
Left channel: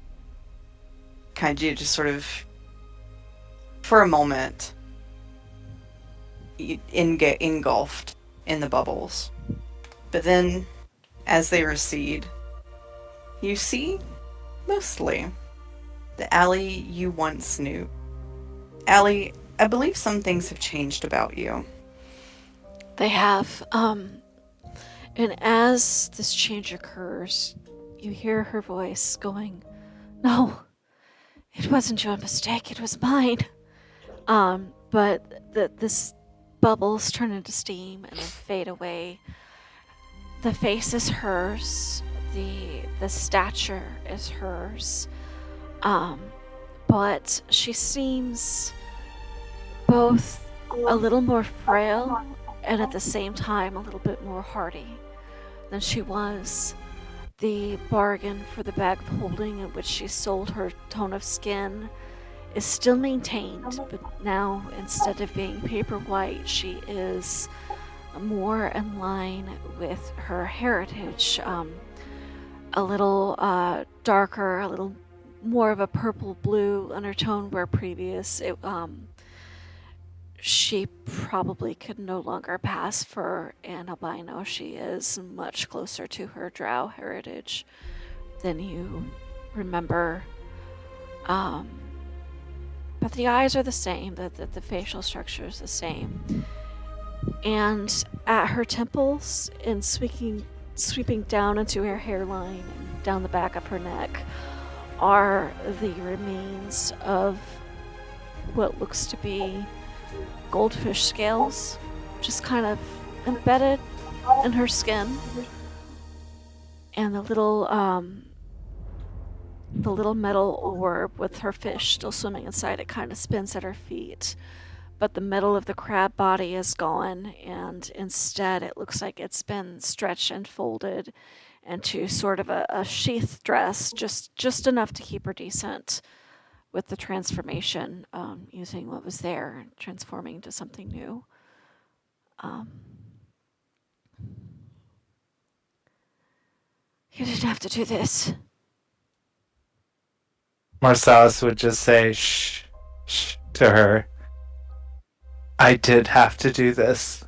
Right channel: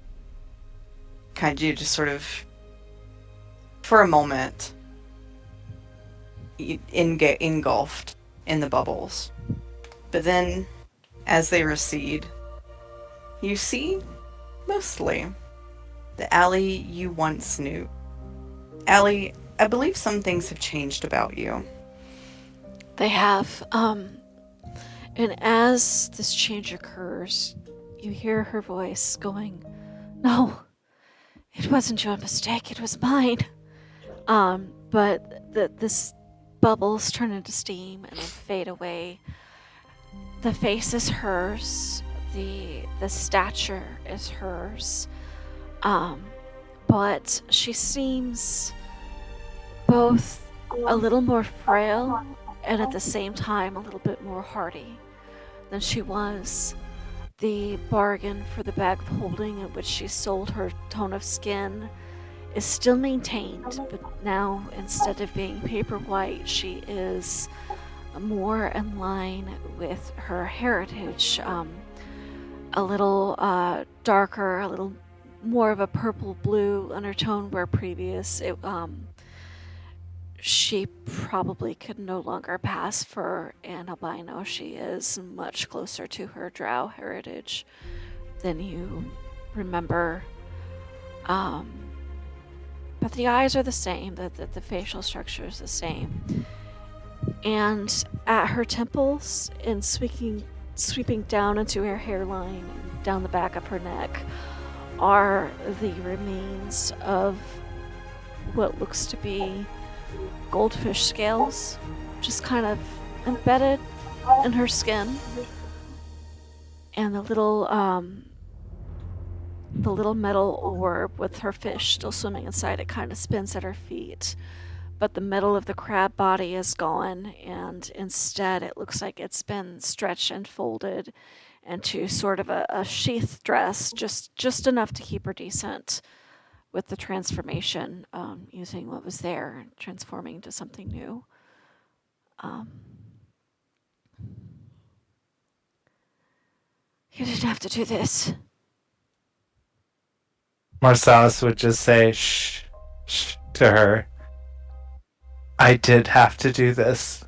kind of just sort of, for a moment, engulfed in the bubbles. But then, as they recede, you see, mostly, the Allie you once knew. Allie, I believe some things have changed about you. They have. And as this change occurs, you hear her voice going, "No, it wasn't your mistake, it was mine." But this bubbles turn into steam and then fade away. The face is hers, the stature is hers, but she seems both a little more frail and at the same time a little bit more hardy than she was. The bargain for the bag of holding in which she sold her tone of skin is still maintained, but now instead of being paper white, she is more in line with her heritage. A little darker, a little more of a purple blue undertone, where previous she probably could no longer pass for an albino. She is much closer to her drow heritage than you remember. But the eyes are the same, the facial structure is the same. And at her temples, and sweeping down into her hairline and down the back of her neck, are the remains of what looks to be goldfish scales, just kind of embedded in her skin. And the little metal orb with her fish still swimming inside it kind of spins at her feet. But the middle of the crab body is gone, and instead it looks like it's been stretched and folded into sort of a sheath dress, just enough to keep her decent with the transformation, using what was there and transforming into something new. You didn't have to do this. Marsalis would just say shh, shh to her. I did have to do this.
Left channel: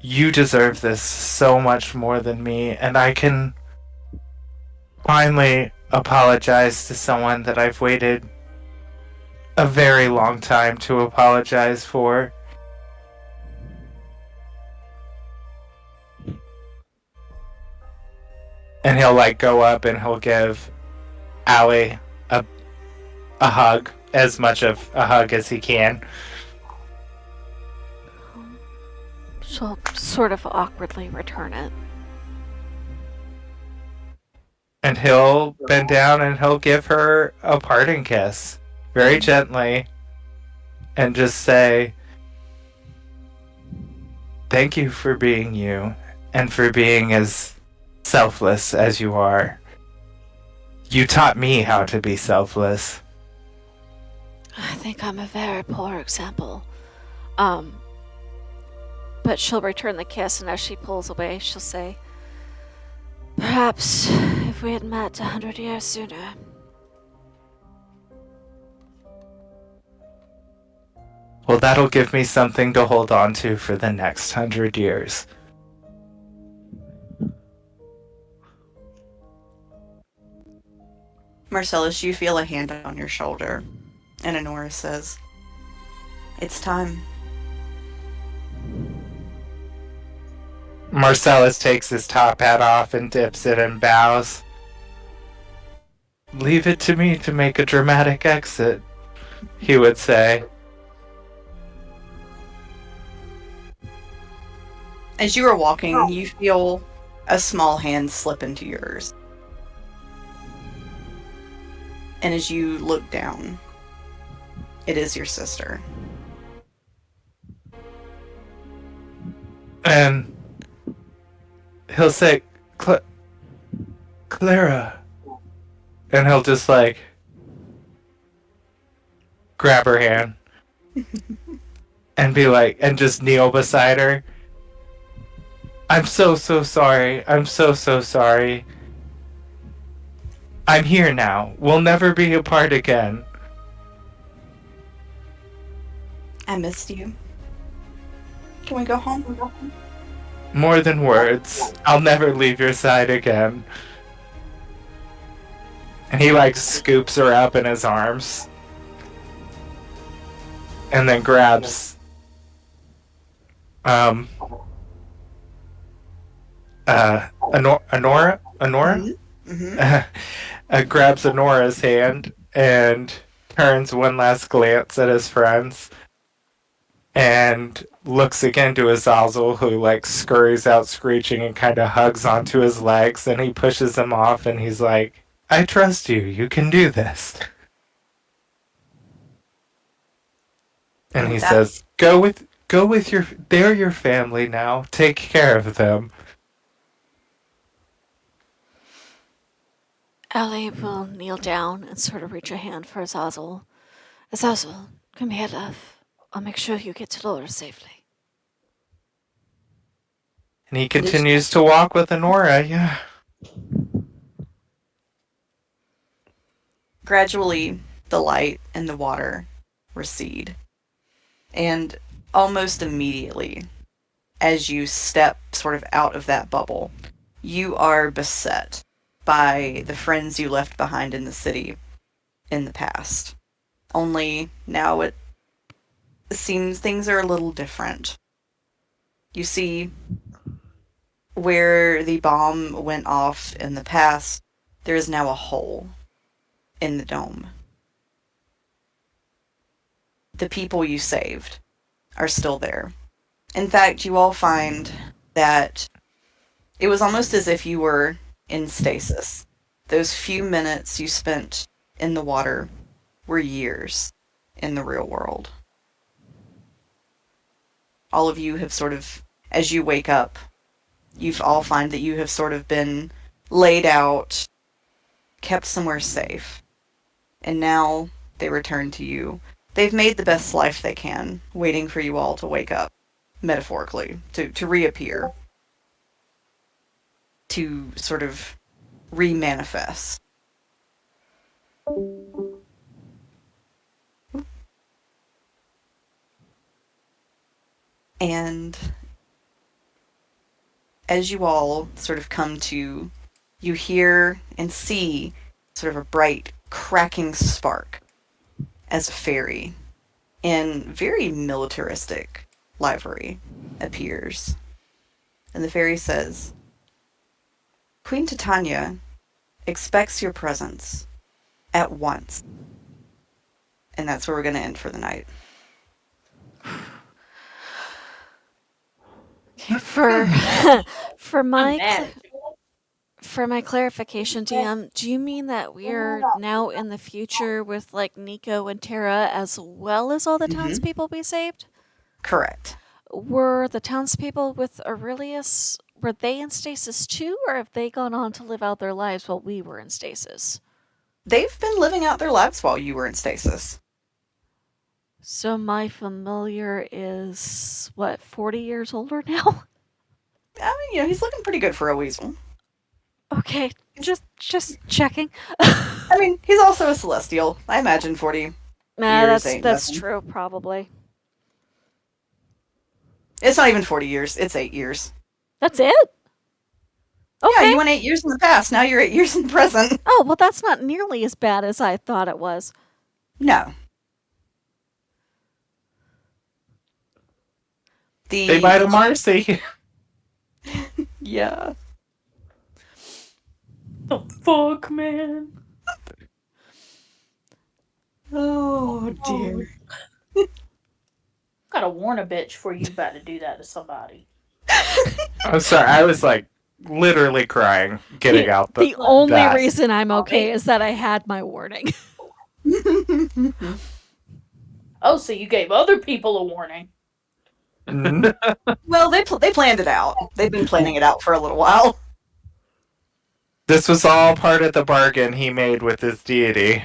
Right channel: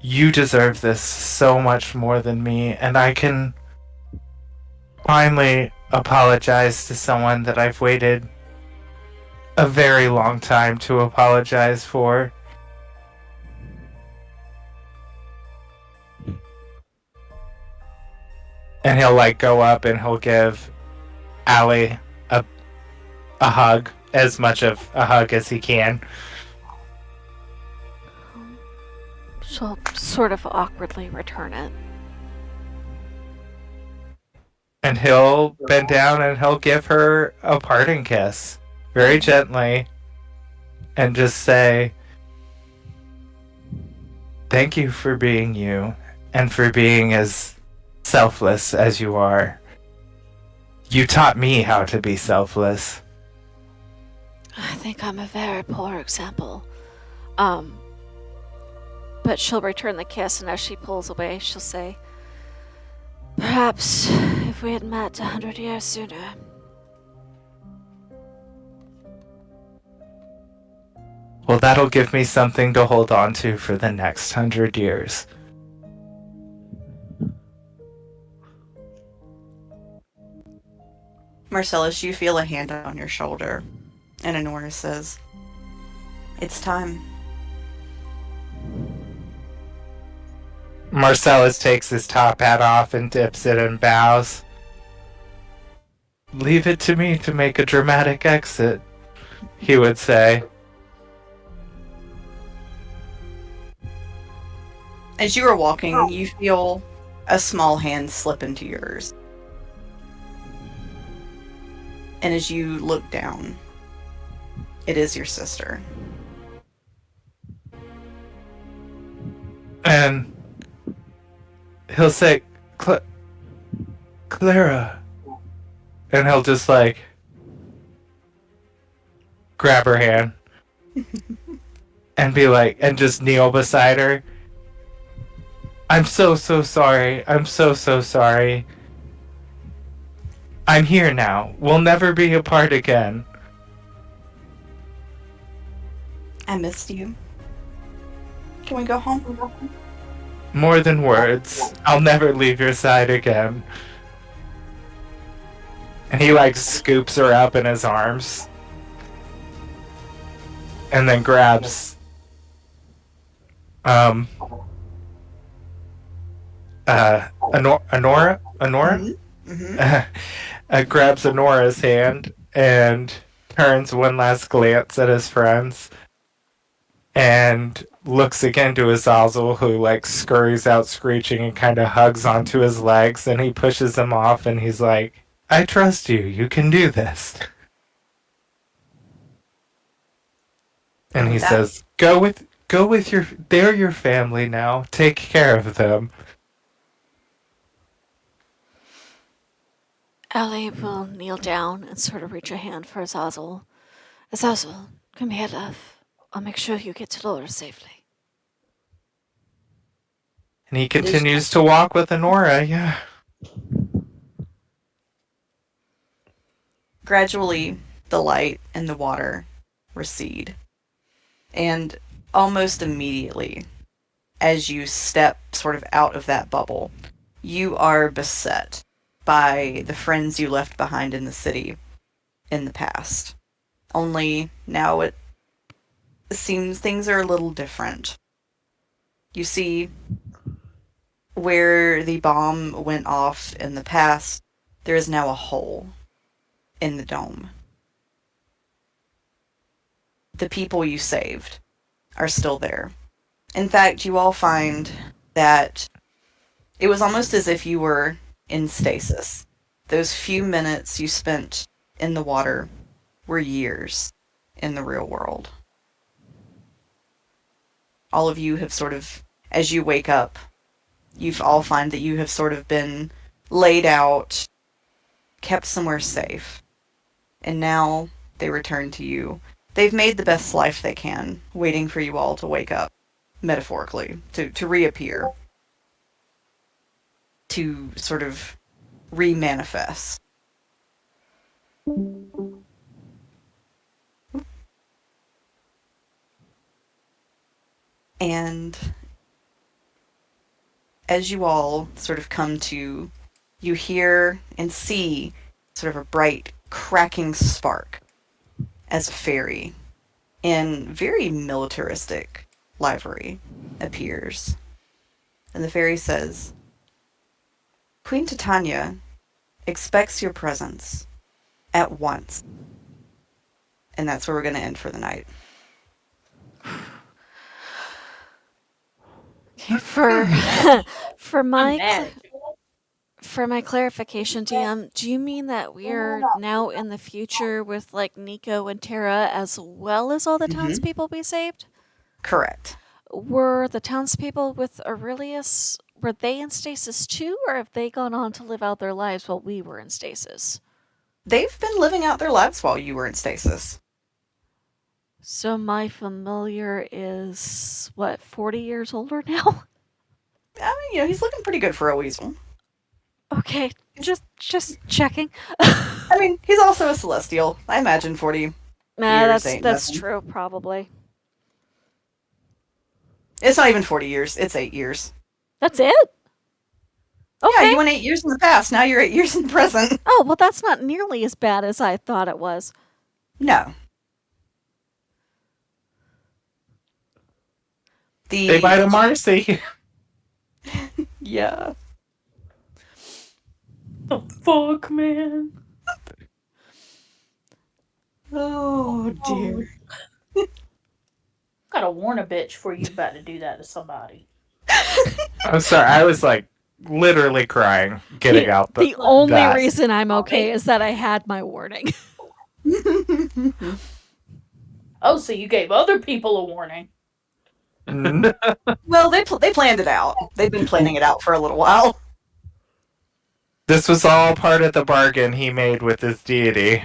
You deserve this so much more than me, and I can finally apologize to someone that I've waited a very long time to apologize for. And he'll go up and he'll give Allie a hug, as much of a hug as he can. She'll sort of awkwardly return it. And he'll bend down and he'll give her a parting kiss, very gently, and just say, thank you for being you, and for being as selfless as you are. You taught me how to be selfless. I think I'm a very poor example. But she'll return the kiss, and as she pulls away, she'll say, perhaps if we had met 100 years sooner. Well, that'll give me something to hold on to for the next 100 years. Marcellus, you feel a hand on your shoulder, and Honora says, it's time. Marcellus takes his top hat off and dips it and bows. Leave it to me to make a dramatic exit, he would say. As you are walking, you feel a small hand slip into yours. And as you look down, it is your sister. And he'll say, Clara. And he'll just grab her hand and be like, and just kneel beside her. I'm so sorry. I'm so sorry. I'm here now. We'll never be apart again. I missed you. Can we go home? More than words. I'll never leave your side again. And he like scoops her up in his arms. And then grabs Honora? Grabs Honora's hand and turns one last glance at his friends and looks again to Azazel, who like scurries out screeching and kind of hugs onto his legs, and he pushes him off and he's like, I trust you. You can do this. And he says, Go with they're your family now. Take care of them. Ellie will kneel down and sort of reach a hand for Azazel. Azazel, come here, love. I'll make sure you get to Laura safely. And he continues to walk with Honora, yeah. Gradually, the light and the water recede. And almost immediately, as you step sort of out of that bubble, you are beset by the friends you left behind in the city in the past. Only now it seems things are a little different. You see, where the bomb went off in the past, there is now a hole in the dome. The people you saved are still there. In fact, you all find that it was almost as if you were in stasis. Those few minutes you spent in the water were years in the real world. All of you have sort of, as you wake up, you all find that you have sort of been laid out, kept somewhere safe. And now they return to you. They've made the best life they can, waiting for you all to wake up, metaphorically, to reappear, to sort of re-manifest. And as you all sort of come to, you hear and see sort of a bright, cracking spark as a fairy in very militaristic livery appears. And the fairy says, Queen Titania expects your presence at once. And that's where we're going to end for the night. For I'm mad. For my clarification, DM, do you mean that we're now in the future with like Nico and Tara as well as all the townspeople we saved? Correct. Were the townspeople with Aurelius, were they in stasis too, or have they gone on to live out their lives while we were in stasis? They've been living out their lives while you were in stasis. So my familiar is, what, 40 years older now? I mean, he's looking pretty good for a weasel. Okay, just checking. I mean, he's also a celestial. I imagine 40 Nah, years that's ain't nothing. true, probably. It's not even 40 years. It's 8 years. That's it? Okay. Yeah, you went 8 years in the past. Now you're 8 years in the present. Oh, well, that's not nearly as bad as I thought it was. No. They might have Marcy. Yeah. The fuck, man? Oh, dear. Gotta warn a bitch before you about to do that to somebody. I'm sorry, I was like literally crying getting out The only that. reason I'm okay is that I had my warning. Oh, so you gave other people a warning. Well, they planned it out. They've been planning it out for a little while. This was all part of the bargain he made with his deity.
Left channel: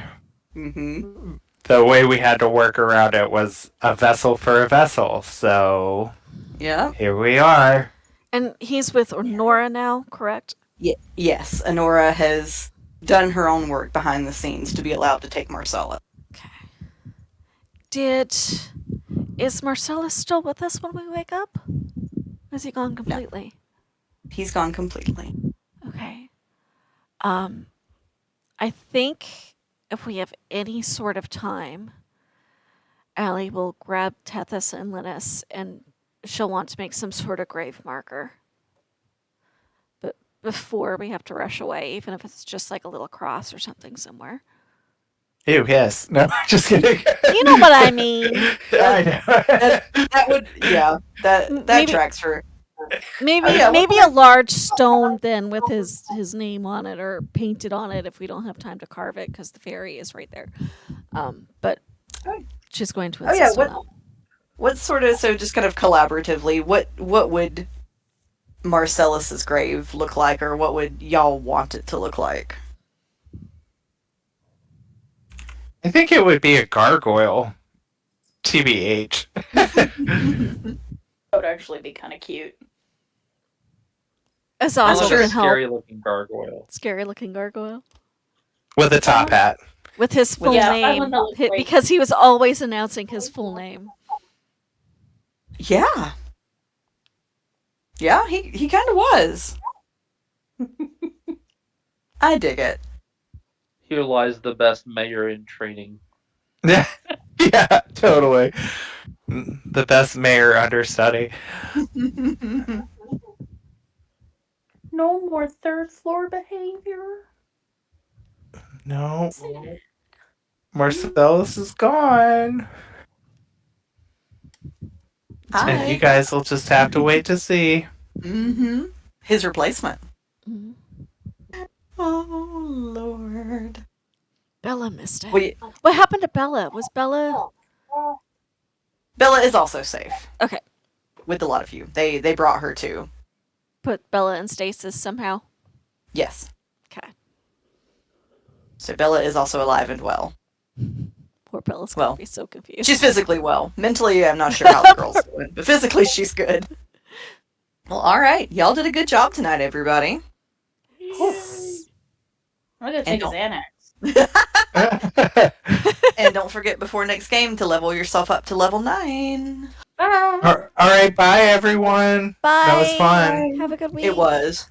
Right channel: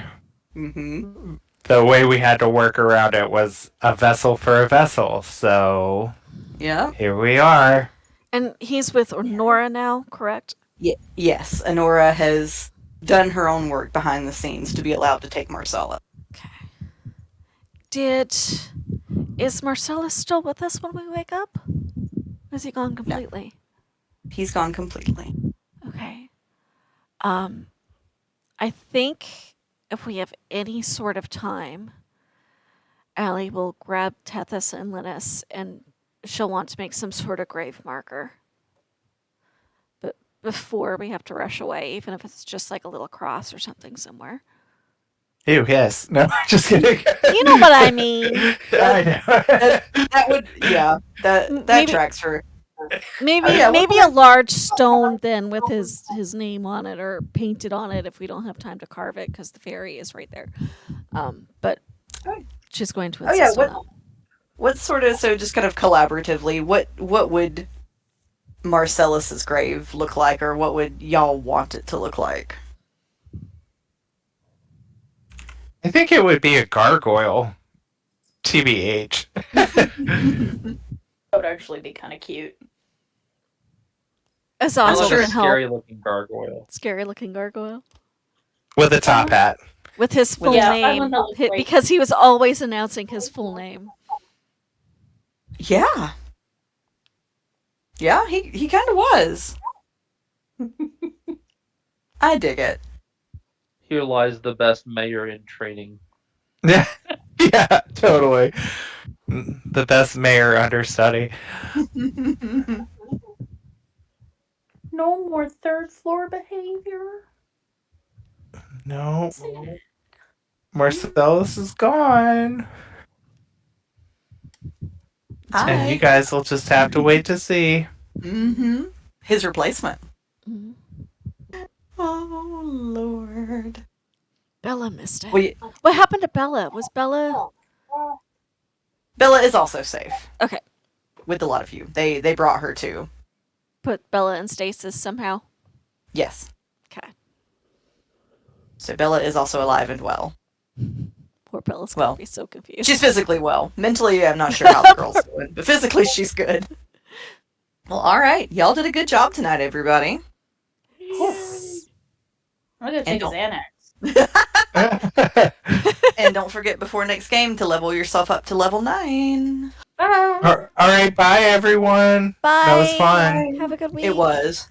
Mm-hmm. the way we had to work around it was a vessel for a vessel. So Yeah. here we are. And he's with Nora now, correct? Yes, Honora has done her own work behind the scenes to be allowed to take Marcella. Okay. Is Marcellus still with us when we wake up? Or is he gone completely? He's gone completely. Okay. I think if we have any sort of time, Allie will grab Tethys and Linus, and she'll want to make some sort of grave marker. But before we have to rush away, even if it's just like a little cross or something somewhere. Ew, yes. No, just kidding. You know what I mean. I know. That would, yeah, that Maybe- tracks for. Maybe Oh, yeah, maybe a large stone then with his name on it or painted on it if we don't have time to carve it because the fairy is right there. But she's going to insist on that. What sort of, so just kind of collaboratively, what would Marcellus's grave look like, or what would y'all want it to look like? I think it would be a gargoyle. TBH. That would actually be kind of cute. Azazel Sure, can help. scary looking gargoyle. Scary looking gargoyle. With a top hat. With his full Yeah, I name. want that look great. Because he was always announcing his full name. Yeah. Yeah, he kind of was. I dig it. Here lies the best mayor in training. Yeah, yeah, totally. The best mayor understudy. No more third floor behavior. No. Marcellus is gone. And you guys will just have to wait to see. Mm-hmm. His replacement. Mhm. Oh, Lord. Bella missed it. Well, What happened to Bella? Was Bella... Bella is also safe. Okay. With a lot of you. They brought her too. Put Bella in stasis somehow? Yes. Okay. So Bella is also alive and well. Poor Bella's going to Well, be so confused. She's physically well. Mentally, I'm not sure how the girl's doing, but physically, she's good. Well, all right. Y'all did a good job tonight, everybody. I'm gonna take a And Xanax. And don't forget before next game to level yourself up to level 9. Bye. All right, bye everyone. Bye. That was fun. Have a good week. It was.